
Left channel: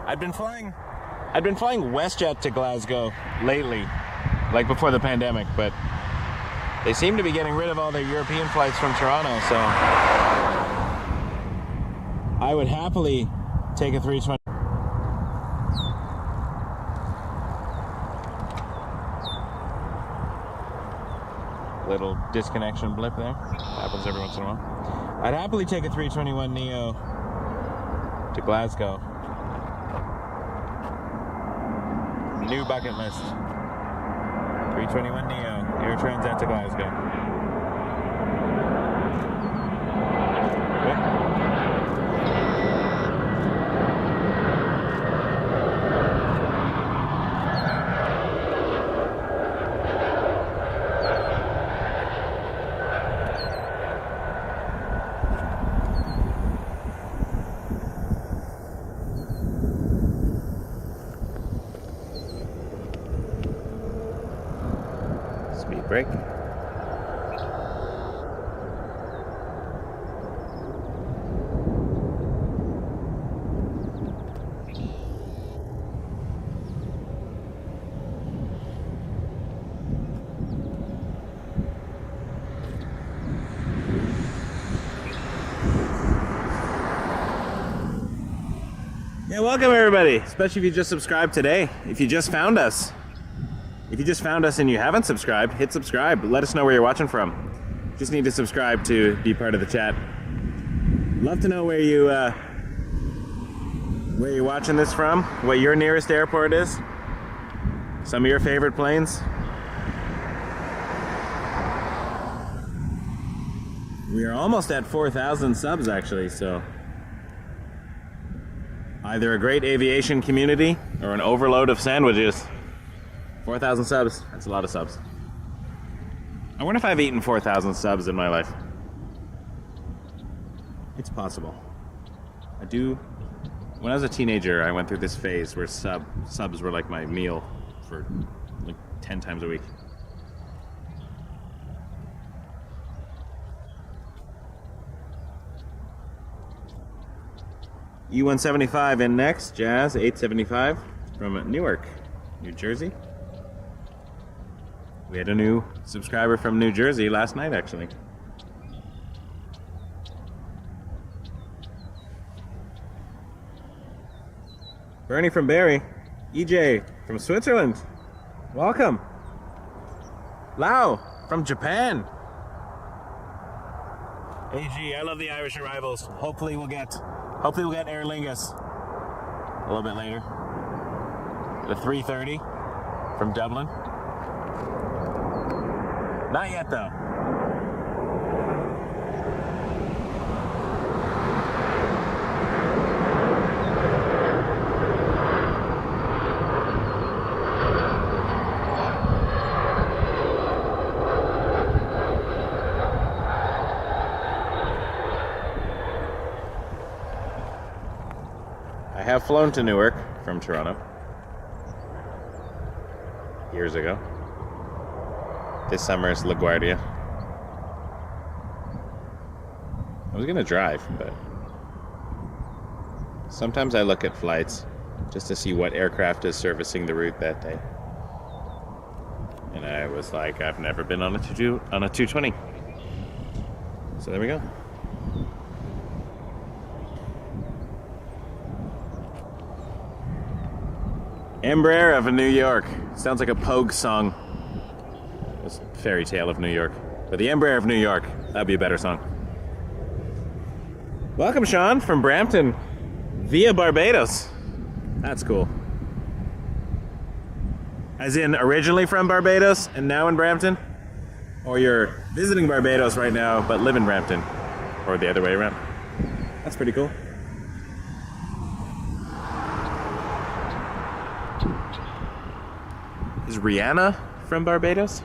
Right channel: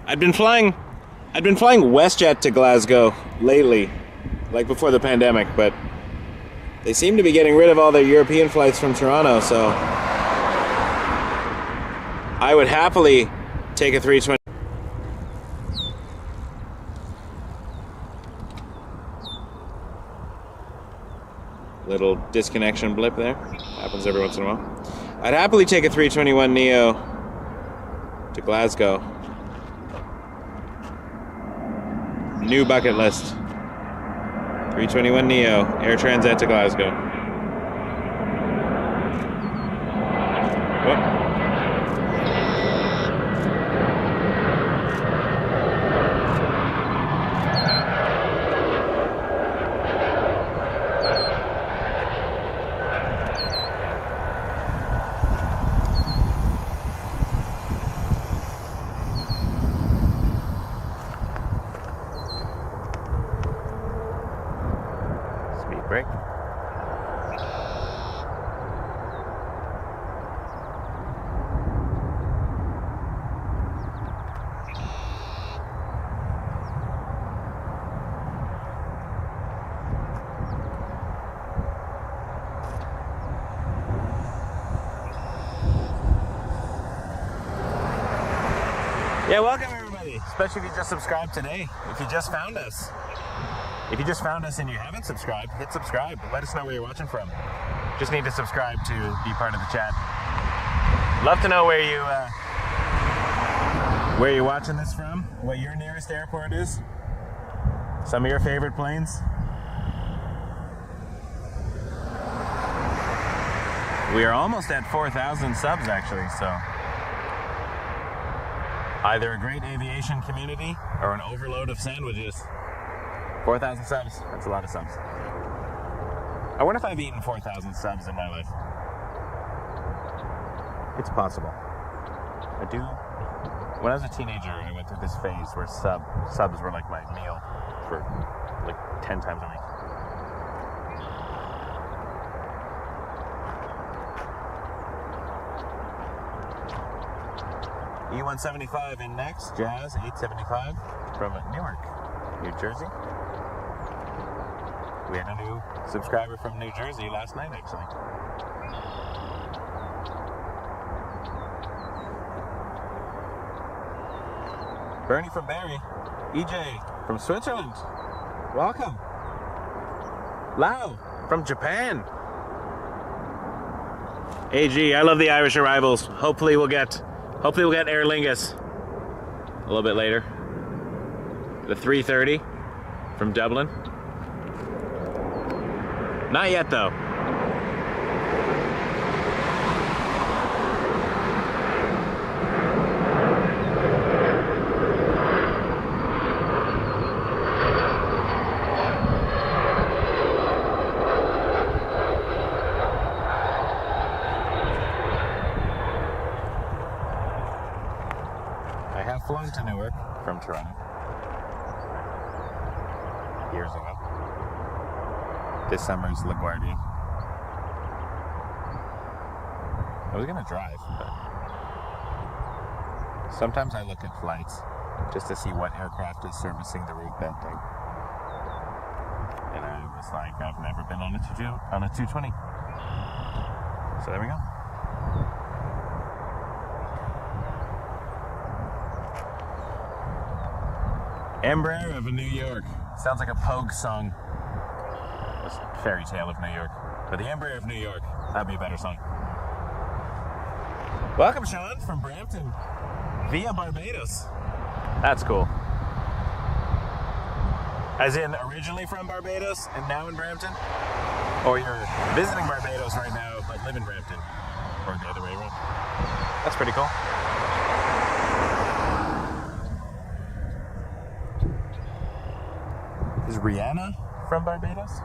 I'd been flying WestJet to Glasgow lately, like before the pandemic, but they seem to be getting rid of all their European flights from Toronto, so I would happily take a 320. Little disconnection blip there. Happens every once in a while. I'd happily take a 321neo to Glasgow. New bucket list. 321neo, Air Transat to Glasgow. Whoop. Break. Yeah, welcome everybody, especially if you just subscribed today. If you just found us. If you just found us and you haven't subscribed, hit subscribe. Let us know where you're watching from. Just need to subscribe to be part of the chat. Love to know where you're watching this from, what your nearest airport is, some of your favorite planes. We are almost at 4,000 subs actually, so either a great aviation community or an overload of sandwiches. 4,000 subs, that's a lot of subs. I wonder if I've eaten 4,000 subs in my life. It's possible. I do. When I was a teenager, I went through this phase where subs were like my meal for like 10 times a week. E175 in next, Jazz 875 from Newark, New Jersey. We had a new subscriber from New Jersey last night, actually. Bernie from Barrie. EJ from Switzerland. Welcome. Lau from Japan. AG, I love the Irish arrivals. Hopefully we'll get Aer Lingus a little bit later. The 330 from Dublin. Not yet, though. I have flown to Newark from Toronto years ago. This summer is LaGuardia. I was gonna drive, but sometimes I look at flights just to see what aircraft is servicing the route that day. And I was like, I've never been on a 220. So there we go. Embraer of New York. Sounds like a Pogue song. It's Fairy Tale of New York. But the Embraer of New York, that'd be a better song. Welcome, Sean, from Brampton via Barbados. That's cool. As in originally from Barbados and now in Brampton? Or you're visiting Barbados right now but live in Brampton? Or the other way around? That's pretty cool. Is Rihanna from Barbados?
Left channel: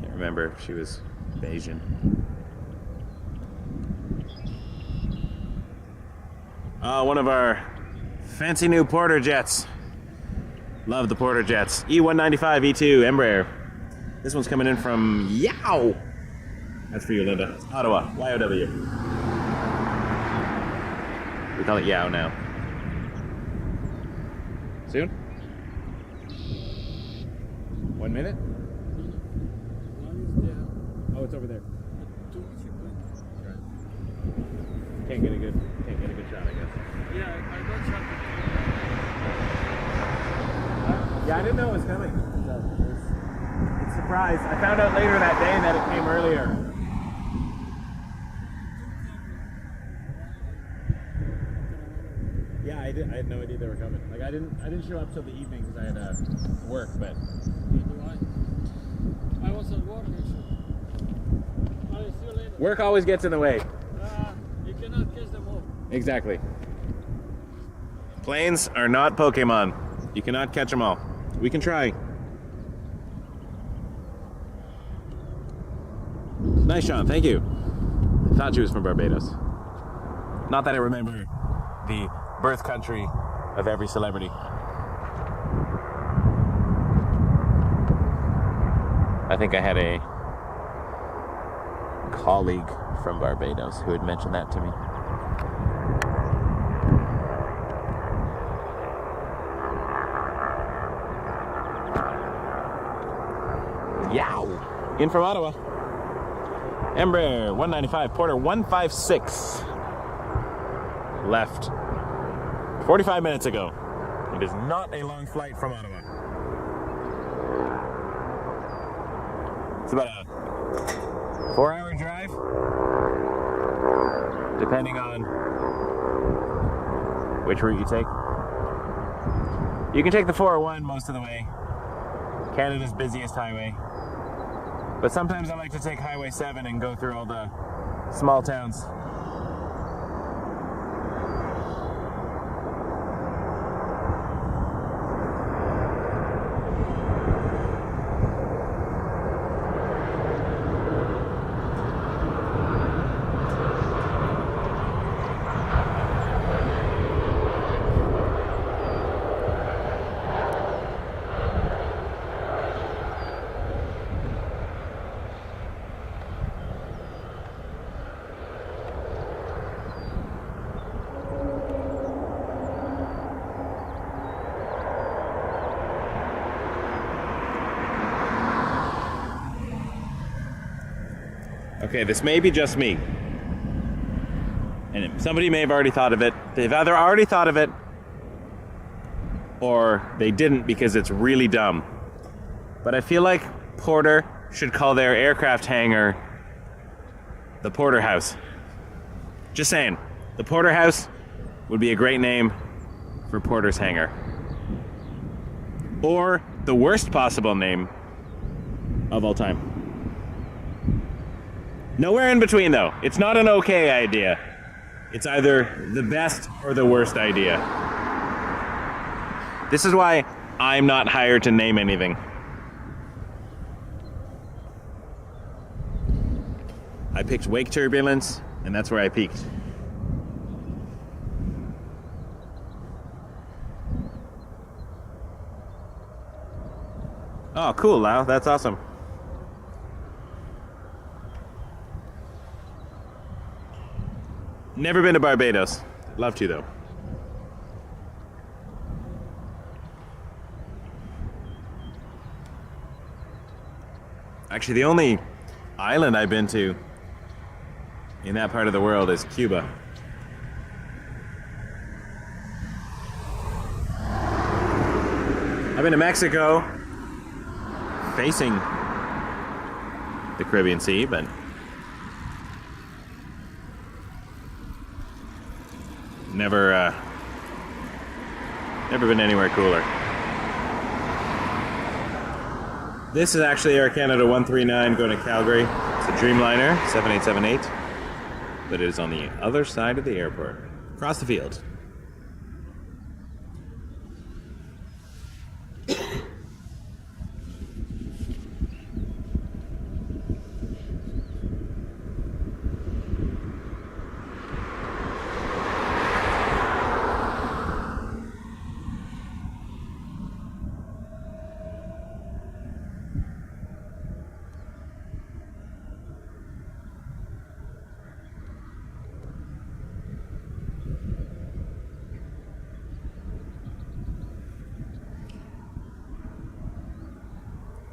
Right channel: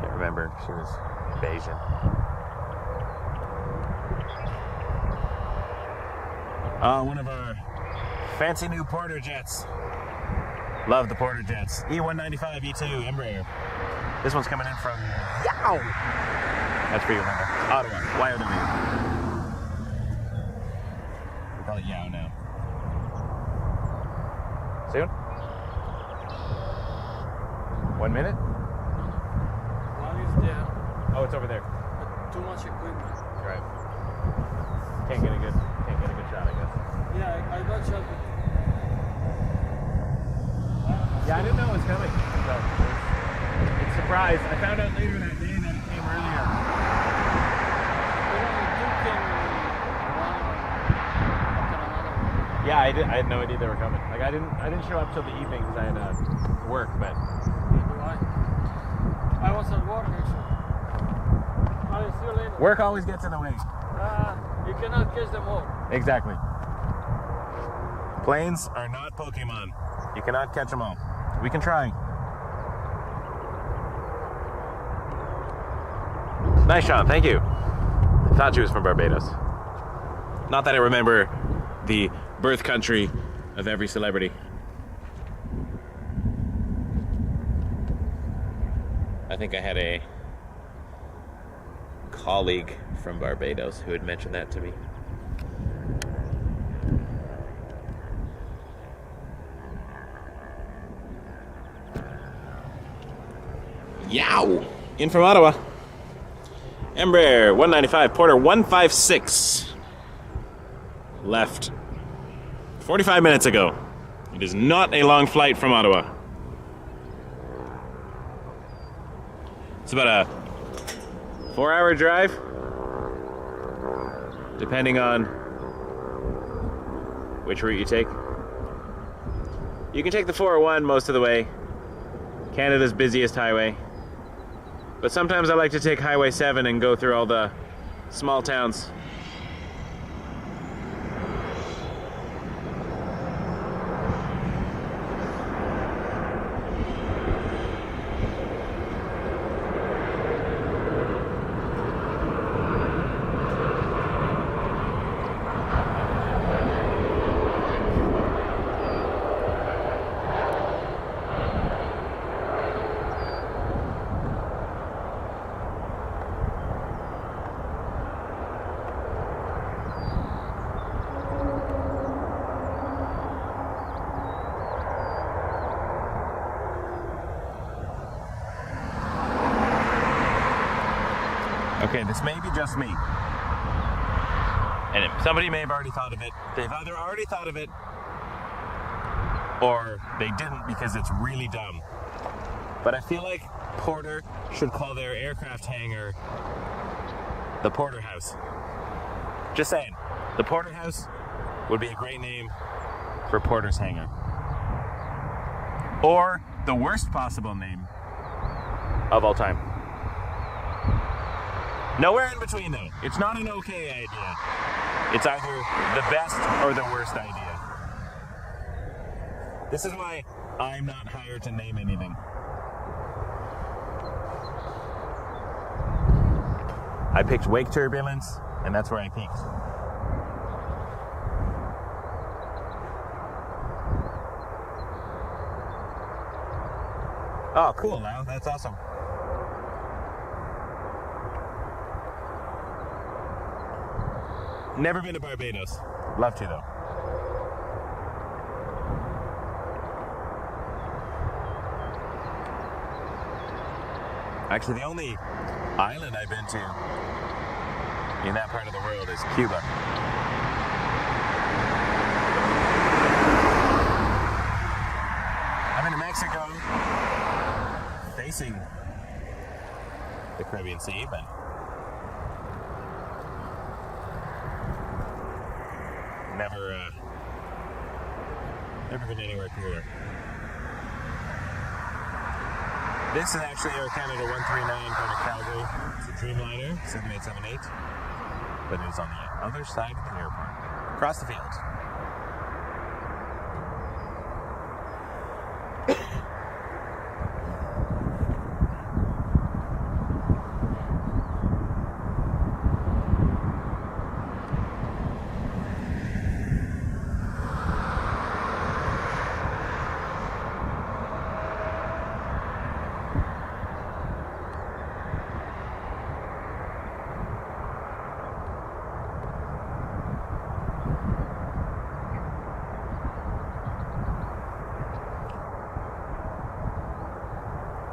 Can't remember if she was Bayesian. One of our fancy new Porter jets. Love the Porter jets. E195 E2 Embraer. This one's coming in from Yow. That's for you, Linda. Ottawa, Y-O-W. We call it Yow now. Soon? 1 minute? One is there. Oh, it's over there. But too much equipment. Right. Can't get a good shot, I guess. Yeah, I got shot. Yeah, I didn't know it was coming. So it's a surprise. I found out later that day that it came earlier. Yeah, I had no idea they were coming. Like I didn't show up till the evening because I had work, but I was at work actually. I'll see you later. Work always gets in the way. You cannot catch them all. Exactly. Planes are not Pokemon. You cannot catch them all. We can try. Nice, Sean. Thank you. I thought she was from Barbados. Not that I remember the birth country of every celebrity. I think I had a colleague from Barbados who had mentioned that to me. Yow! In from Ottawa. Embraer 195, Porter 156. Left 45 minutes ago. It is not a long flight from Ottawa. It's about a 4-hour drive, depending on which route you take. You can take the 401 most of the way, Canada's busiest highway. But sometimes I like to take Highway 7 and go through all the small towns. Okay, this may be just me. And somebody may have already thought of it. They've either already thought of it or they didn't because it's really dumb. But I feel like Porter should call their aircraft hangar the Porter House. Just saying, the Porter House would be a great name for Porter's hangar. Or the worst possible name of all time. Nowhere in between, though. It's not an okay idea. It's either the best or the worst idea. This is why I'm not hired to name anything. I picked Wake Turbulence, and that's where I peaked. Oh, cool, Lau. That's awesome. Never been to Barbados. Love to, though. Actually, the only island I've been to in that part of the world is Cuba. I've been to Mexico, facing the Caribbean Sea, but never been anywhere cooler. This is actually Air Canada 139 going to Calgary. It's a Dreamliner 787-8, but it is on the other side of the airport, across the field.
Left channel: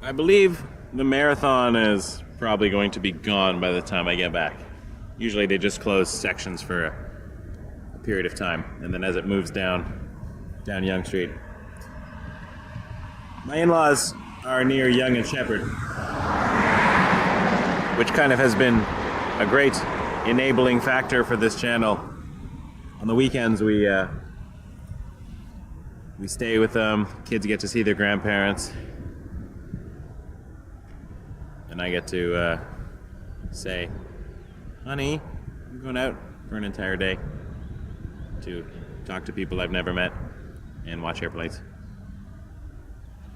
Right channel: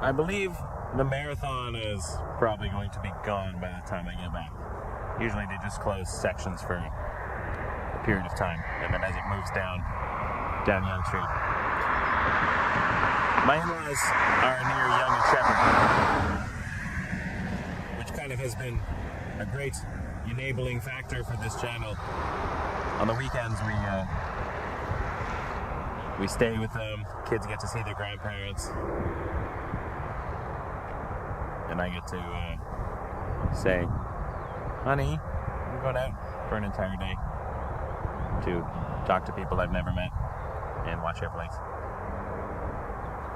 I believe the marathon is probably going to be gone by the time I get back. Usually they just close sections for a period of time, and then as it moves down Yonge Street. My in-laws are near Yonge and Shepherd, which kind of has been a great enabling factor for this channel. On the weekends we stay with them, kids get to see their grandparents. And I get to say, honey, I'm going out for an entire day to talk to people I've never met and watch airplanes.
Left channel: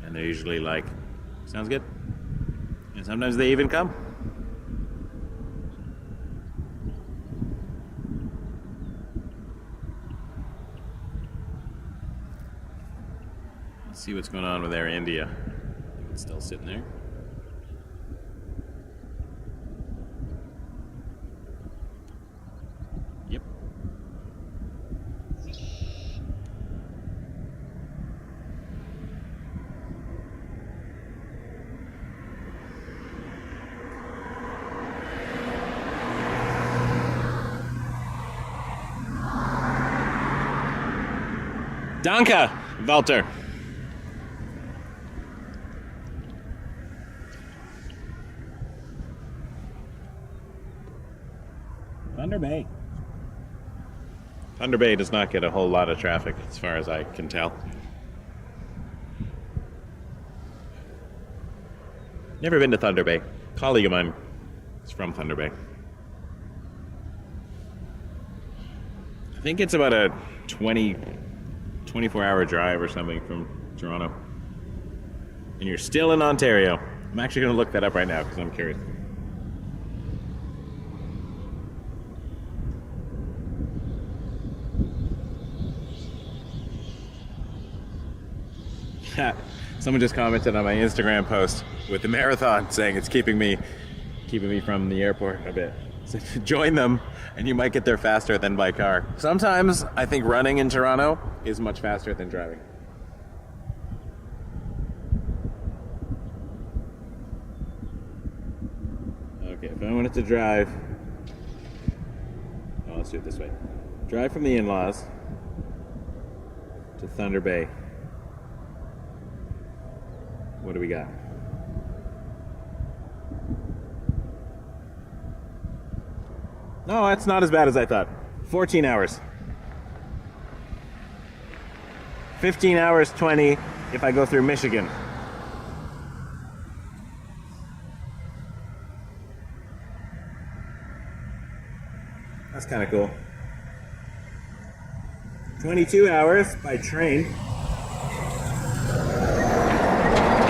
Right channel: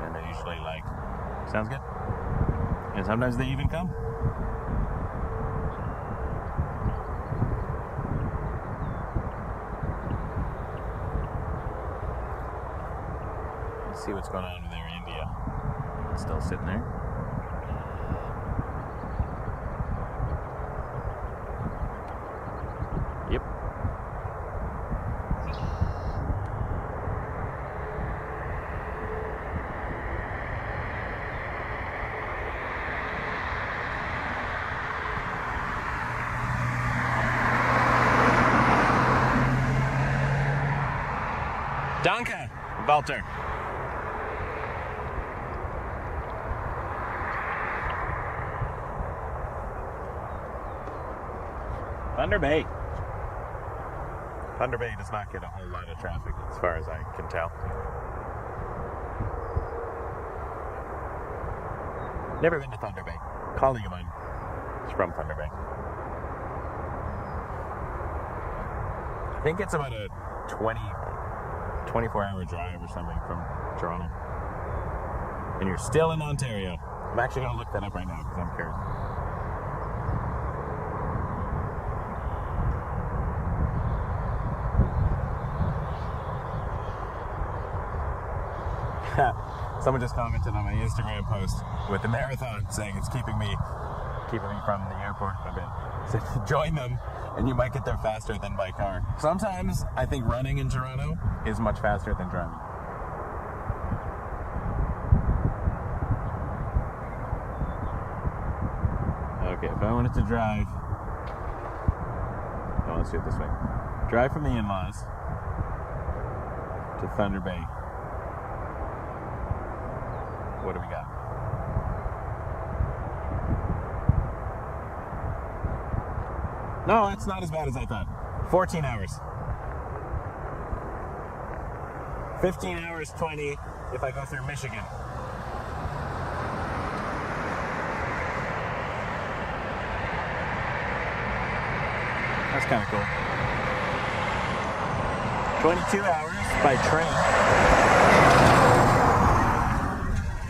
And they're usually like, sounds good. And sometimes they even come. Let's see what's going on with Air India. It's still sitting there. Yep. Danke, Walter. Thunder Bay. Thunder Bay does not get a whole lot of traffic as far as I can tell. Never been to Thunder Bay. A colleague of mine is from Thunder Bay. I think it's about a 24-hour drive or something from Toronto. And you're still in Ontario. I'm actually going to look that up right now because I'm curious. Someone just commented on my Instagram post with the marathon saying it's keeping me from the airport a bit. So join them and you might get there faster than by car. Sometimes I think running in Toronto is much faster than driving. Okay, if I wanted to drive, oh, let's do it this way. Drive from the in-laws to Thunder Bay. What do we got? No, that's not as bad as I thought. 14 hours. 15 hours, 20 if I go through Michigan. That's kind of cool. 22 hours by train.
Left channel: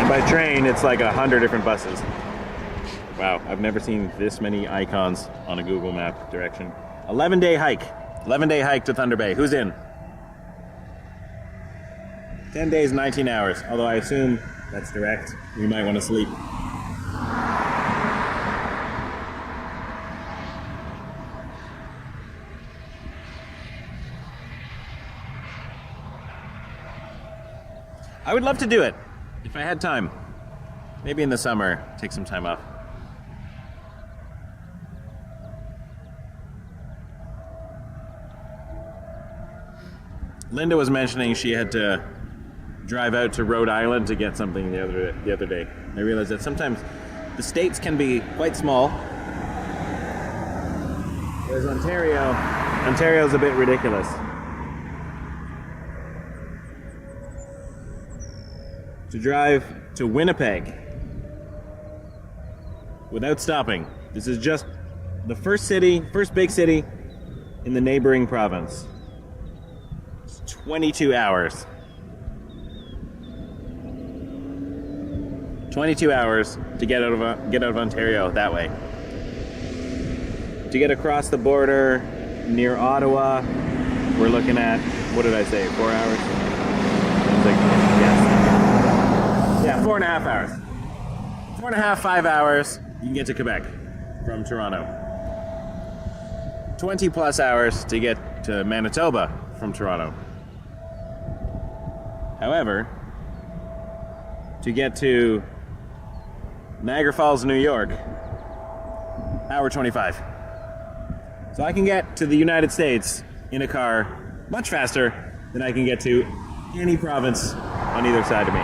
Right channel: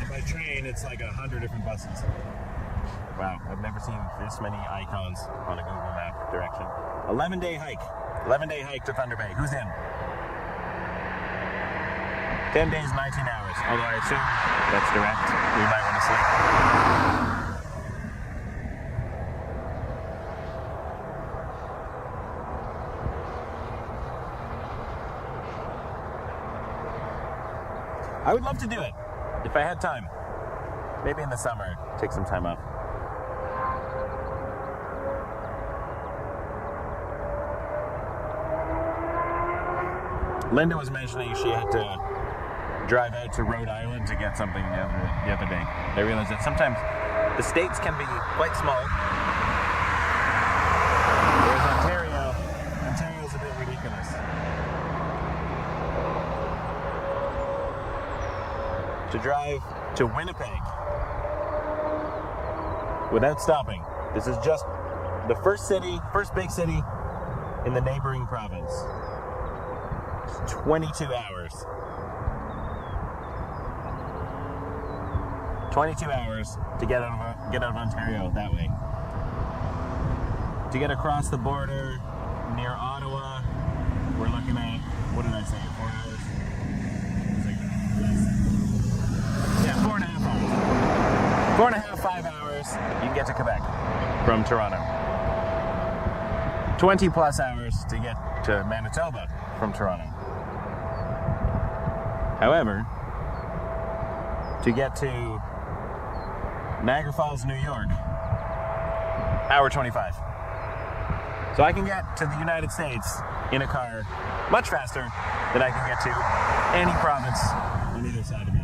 By train, it's like 100 different buses. Wow, I've never seen this many icons on a Google Map direction. 11-day hike. 11-day hike to Thunder Bay. Who's in? 10 days, 19 hours. Although I assume that's direct. We might want to sleep. I would love to do it if I had time. Maybe in the summer, take some time off. Linda was mentioning she had to drive out to Rhode Island to get something the other day. I realized that sometimes the states can be quite small, whereas Ontario's a bit ridiculous. To drive to Winnipeg without stopping. This is just the first big city in the neighboring province. It's 22 hours. 22 hours to get out of Ontario that way. To get across the border near Ottawa, we're looking at, what did I say, 4 hours? Yes. Yeah, 4.5 hours. 4.5, 5 hours, you can get to Quebec from Toronto. 20 plus hours to get to Manitoba from Toronto. However, to get to Niagara Falls, New York, hour 25. So I can get to the United States in a car much faster than I can get to any province on either side of me.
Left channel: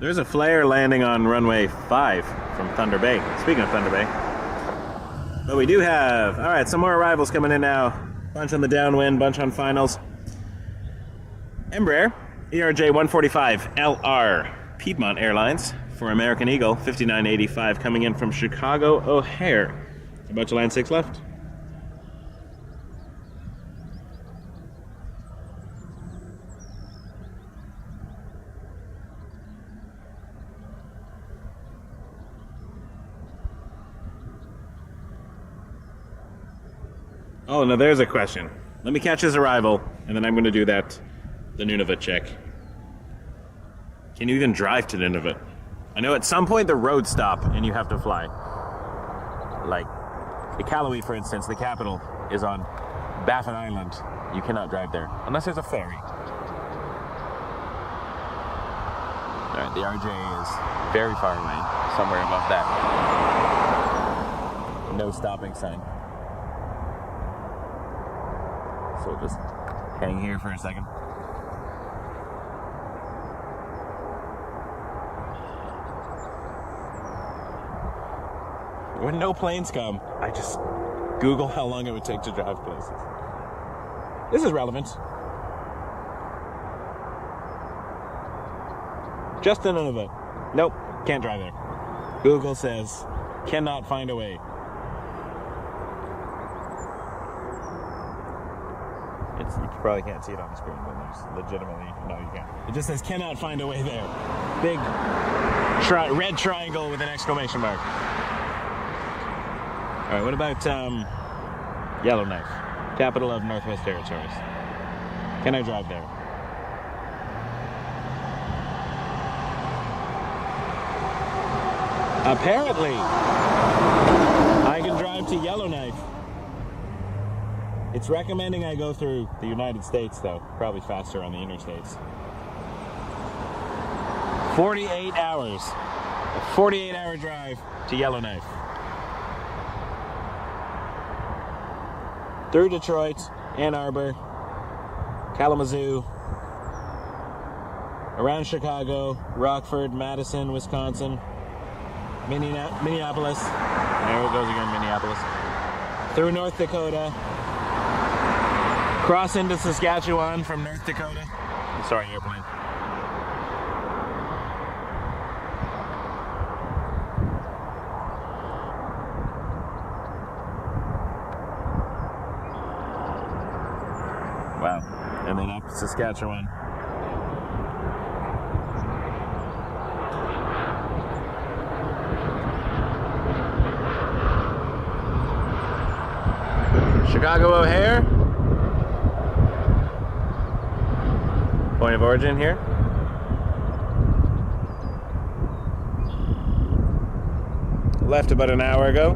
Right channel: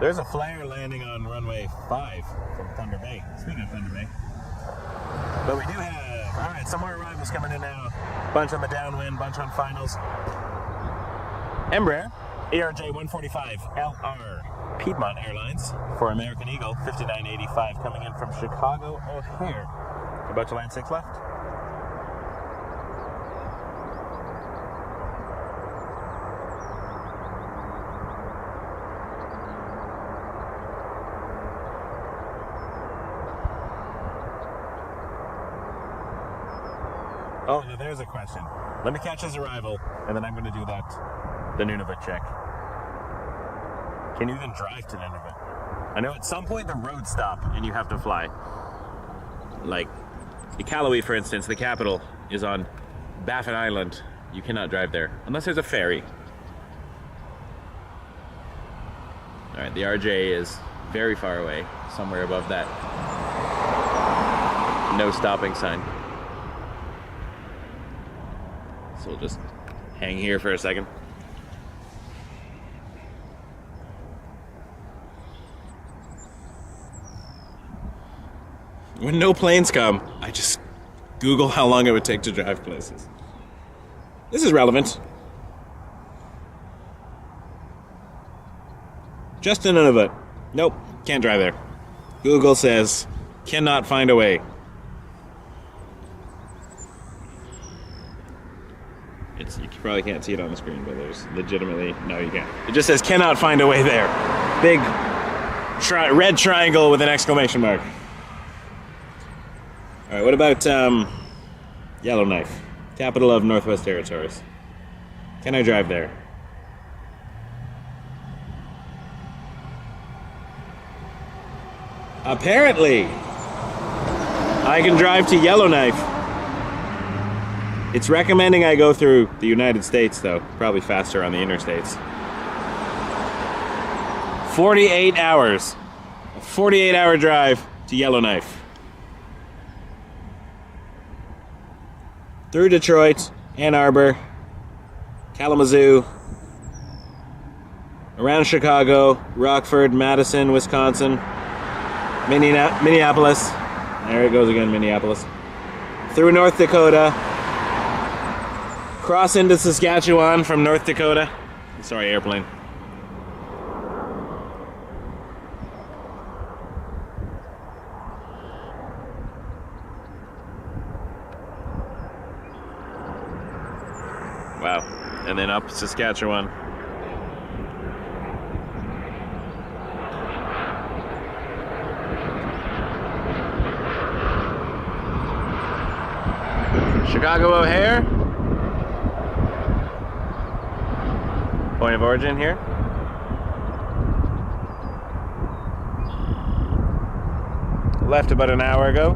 There's a flare landing on runway 5 from Thunder Bay. Speaking of Thunder Bay. But we do have, all right, some more arrivals coming in now. Bunch on the downwind, bunch on finals. Embraer, ERJ-145LR, Piedmont Airlines for American Eagle, 5985 coming in from Chicago O'Hare. About to land 6 left. Oh, no, there's a question. Let me catch his arrival, and then I'm going to do the Nunavut check. Can you even drive to Nunavut? I know at some point the roads stop and you have to fly. Like, Iqaluit, for instance, the capital, is on Baffin Island. You cannot drive there, unless there's a ferry. All right, the RJ is very far away, somewhere above that no stopping sign. So we'll just hang here for a second. When no planes come, I just Google how long it would take to drive places. This is relevant. Just in Nunavut. Nope, can't drive there. Google says, cannot find a way. You probably can't see it on the screen, but there's legitimately, no, you can't. It just says, cannot find a way there. Big red triangle with an exclamation mark. All right, what about Yellowknife, capital of Northwest Territories? Can I drive there? Apparently, I can drive to Yellowknife. It's recommending I go through the United States, though. Probably faster on the interstates. 48 hours. A 48-hour drive to Yellowknife. Through Detroit, Ann Arbor, Kalamazoo, around Chicago, Rockford, Madison, Wisconsin, Minneapolis. There it goes again, Minneapolis. Through North Dakota. Cross into Saskatchewan from North Dakota. Sorry, airplane. Wow. And then up Saskatchewan. Chicago O'Hare. Point of origin here. Left about an hour ago.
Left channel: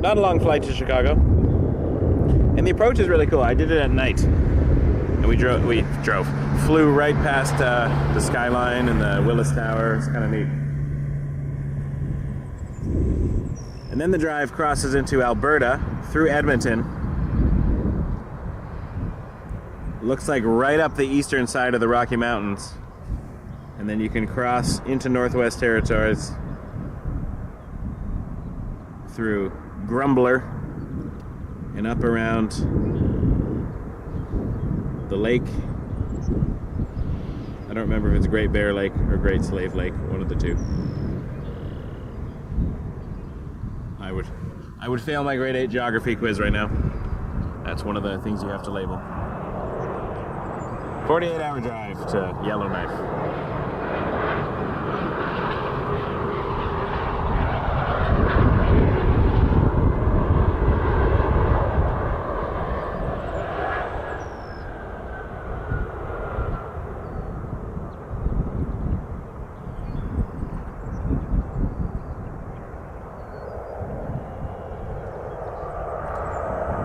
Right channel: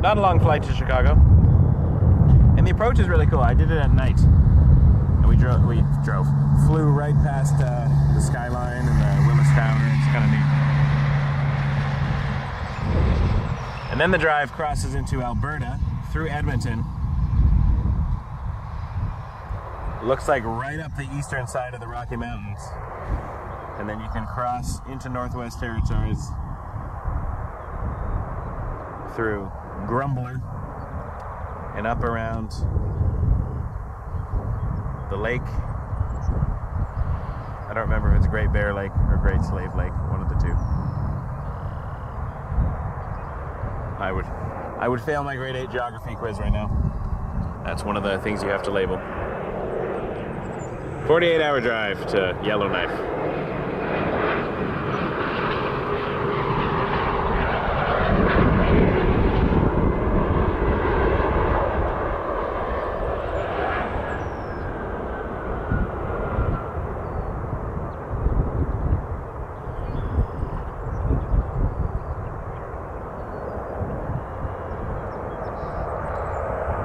Not a long flight to Chicago. And the approach is really cool. I did it at night. And we flew right past the skyline and the Willis Tower. It's kind of neat. And then the drive crosses into Alberta through Edmonton. Looks like right up the eastern side of the Rocky Mountains. And then you can cross into Northwest Territories through Grumbler and up around the lake. I don't remember if it's Great Bear Lake or Great Slave Lake, one of the two. I would fail my grade 8 geography quiz right now. That's one of the things you have to label. 48-hour drive to Yellowknife.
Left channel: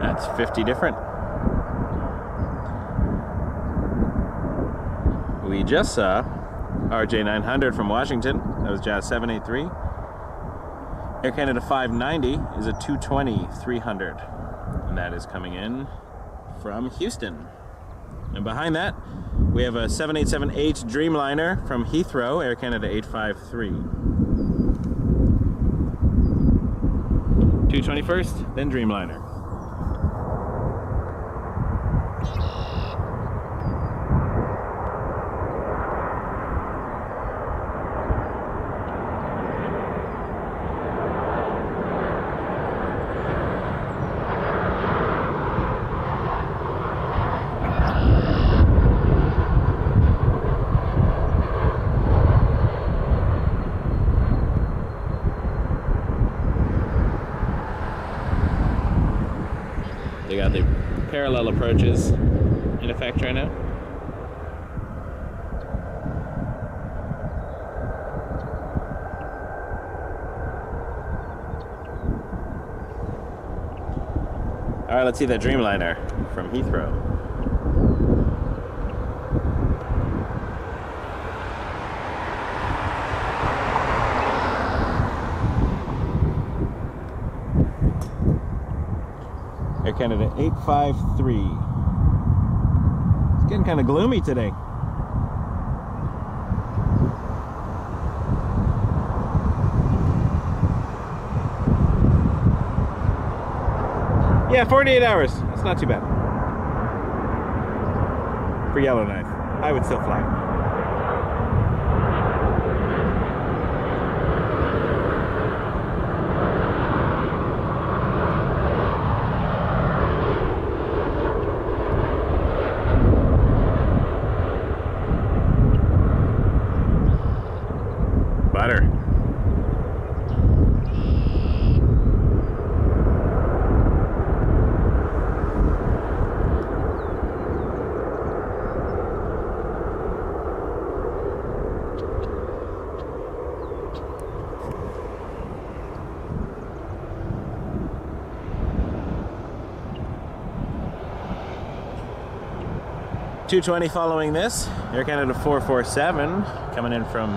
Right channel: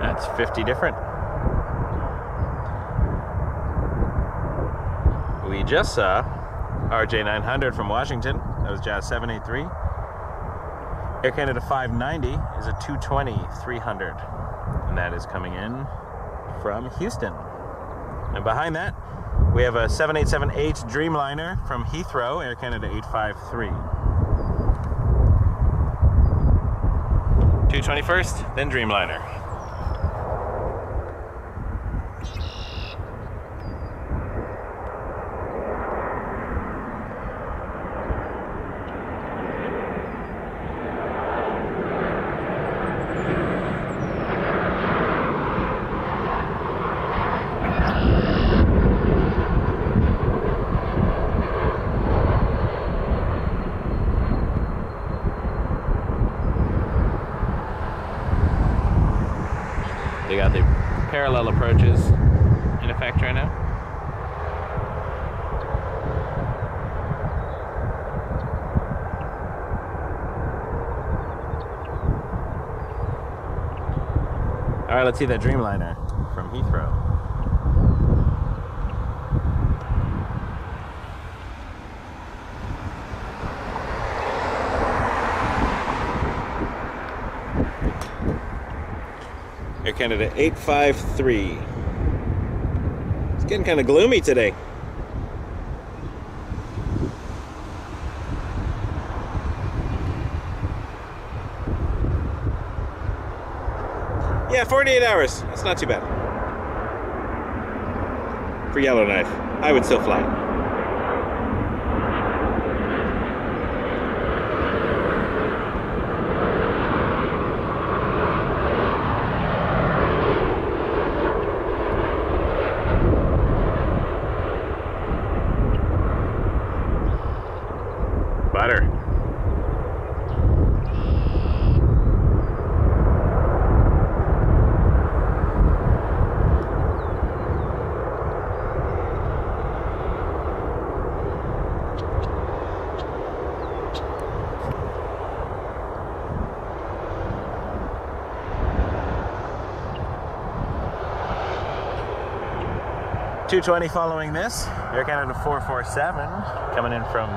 That's 50 different. We just saw RJ900 from Washington. That was Jazz 783. Air Canada 590 is a 220-300. And that is coming in from Houston. And behind that, we have a 787-8 Dreamliner from Heathrow, Air Canada 853. 220 first, then Dreamliner. They got the parallel approaches in effect right now. All right, let's see that Dreamliner from Heathrow. Air Canada 853. It's getting kind of gloomy today. Yeah, 48 hours. That's not too bad. For Yellowknife, I would still fly. Butter. $220 following this. Air Canada 447 coming in from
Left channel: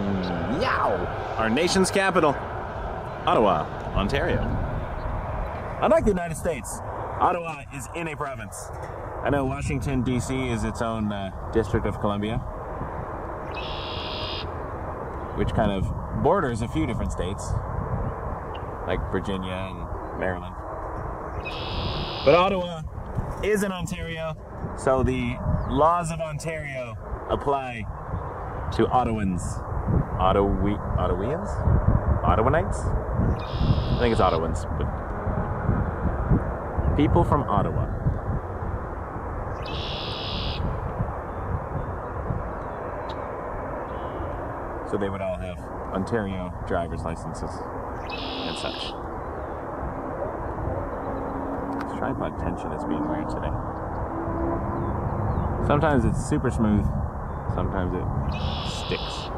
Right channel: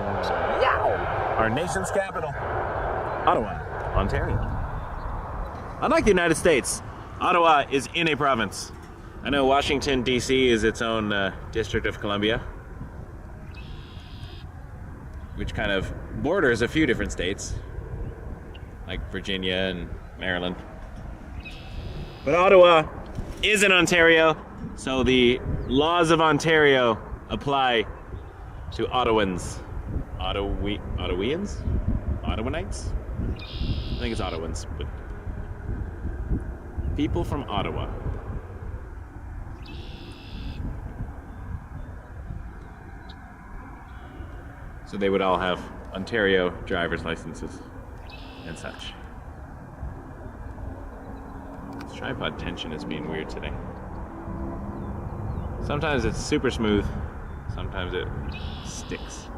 our nation's capital, Ottawa, Ontario. Unlike the United States, Ottawa is in a province. I know Washington, D.C. is its own District of Columbia, which kind of borders a few different states, like Virginia and Maryland. But Ottawa is in Ontario, so the laws of Ontario apply to Ottawans. Ottawanites? I think it's Ottawans, but people from Ottawa. So they would all have Ontario driver's licenses and such. Let's tripod tension is being weird today. Sometimes it's super smooth, sometimes it sticks.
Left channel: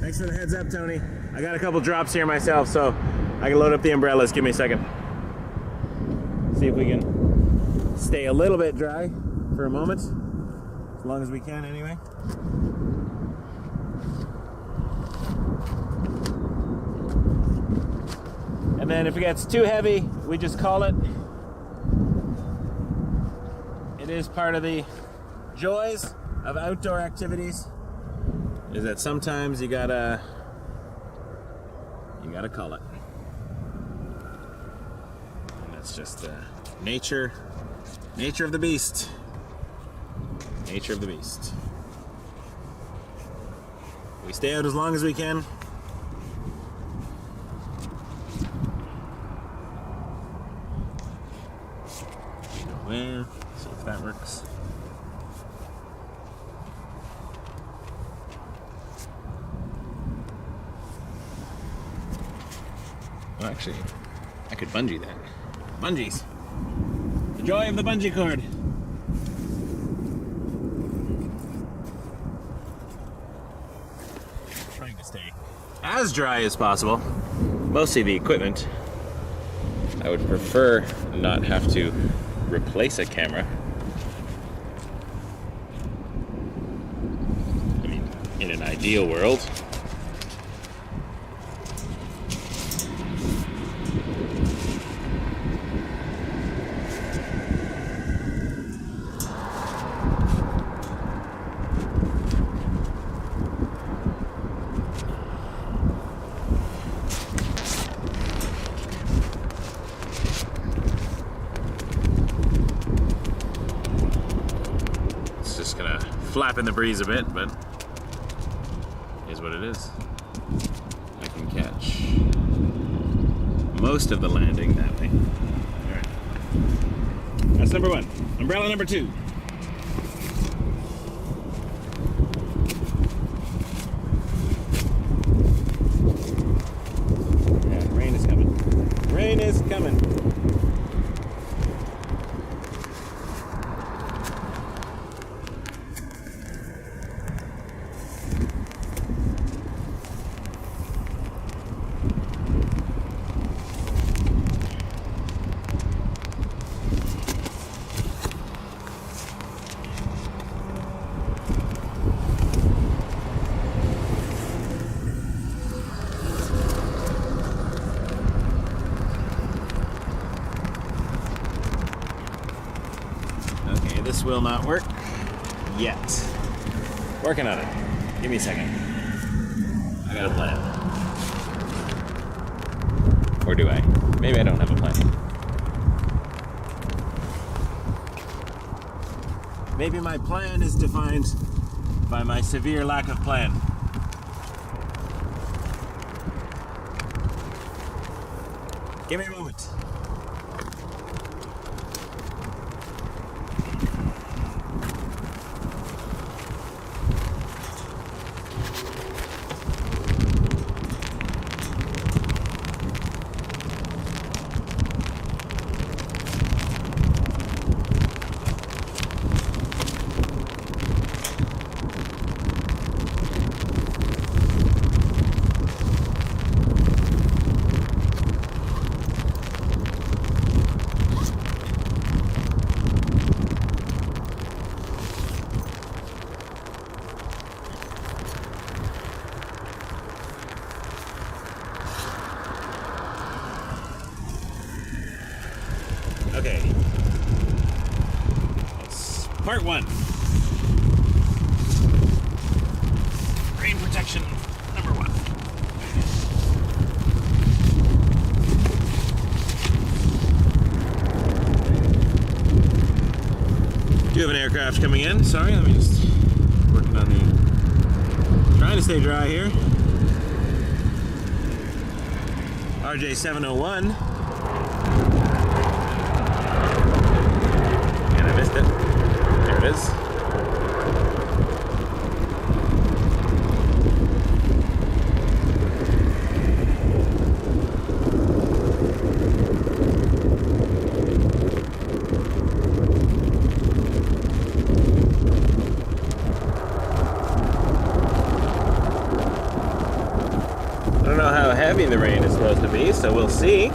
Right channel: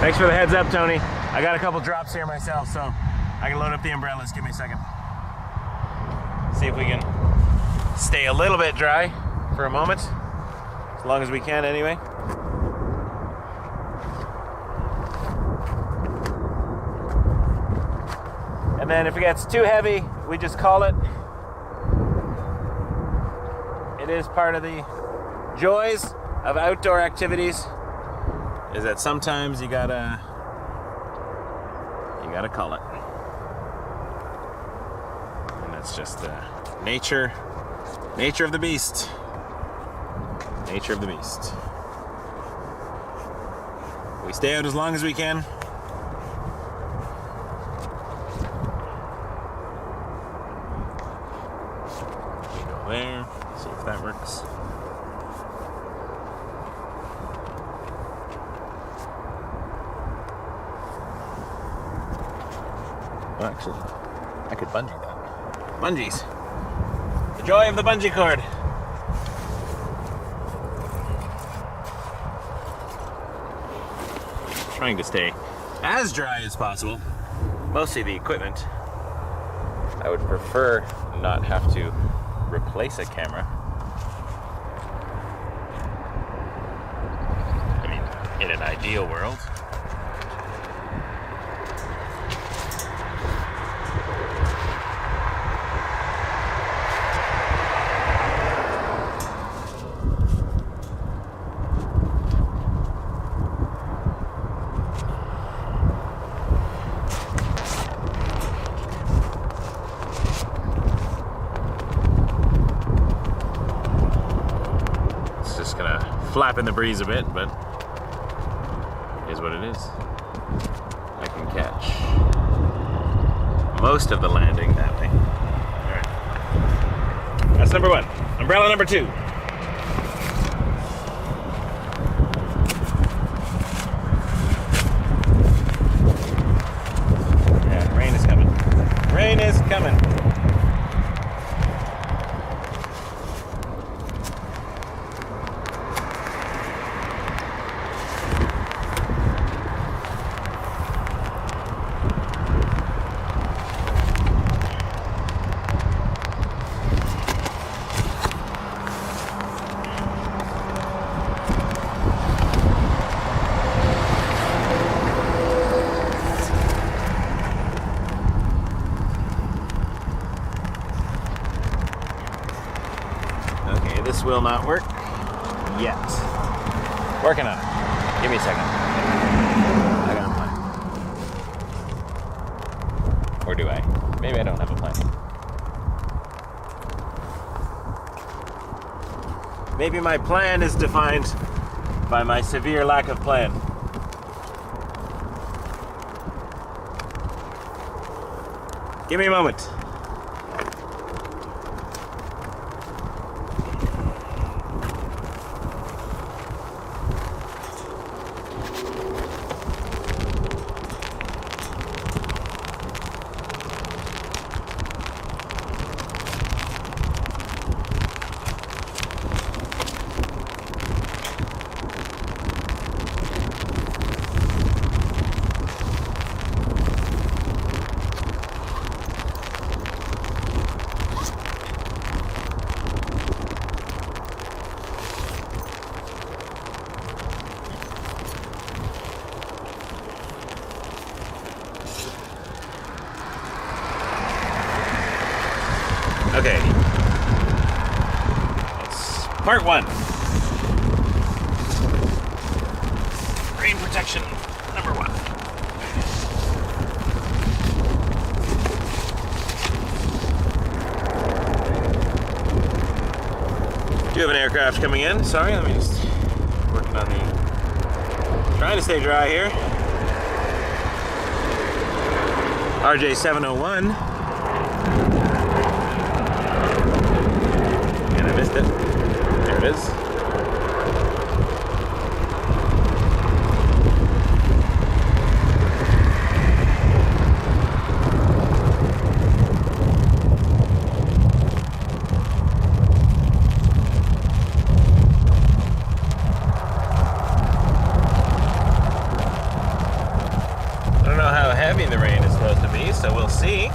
Thanks for the heads up, Tony. I got a couple drops here myself, so I can load up the umbrellas. Give me a second. See if we can stay a little bit dry for a moment. As long as we can, anyway. And then if it gets too heavy, we just call it. It is part of the joys of outdoor activities, is that sometimes you gotta call it. And that's just nature of the beast. Nature of the beast. We stay out as long as we can. Go there, see if that works. Well, actually, I could bungee that. Bungees. The joy of the bungee cord. Trying to stay as dry as possible. Mostly the equipment. I would prefer not have to replace a camera. I mean, in an ideal world. Flap in the breeze a bit, but it is what it is. I can catch most of the landing that way. Alright. That's number one. Umbrella number two. Yeah, rain is coming. Rain is coming. This will not work yet. Working on it. Give me a second. I got a plan. Or do I? Maybe I don't have a plan. Maybe my plan is defined by my severe lack of plan. Give me a moment. Part 1. Rain protection number 1. Do have an aircraft coming in. Sorry, let me just working on the trying to stay dry here. RJ701. And I missed it. There it is. I don't know how heavy the rain is supposed to be, so we'll see.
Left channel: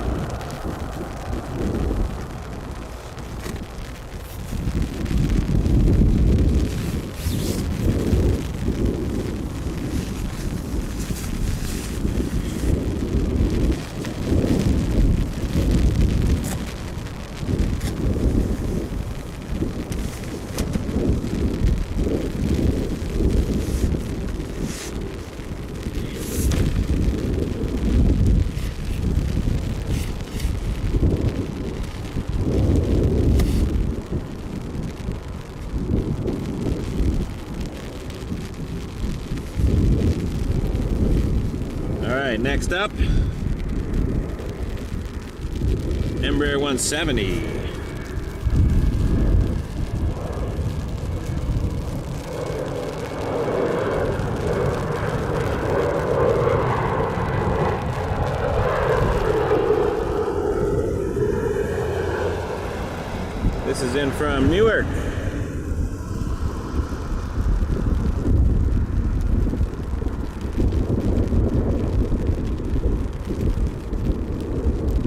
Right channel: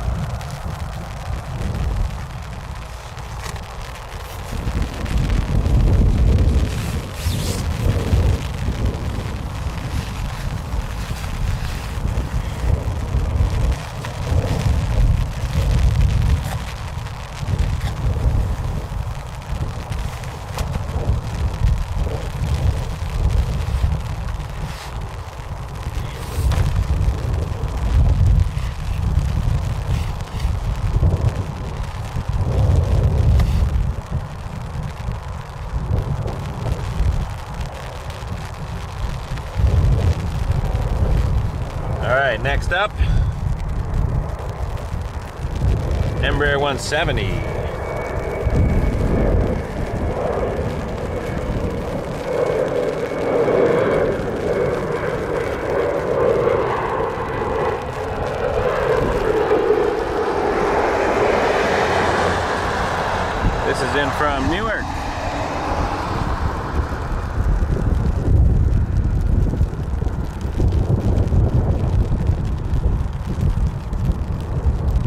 Alright, next up, Embraer 170. This is in from Newark.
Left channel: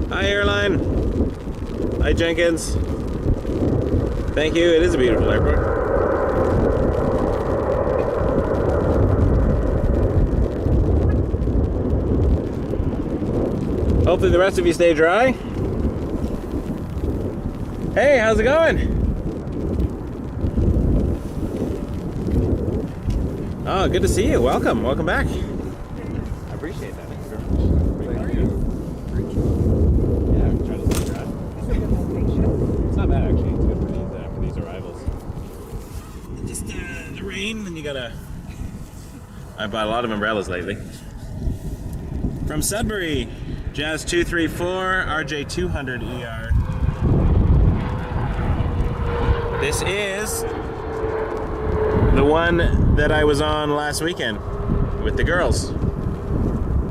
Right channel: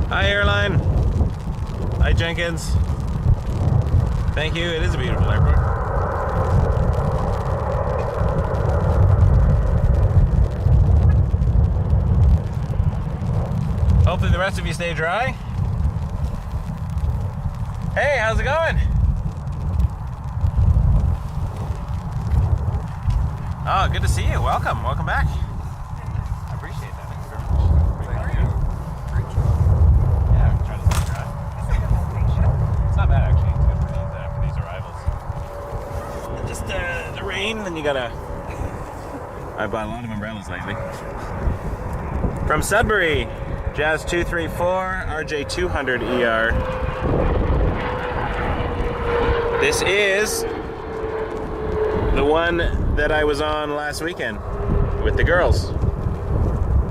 Hi, airline. Hi, Jenkins. Thank you. It is a beautiful airport. Hopefully the rest of you stay dry. Hey, how's it going? Oh, good to see you. Welcome. Welcome back. I appreciate that. Thank you very much. Thank you. Yeah, I'm trying to stay dry. It's not bad actually. It's good for these arrivals. Just the rain, then you gotta. I bought a lot of umbrellas lately. From Sudbury, Jazz 234 RJ200 ER. This is the one that I was on last weekend with the girls.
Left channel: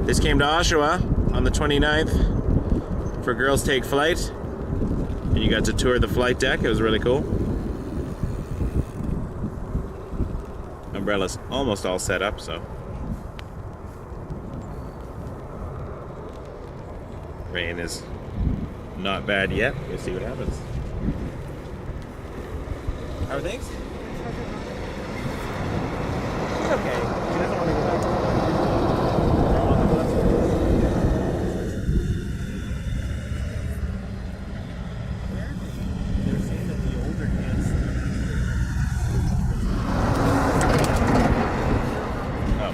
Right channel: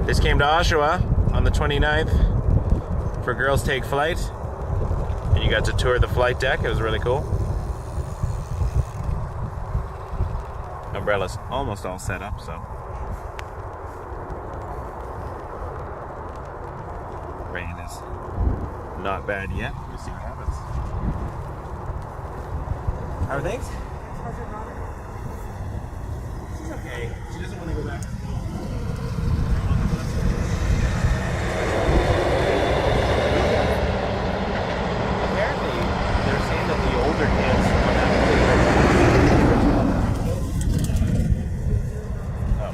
This came to Oshawa on the 29th for Girls Take Flight, and you got to tour the flight deck. It was really cool. Umbrella's almost all set up, so. Rain is not bad yet. We'll see what happens. How are things? She's okay. She doesn't want to go back to the bus. Apparently, they're saying that the older kids Oh.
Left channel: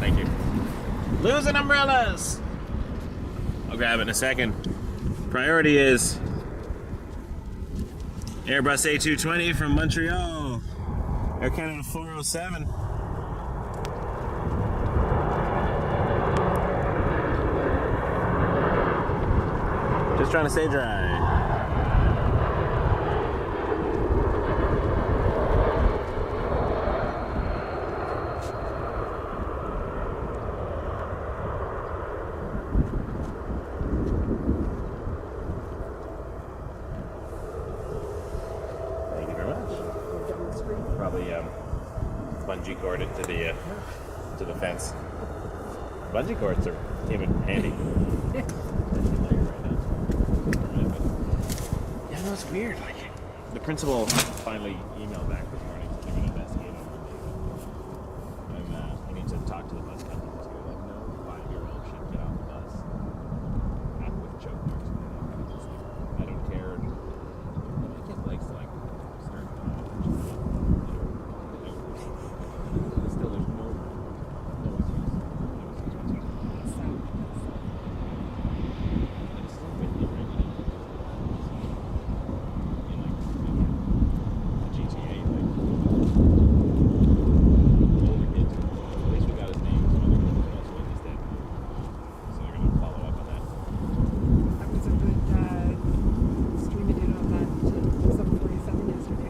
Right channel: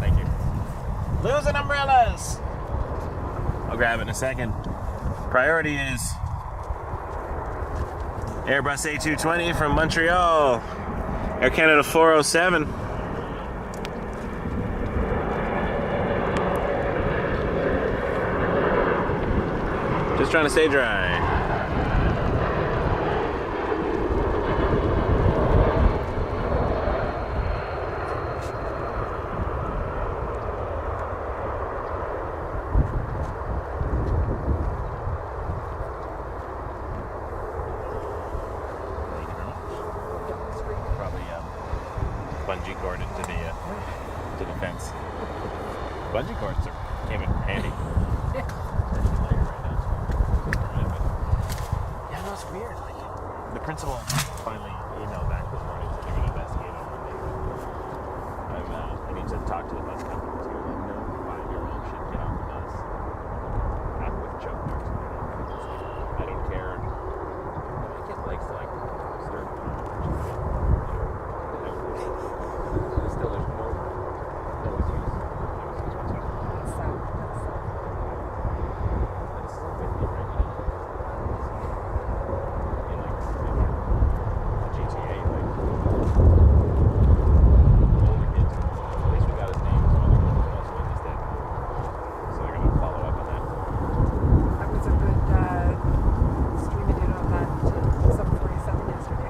Thank you. Losing umbrellas! I'll grab it in a second. Priority is Airbus A320 from Montreal, Air Canada 407. Just trying to stay dry. Probably bungee cord it to the fence. Bungee cords came in handy. Yeah, no, it's weird. Like the principal finally emailed back this morning to give an investigate on Monday. I need to talk to the bus company to let them know 5-year-old should get off the bus with choke marks. I don't care. My kid likes to like stir.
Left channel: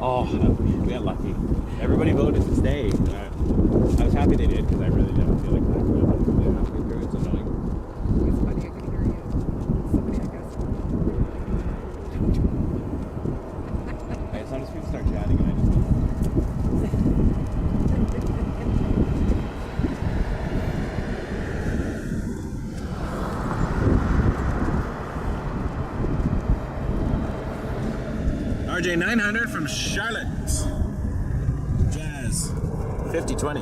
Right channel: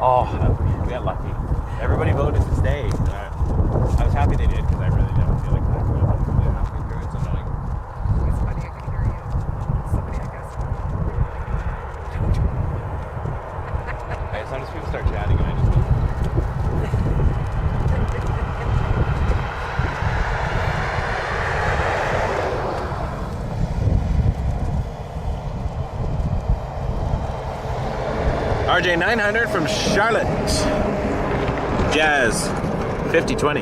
Oh, we got lucky. Everybody voted to stay. I was happy they did because I really didn't feel like that. Halfway through, it's annoying. It's funny, I can hear you. Somebody, I guess. As soon as people start chatting, I just RJ 900 from Charlotte. Jazz 5020.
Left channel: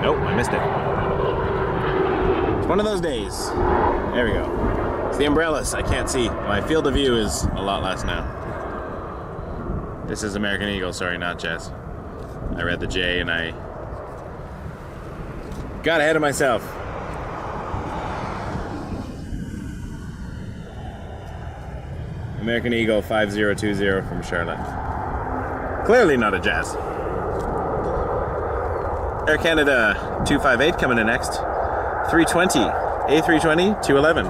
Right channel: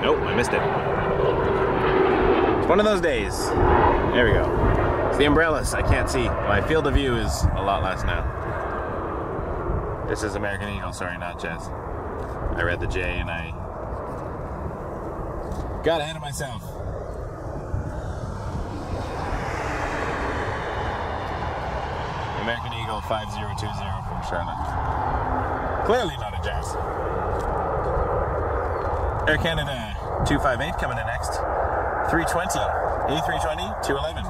Nope, I missed it. It's one of those days. There we go. It's the umbrellas. I can't see. My field of view is a lot less now. This is American Eagle. Sorry, not Jazz. I read the J and I got ahead of myself. American Eagle 5020 from Charlotte. Clearly not a Jazz. Air Canada 258 coming in next. 320, A320-211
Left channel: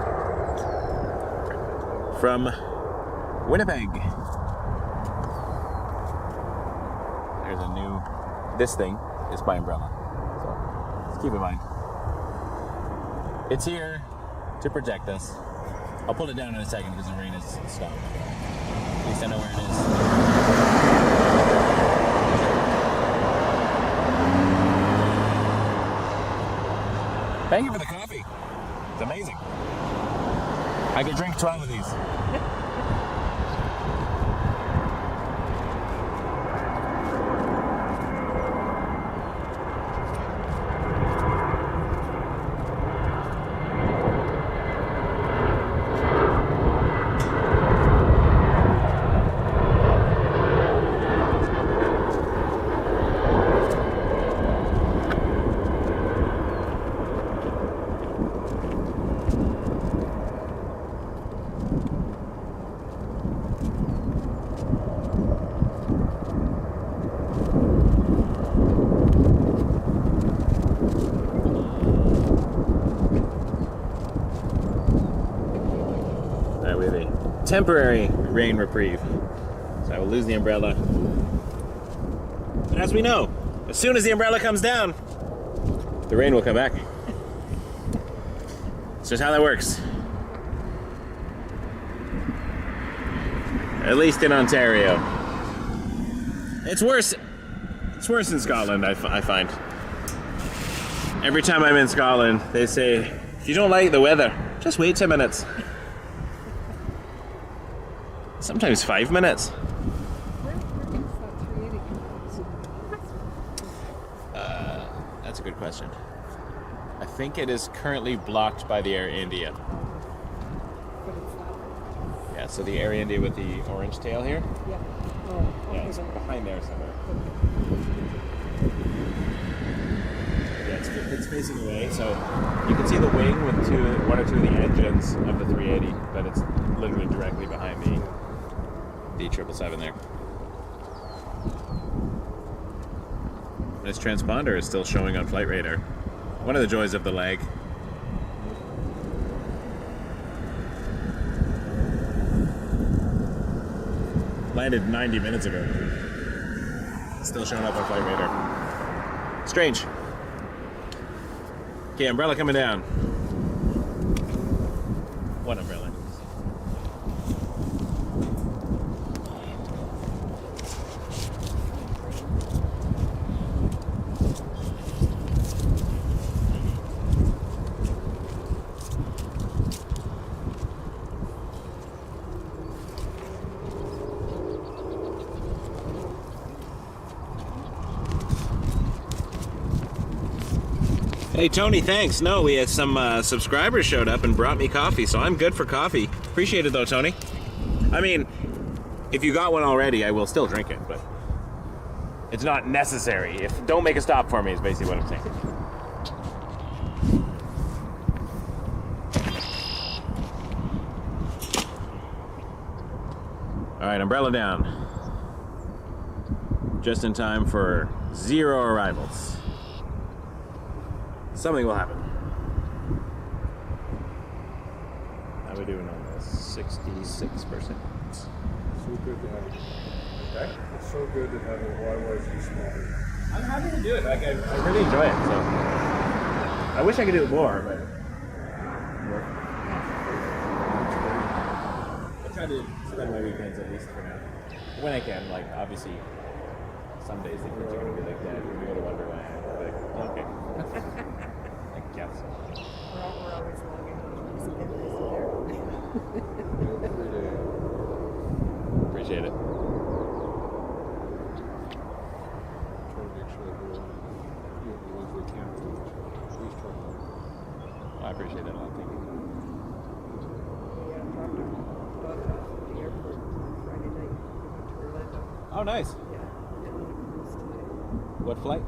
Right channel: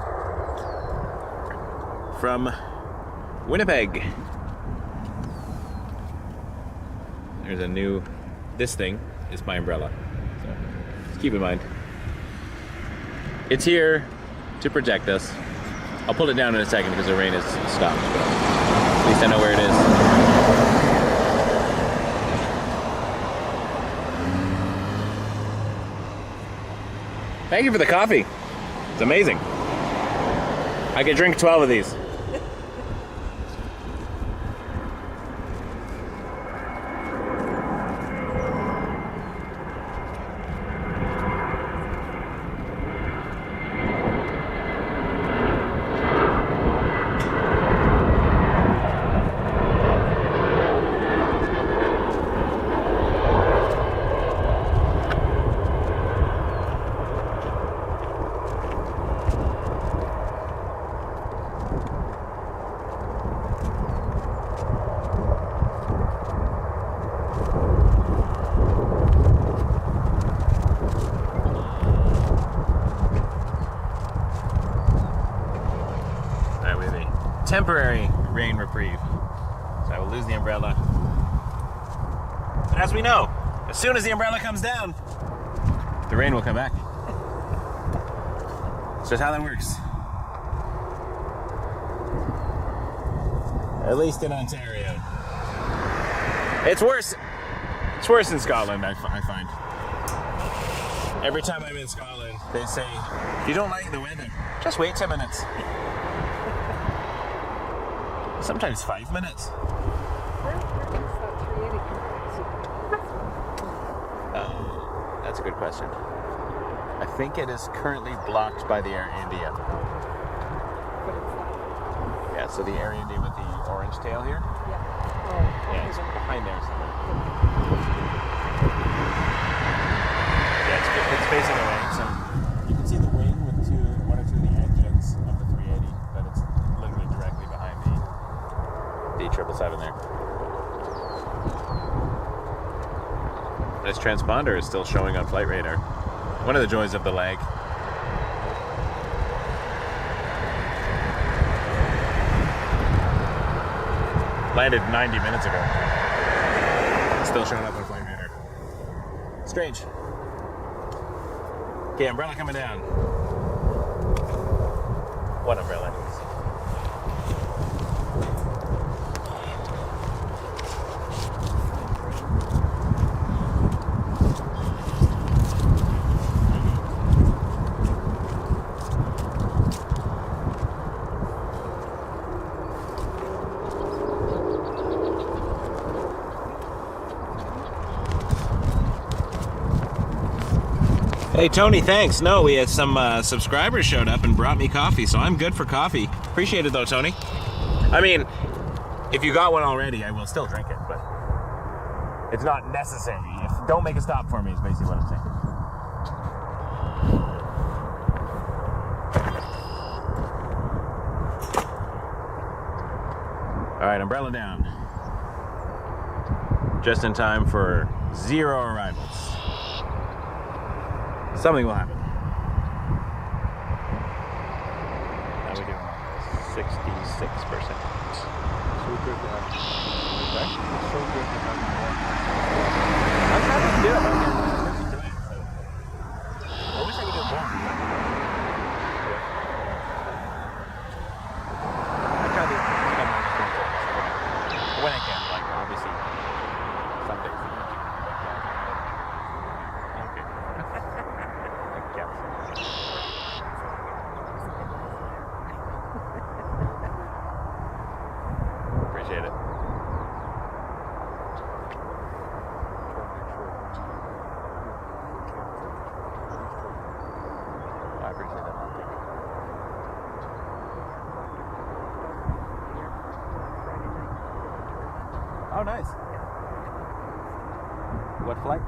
from Winnipeg. There's a new, this thing is my umbrella, so just keep in mind. It's here to protect us. I'll pull it down in a second because the rain has stopped, but at least I know where it is. Thank you for the coffee. It's amazing. I could drink 12 of these. Temporary rain reprieve. So I will lose the umbrella. But as we know, as soon as the umbrella comes down, the rain will come back. It's just how that works. At least in Ontario. It's worse in Scotland, I find. Every time I'm in Scotland, they say, if you don't like the weather, just wait 10 minutes. Sometimes 5 minutes. Where is that 380? That's a good question. I think it is currently blocked by the Air India. But it's not. Yeah, so the Air India with the orange tail here. Yeah. Oh, okay. Yeah, it's behind there somewhere. Yeah, it's facing away, so you can see the wing with one or two of the engines of the 380, but it's literally directly behind the 777 there. This transponder is still showing on flight radar. One of the joys of the lag. Landed 90 minutes ago. It's still showing up on flight radar. Strange. Okay, umbrella coming down. One umbrella. Hey Tony, thanks. No, we had some subscribers showed up and brought me coffee, so I'm good for coffee. Appreciate it though, Tony. I mean, if you got one already, I will still drink it, but it's not necessary. Don't make a stop for me is basically what I'm saying. All right, umbrella down. Just in time for 0 arrivals. Something will happen. How are we doing on this? 16. 66%. So good to have. Okay. It's so good to have your waterways and stuff. I'm happy to do it. Like, I really enjoy it. So I wish I could do it more, but I try to spend my weekends at least when I can. Like, obviously, some days that you're like, yeah, you can go to Wonderland. Like, okay. I guess. Appreciate it. I appreciate that. Thank you. Oh, nice. What flight?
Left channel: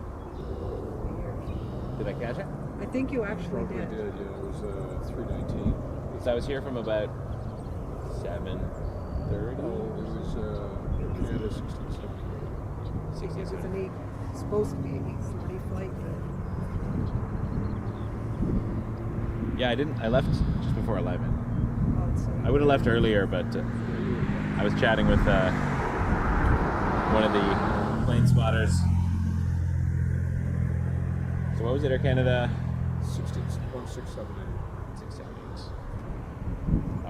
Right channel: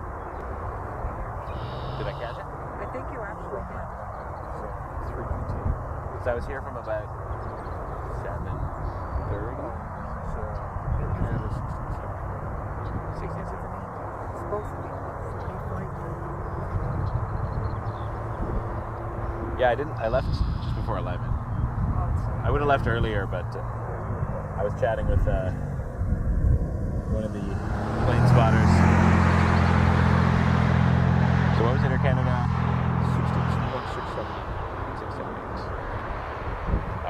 Did I catch it? I think you actually did. Yeah, it was 319. So I was here from about 7:30. It was Canada 1670. It was supposed to be an 8:40 flight. Yeah, I left just before 11. I would have left earlier, but I was chatting with one of the plane spotters. So what was it, Air Canada? 1678.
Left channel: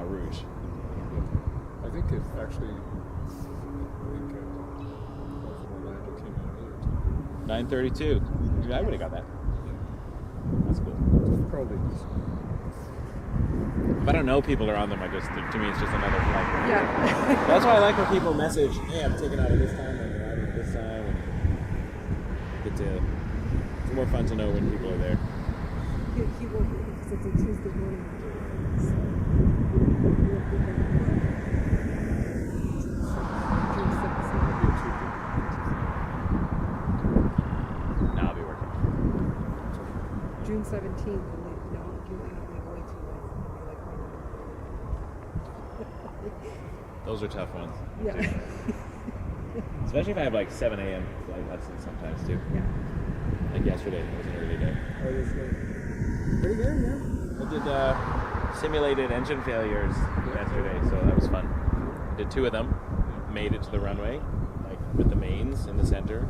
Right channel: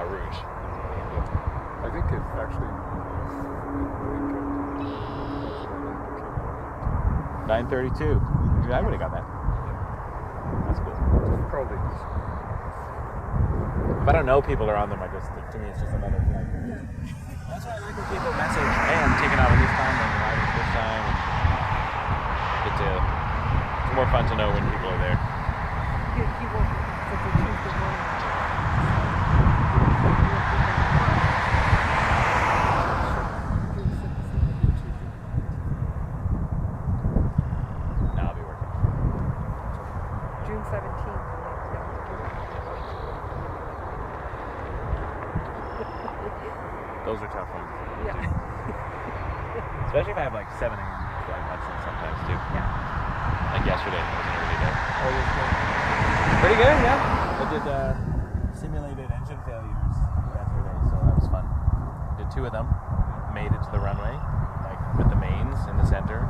Rouge. I think it actually, Orlando came out 9:32. I would have got that. That's cool. probably. If I don't know people are on them, to me it's just another flight. Yeah. That's why I like when people message, hey, I'm taking out at this time, I'm arriving at this time. And it's more fun to know when people are there. He won't be because it's a Tuesday morning. No, I'll be working. June 17th. Those are tough ones. Yeah. Especially if I have like 7 a.m. flight lessons sometimes too. Yeah. Like yesterday, it was an early day. Oh, it was good. Pretty good, yeah. I did simulated engine failures yesterday, so that was fun. Did 2 of them. Made it to the runway, like with the mains in the center.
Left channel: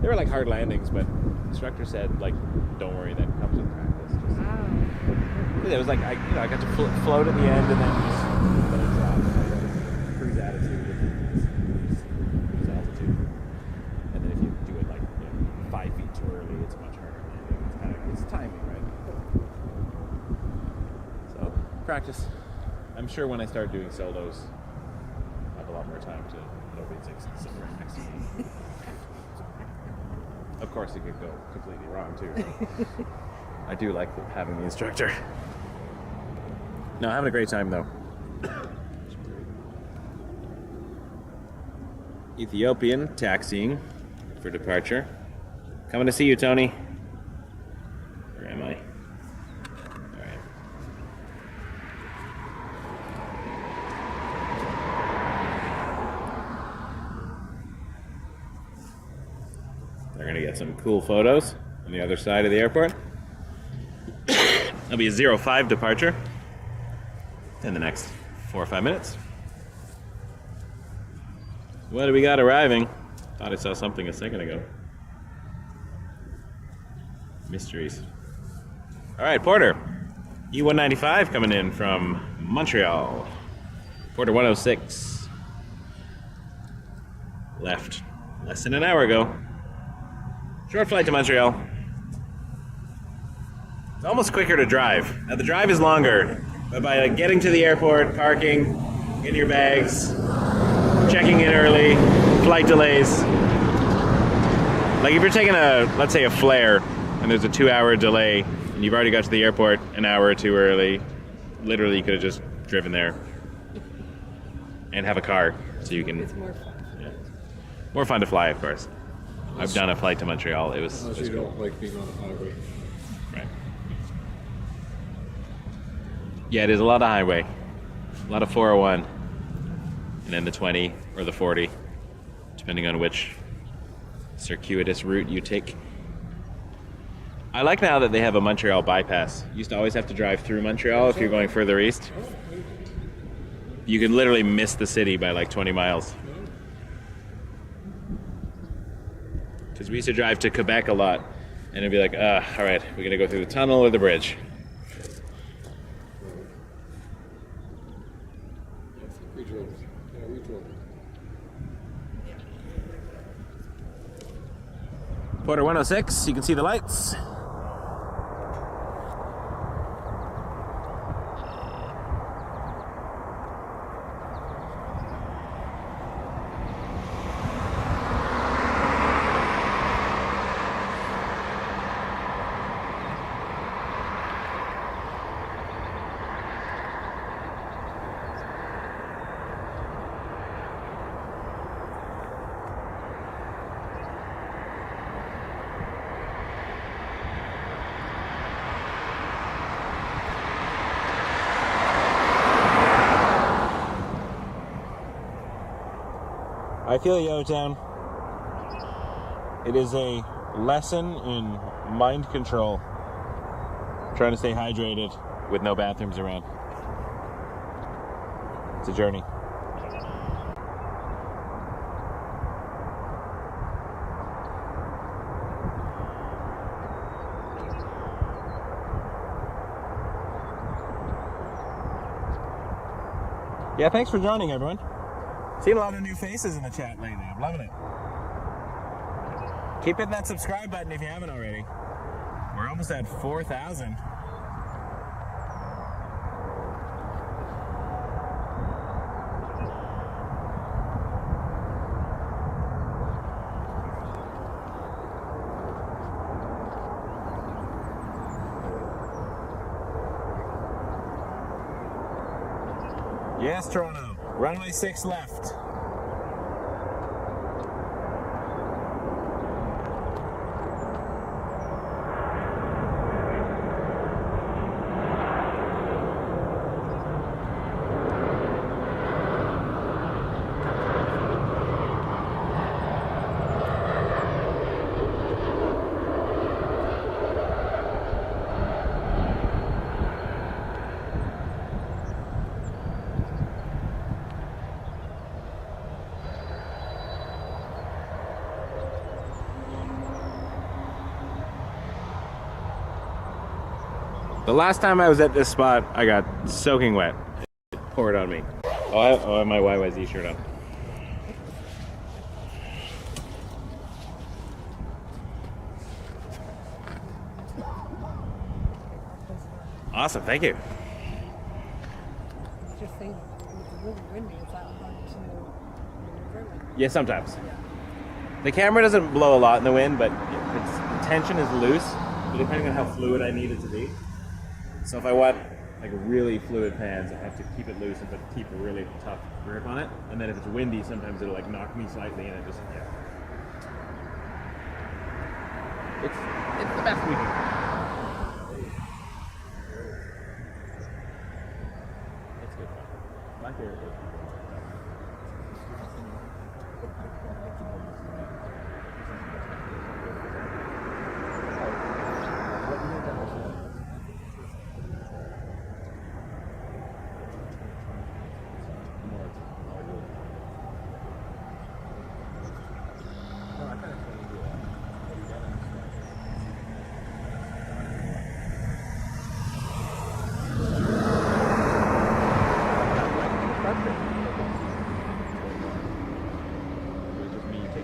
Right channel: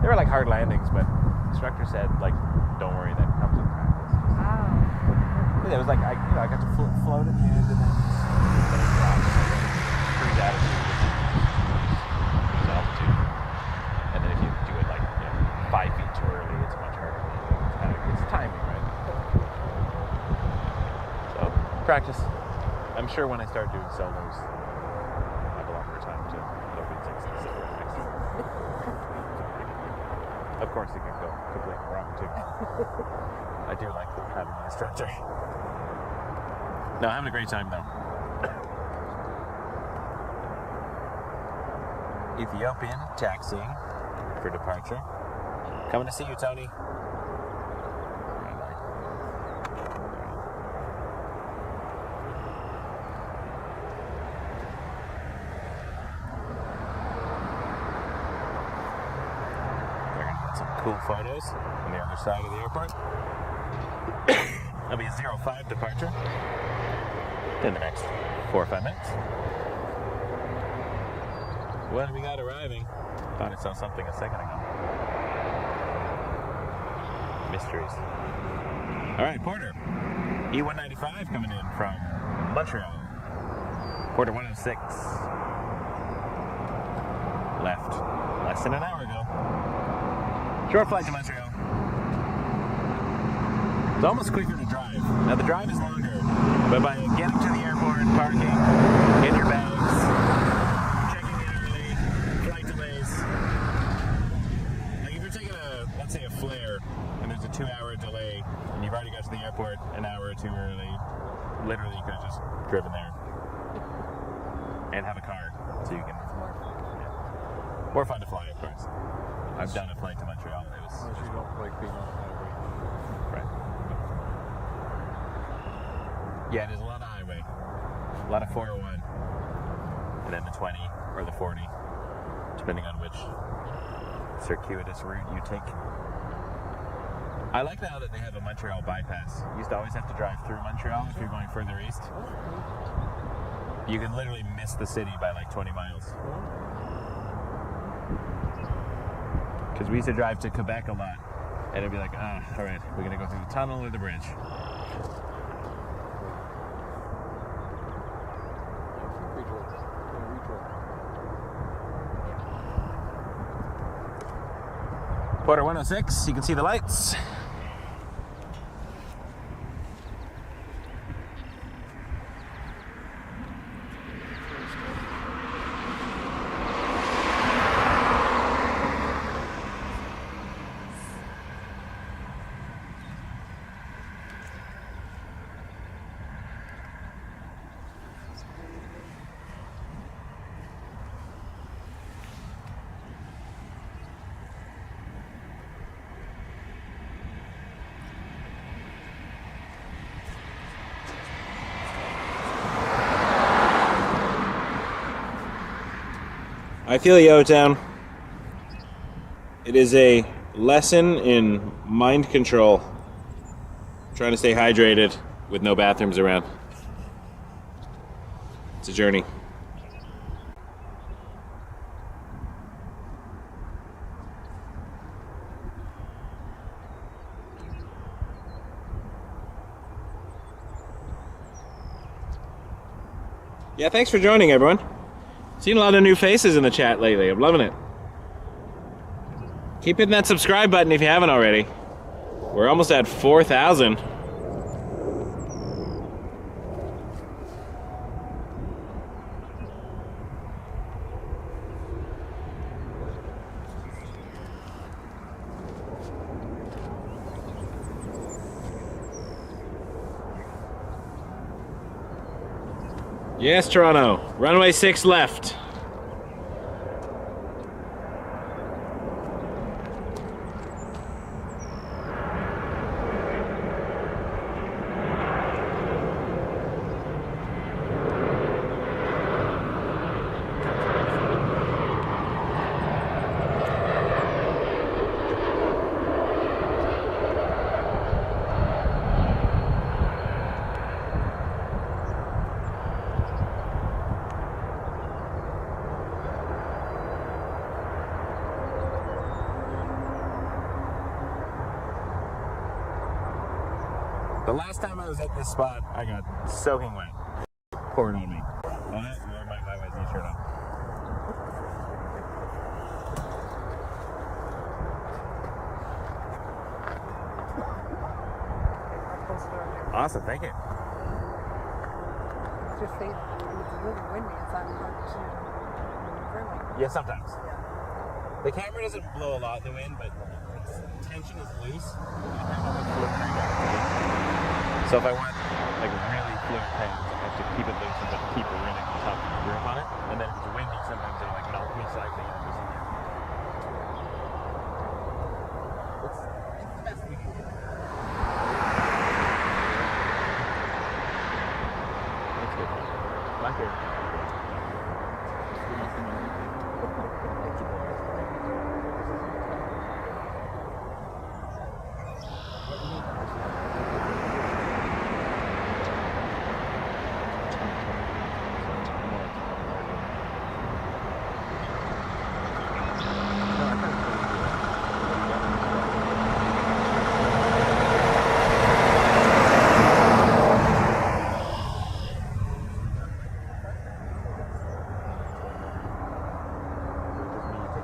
They were like hard landings, but the instructor said, like, don't worry, that comes with practice. It was like I got to float at the end and then it dropped. Cruise attitude, cruise altitude, and then if you do it like 5 feet too early, it's much harder. It's timing, right? So practice. I'm sure when I start doing solos, I have a lot more time to open 6 and sit right next to me. Of course, it could go completely wrong too. I do like having the instructor. No, having a great time though. Ethiopian taxiing for departure. Coming to see you, Tony. Where am I? All right. They're going to get some cool photos on the other side of the airport. That'll be a 05 departure in the next 4 or 5 minutes. What do we got arriving? Thought I saw something a second ago. Mysteries. All right, Porter. E195 coming in from Montreal. Porter 106. Left less than an hour ago. Short flight to Montreal. It's almost quicker to drive. Now the drive is longer, but by getting to the airport, parking, getting your bags, checking in early, flight delays. Like if you're taking let's say a flare, and there's a 2-hour delay, and you've already got to the airport an hour or 2 early, literally you could have just driven there and have a car, so you can. It's more fun. Yeah, more fun to fly, of course. I've done a flight to Montreal. It was Unless you cool. don't like being on the highway. Right. Yeah, it is a lot of highway, a lot of 401, and then the 20 or the 40, depending on which circuitous route you take. I like now that they have a Montreal bypass. You used to always have to drive through Montreal if you're going further east. You can literally miss the city by like 20 miles. Because we used to drive to Quebec a lot, and it'd be like, all right, we're gonna go through the tunnel or the bridge. Porter 106, you can see the lights. I feel you, O-Town. It is a lesson in mind control. Trying to stay hydrated with no bathrooms around. It's a journey. Yeah, thanks for joining, everyone. Seen a lot of new faces in the chat lately. I'm loving it. Keep hitting that subscribe button if you haven't already. We're almost at 4,000. Yes, Toronto. Runway 6 left. The last time I was at this spot, I got soaking wet. It poured on me. Oh, I have my CYYZ shirt on. Awesome, thank you. Just say it's really windy. It's not hard to maneuver. Yeah, sometimes. The camera doesn't blow a lot in the wind, but its tension is loose, depending on how fluid I need it to be. So if I want like really fluid pans, I have to keep it loose and keep a really tough grip on it. And then if it's windy, sometimes it'll like knock me slightly and it just, It's the best we can do. It's good fun. My favorite thing.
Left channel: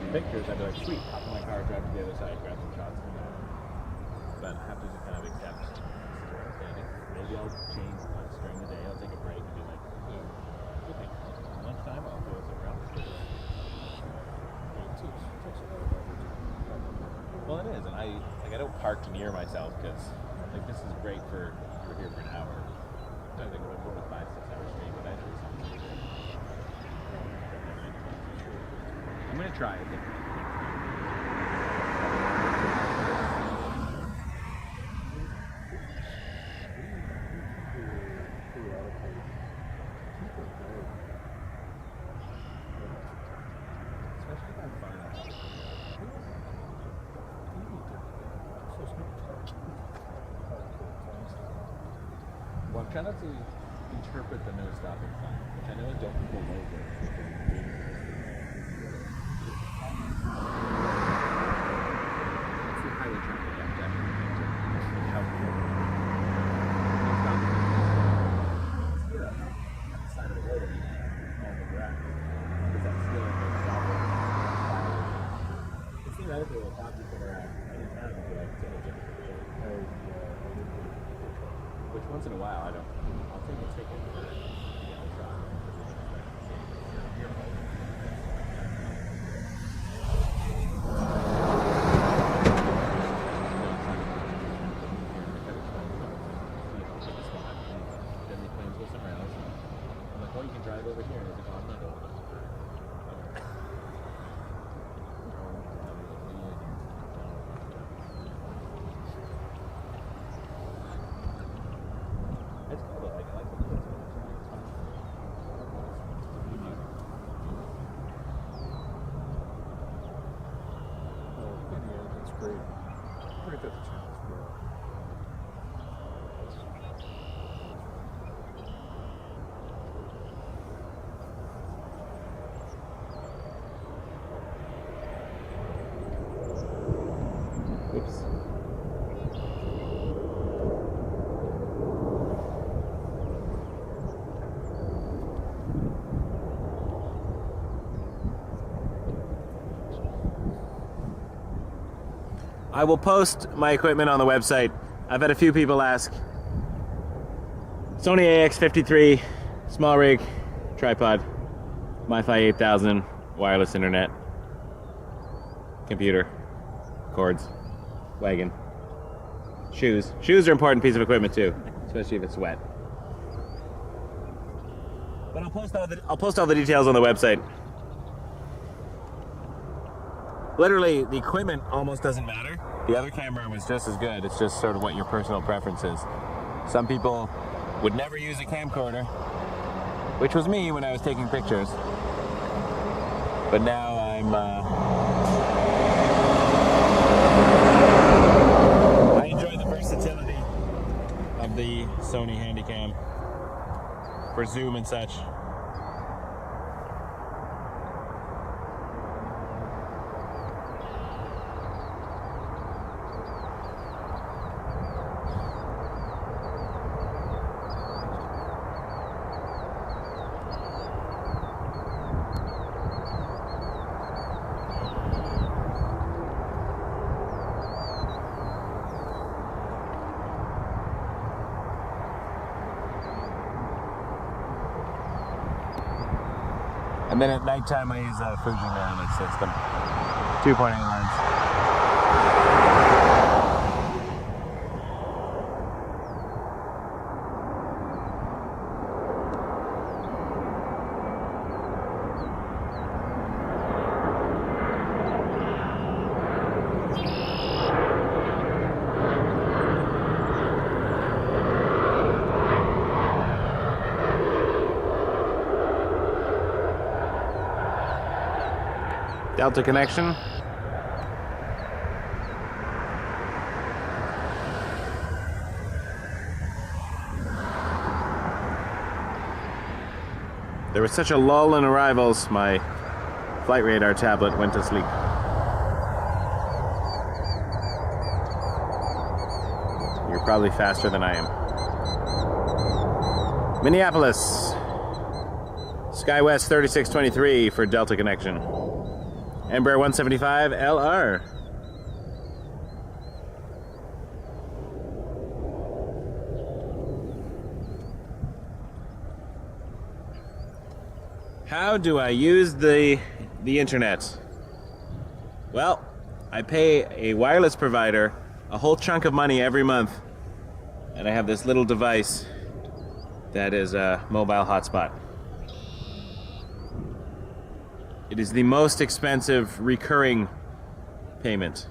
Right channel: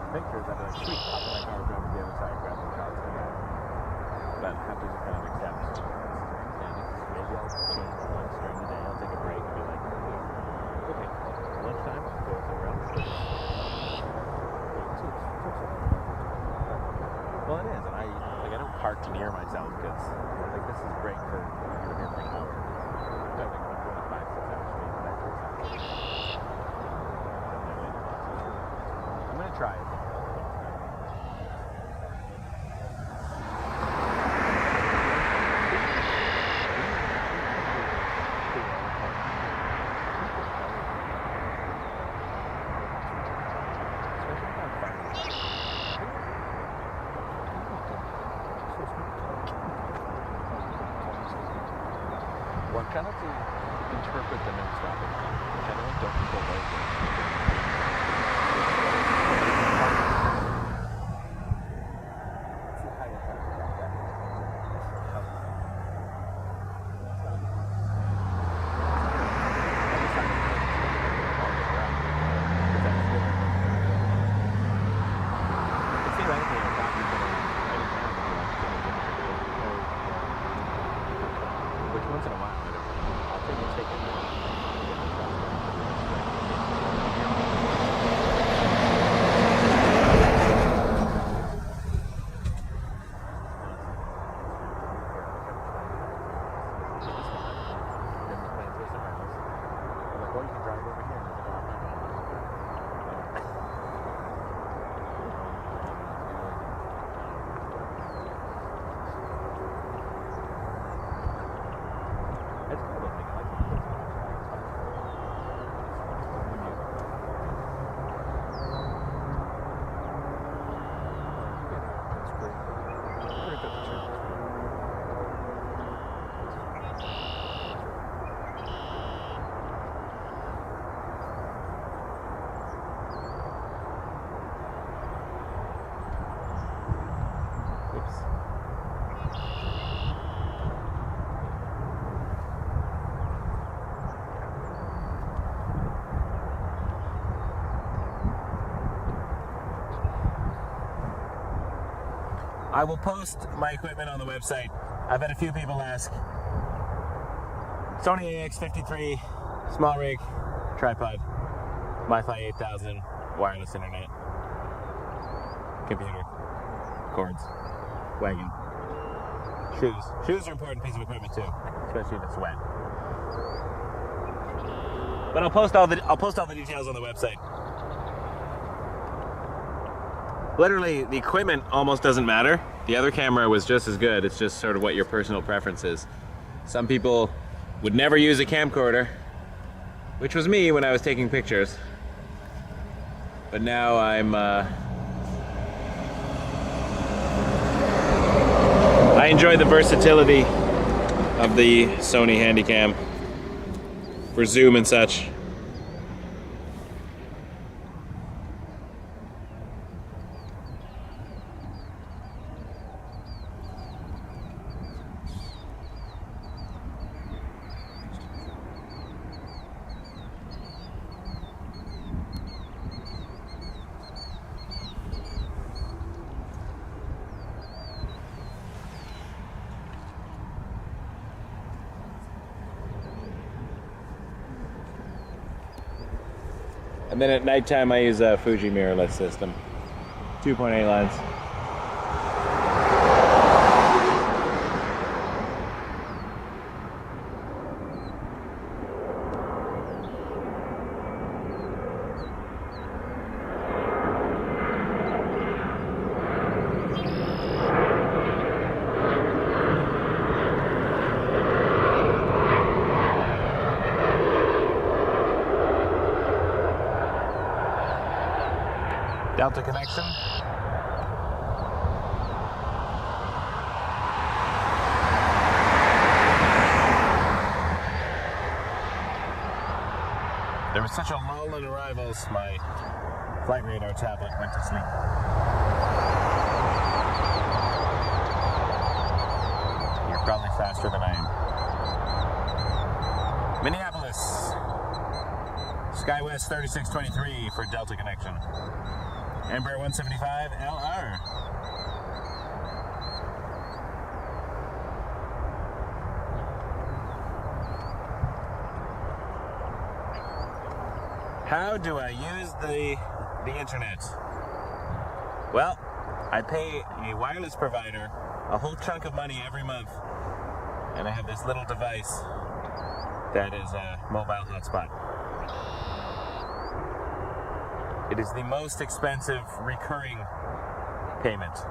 Pictures, I'd be like, sweet, hop in my car, drive to the other side, grab some shots, come back. But I have to just kind of accept standing. Maybe I'll change once during the day, I'll take a break and be like, okay, lunchtime, I'll go somewhere else. Well, it is, and I don't park near myself because like this is great for you're here for an hour. I think I'm going to 5-6 hours straight, but I do something. I'm gonna try, I think. Well, I'm trying not to interpret the no-stopping thing, which I know don't people like it. It's the highway traffic act, actually. How no-stopping is zero. On the side of the road, on the ground. Because that's still a no-stopping violation. But theoretically, a cop you can any town would be like, which once in a while, I don't know. I'll take a ticket. Then the plans go somewhere else. I'm like, well, you can drive over here. And I was like, oh, I'm not going. It's cool though, like I like the kids on the track, it's fun. That's great. Look at the channel. Oops. I will post my equipment on the website. I've had a few people ask. Sony AX53, small rig, tripod, Wi-Fi 8000, wireless internet, computer, cords, wagon, shoes. Shoes are an important piece of equipment too, especially if it's wet. But I'll post all the details on the website. Literally, the equipment almost doesn't matter. The other camera was just as good. It's just sort of what your personal preference is. Some people would never use a camcorder, which was me when I was taking pictures. But now I enjoy the versatility of the Sony Handycam for zoom and such. And then at nighttime I use a Fuji mirrorless system. 2.8 lens. Delta connection. There was such a lull in arrivals, my flight radar tablet went to sleep. You're probably faster than I am. Minneapolis. SkyWest 3623 for Delta connection. Embraer 175 LR. How do I use the internet? Well, I pay a wireless provider a whole chunk of money every month, and I have this little device that is a mobile hotspot. It is the most expensive recurring payment.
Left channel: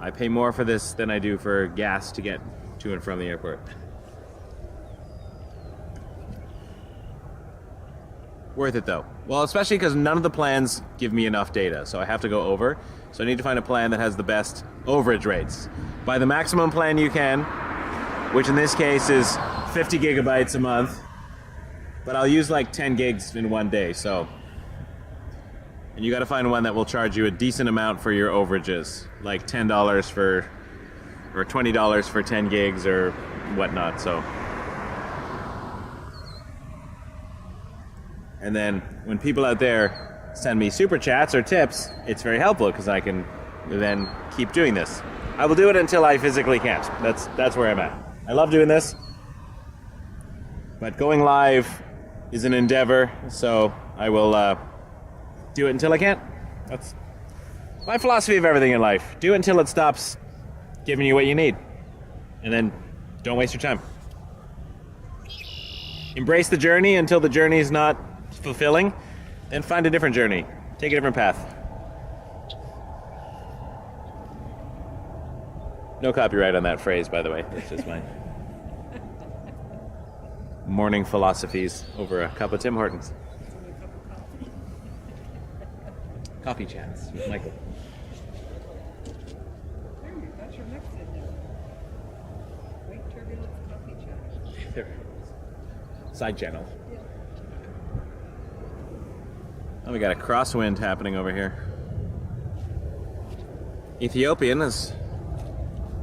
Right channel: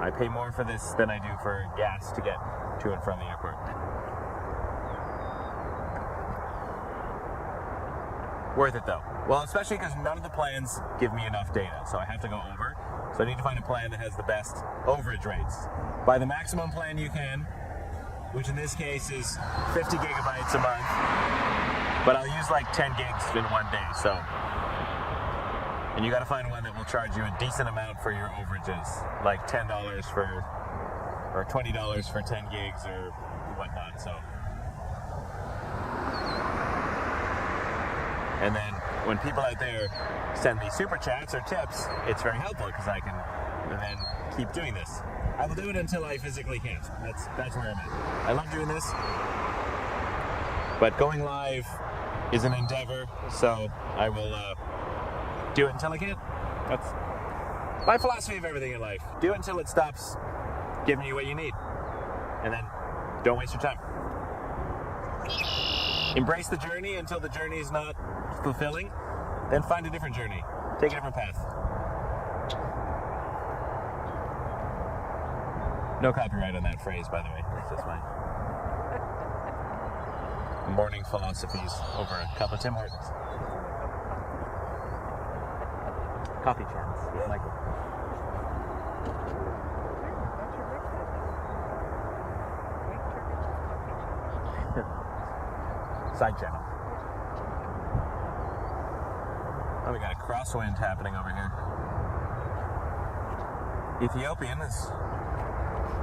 I pay more for this than I do for gas to get to and from the airport. Worth it though. Well, especially because none of the plans give me enough data, so I have to go over. So I need to find a plan that has the best overage rates. Buy the maximum plan you can, which in this case is 50 gigabytes a month. but I'll use like 10 gigs in one day, so. And you gotta find one that will charge you a decent amount for your overages, like $10 for, or $20 for 10 gigs or whatnot, so. And then when people out there send me super chats or tips, it's very helpful because I can then keep doing this. I will do it until I physically can't. That's where I'm at. I love doing this, but going live is an endeavor, so I will do it until I can't. That's my philosophy of everything in life. Do it until it stops giving you what you need, and then don't waste your time. Embrace the journey until the journey is not fulfilling, then find a different journey. Take a different path. No copyright on that phrase, by the way. That's just my morning philosophies over a cup of Tim Hortons. Coffee chats with Michael. There, you got your mix in there. Wake Turbulence coffee chat. Side channel. Oh, we got a crosswind happening over here. Ethiopian is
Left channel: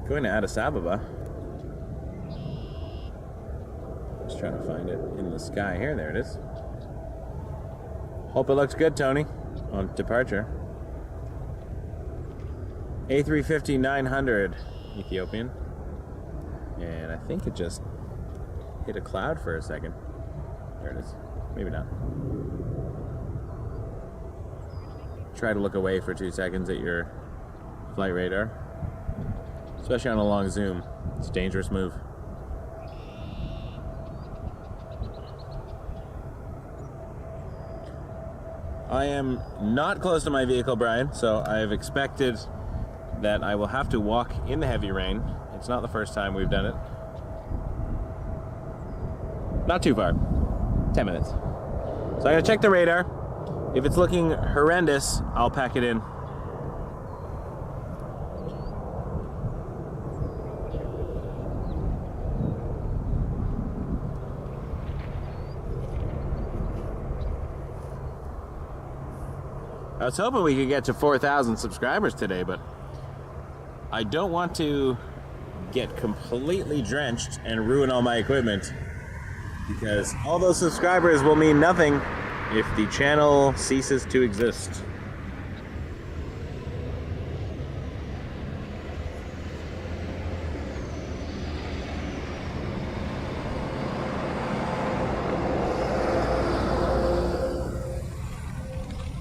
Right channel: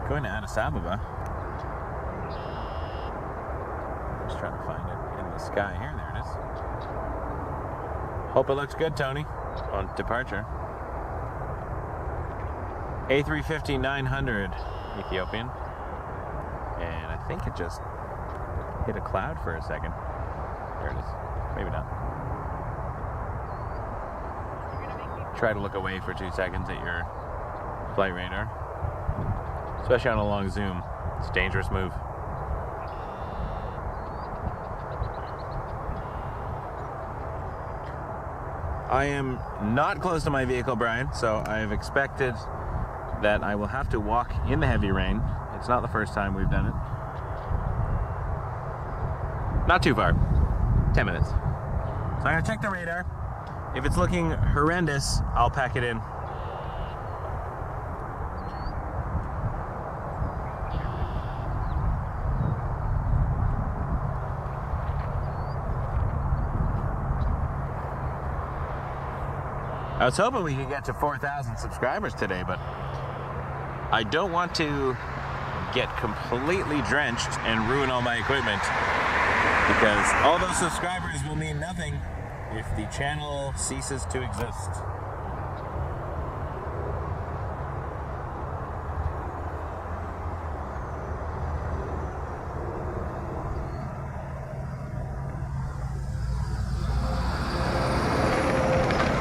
going to Addis Ababa. Just trying to find it in the sky here. There it is. Hope it looks good, Tony, on departure. A380-800 Ethiopian. And I think it just hit a cloud for a second. There it is. Maybe not. Try to look away for 2 seconds at your flight radar. Especially on a long zoom. It's a dangerous move. I am not close to my vehicle, Brian, so I have expected that I will have to walk in the heavy rain. It's not the first time we've done it. Not too far. 10 minutes. So I'm going to check the radar. If it's looking horrendous, I'll pack it in. I was hoping we could get to 4,000 subscribers today, but I don't want to get completely drenched and ruin all my equipment, because all those subscribers will mean nothing if the channel ceases to exist.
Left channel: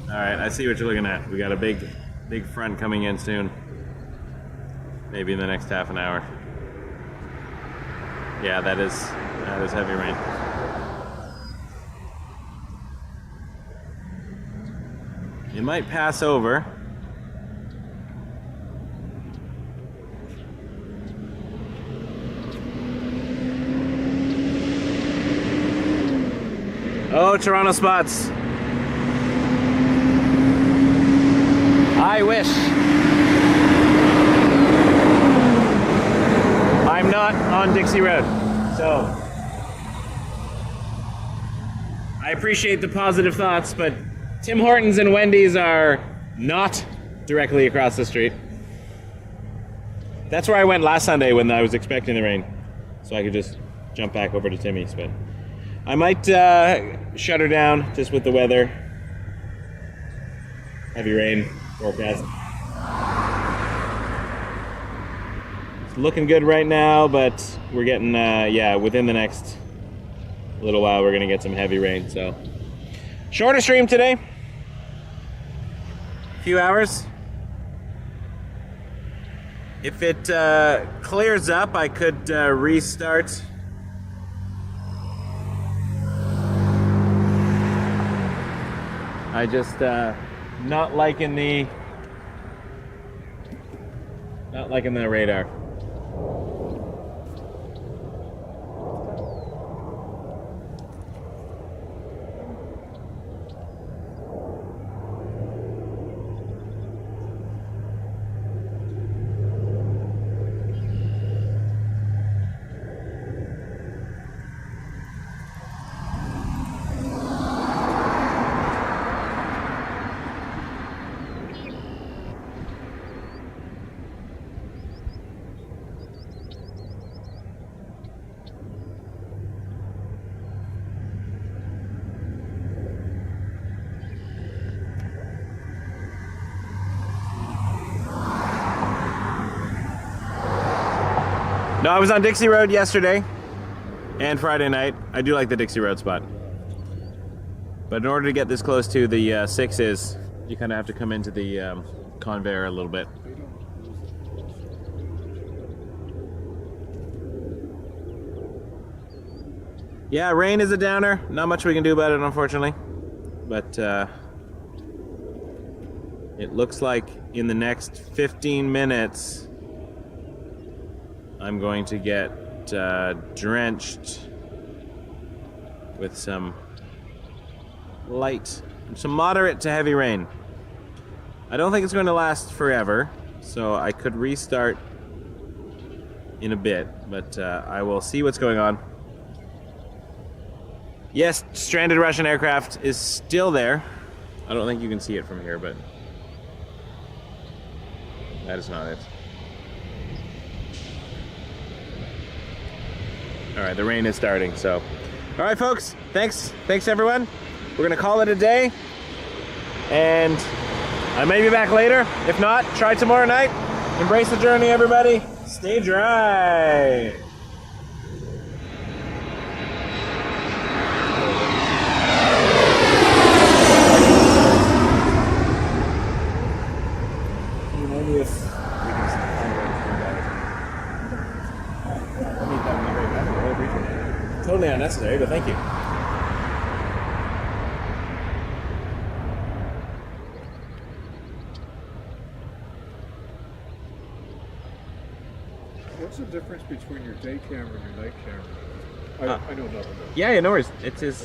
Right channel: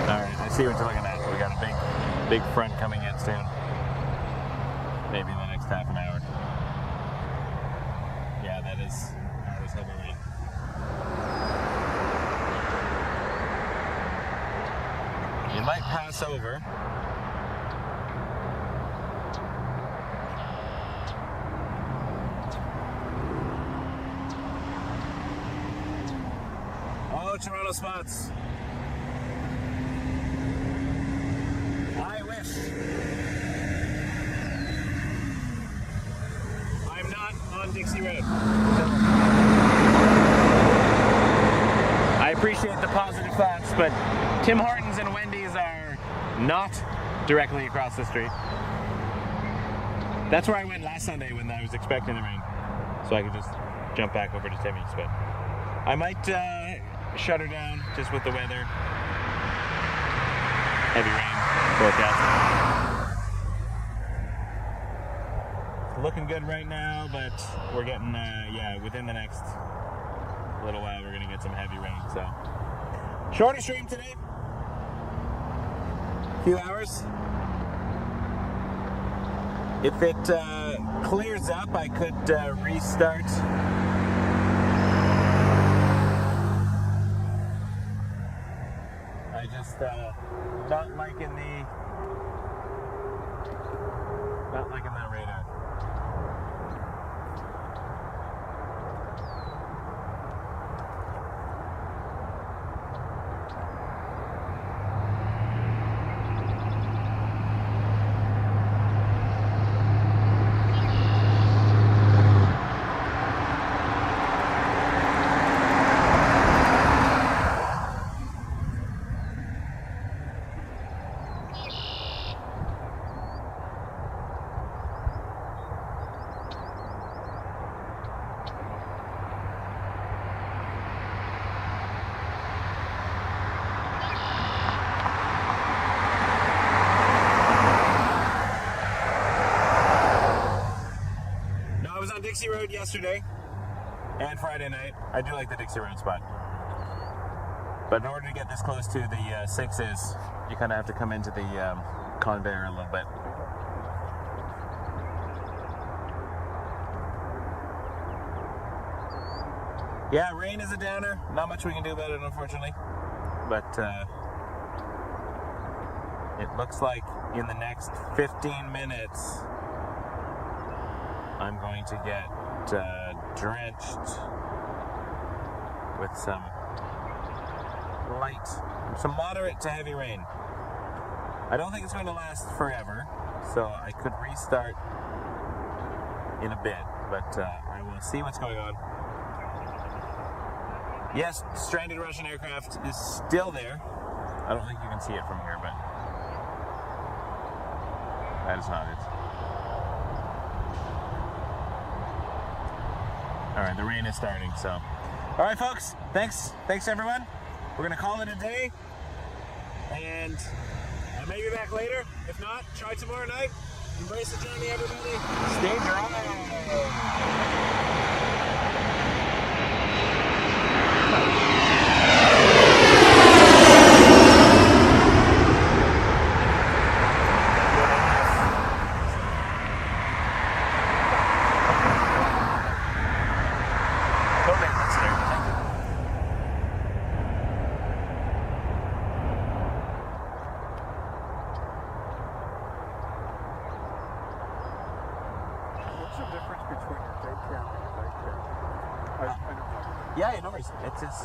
Alright, I see what you're looking at. We got a big front coming in soon. Maybe in the next half an hour. Yeah, that is heavy rain. It might pass over. Oh, Toronto spots. I wish. I'm not on Dixie Road, so I appreciate the positive thoughts, but Tim Hortons and Wendy's are not directly across the street. That's where I went last Sunday when I was expecting the rain, so I could just jump back over to Timmy's, but I might shut her down just with the weather. Heavy rain forecast. It's looking good right now, but we're getting, yeah, within the next little while we're gonna get some heavy rain, so. Shorter stream today. Few hours. If it clears up, I could restart. I just not liking the radar. No, I was on Dixie Road yesterday and Friday night. I do like the Dixie Road spot. But in order to get this close to the 6s, you kind of have to come into the conveyor a little bit. Yeah, rain is a downer. Not much we can do about it, unfortunately. But it looks like in the next 15 minutes, I'm going to get drenched with some moderate to heavy rain. I don't think it's going to last forever, so I could restart in a bit, but I will see what's going on. Yes, stranded Russian aircraft is still there. I don't think you can see it from here, but that is not it. All right, the rain is starting, so. All right, folks, thanks everyone. We're gonna call it a day, and I may be back later. If not, try tomorrow night. Embrace the journey, everybody. Stay dry. Totally unnecessary, but thank you. What's the difference between your day camera and your night camera? I know nothing. Yeah, no worries. It's his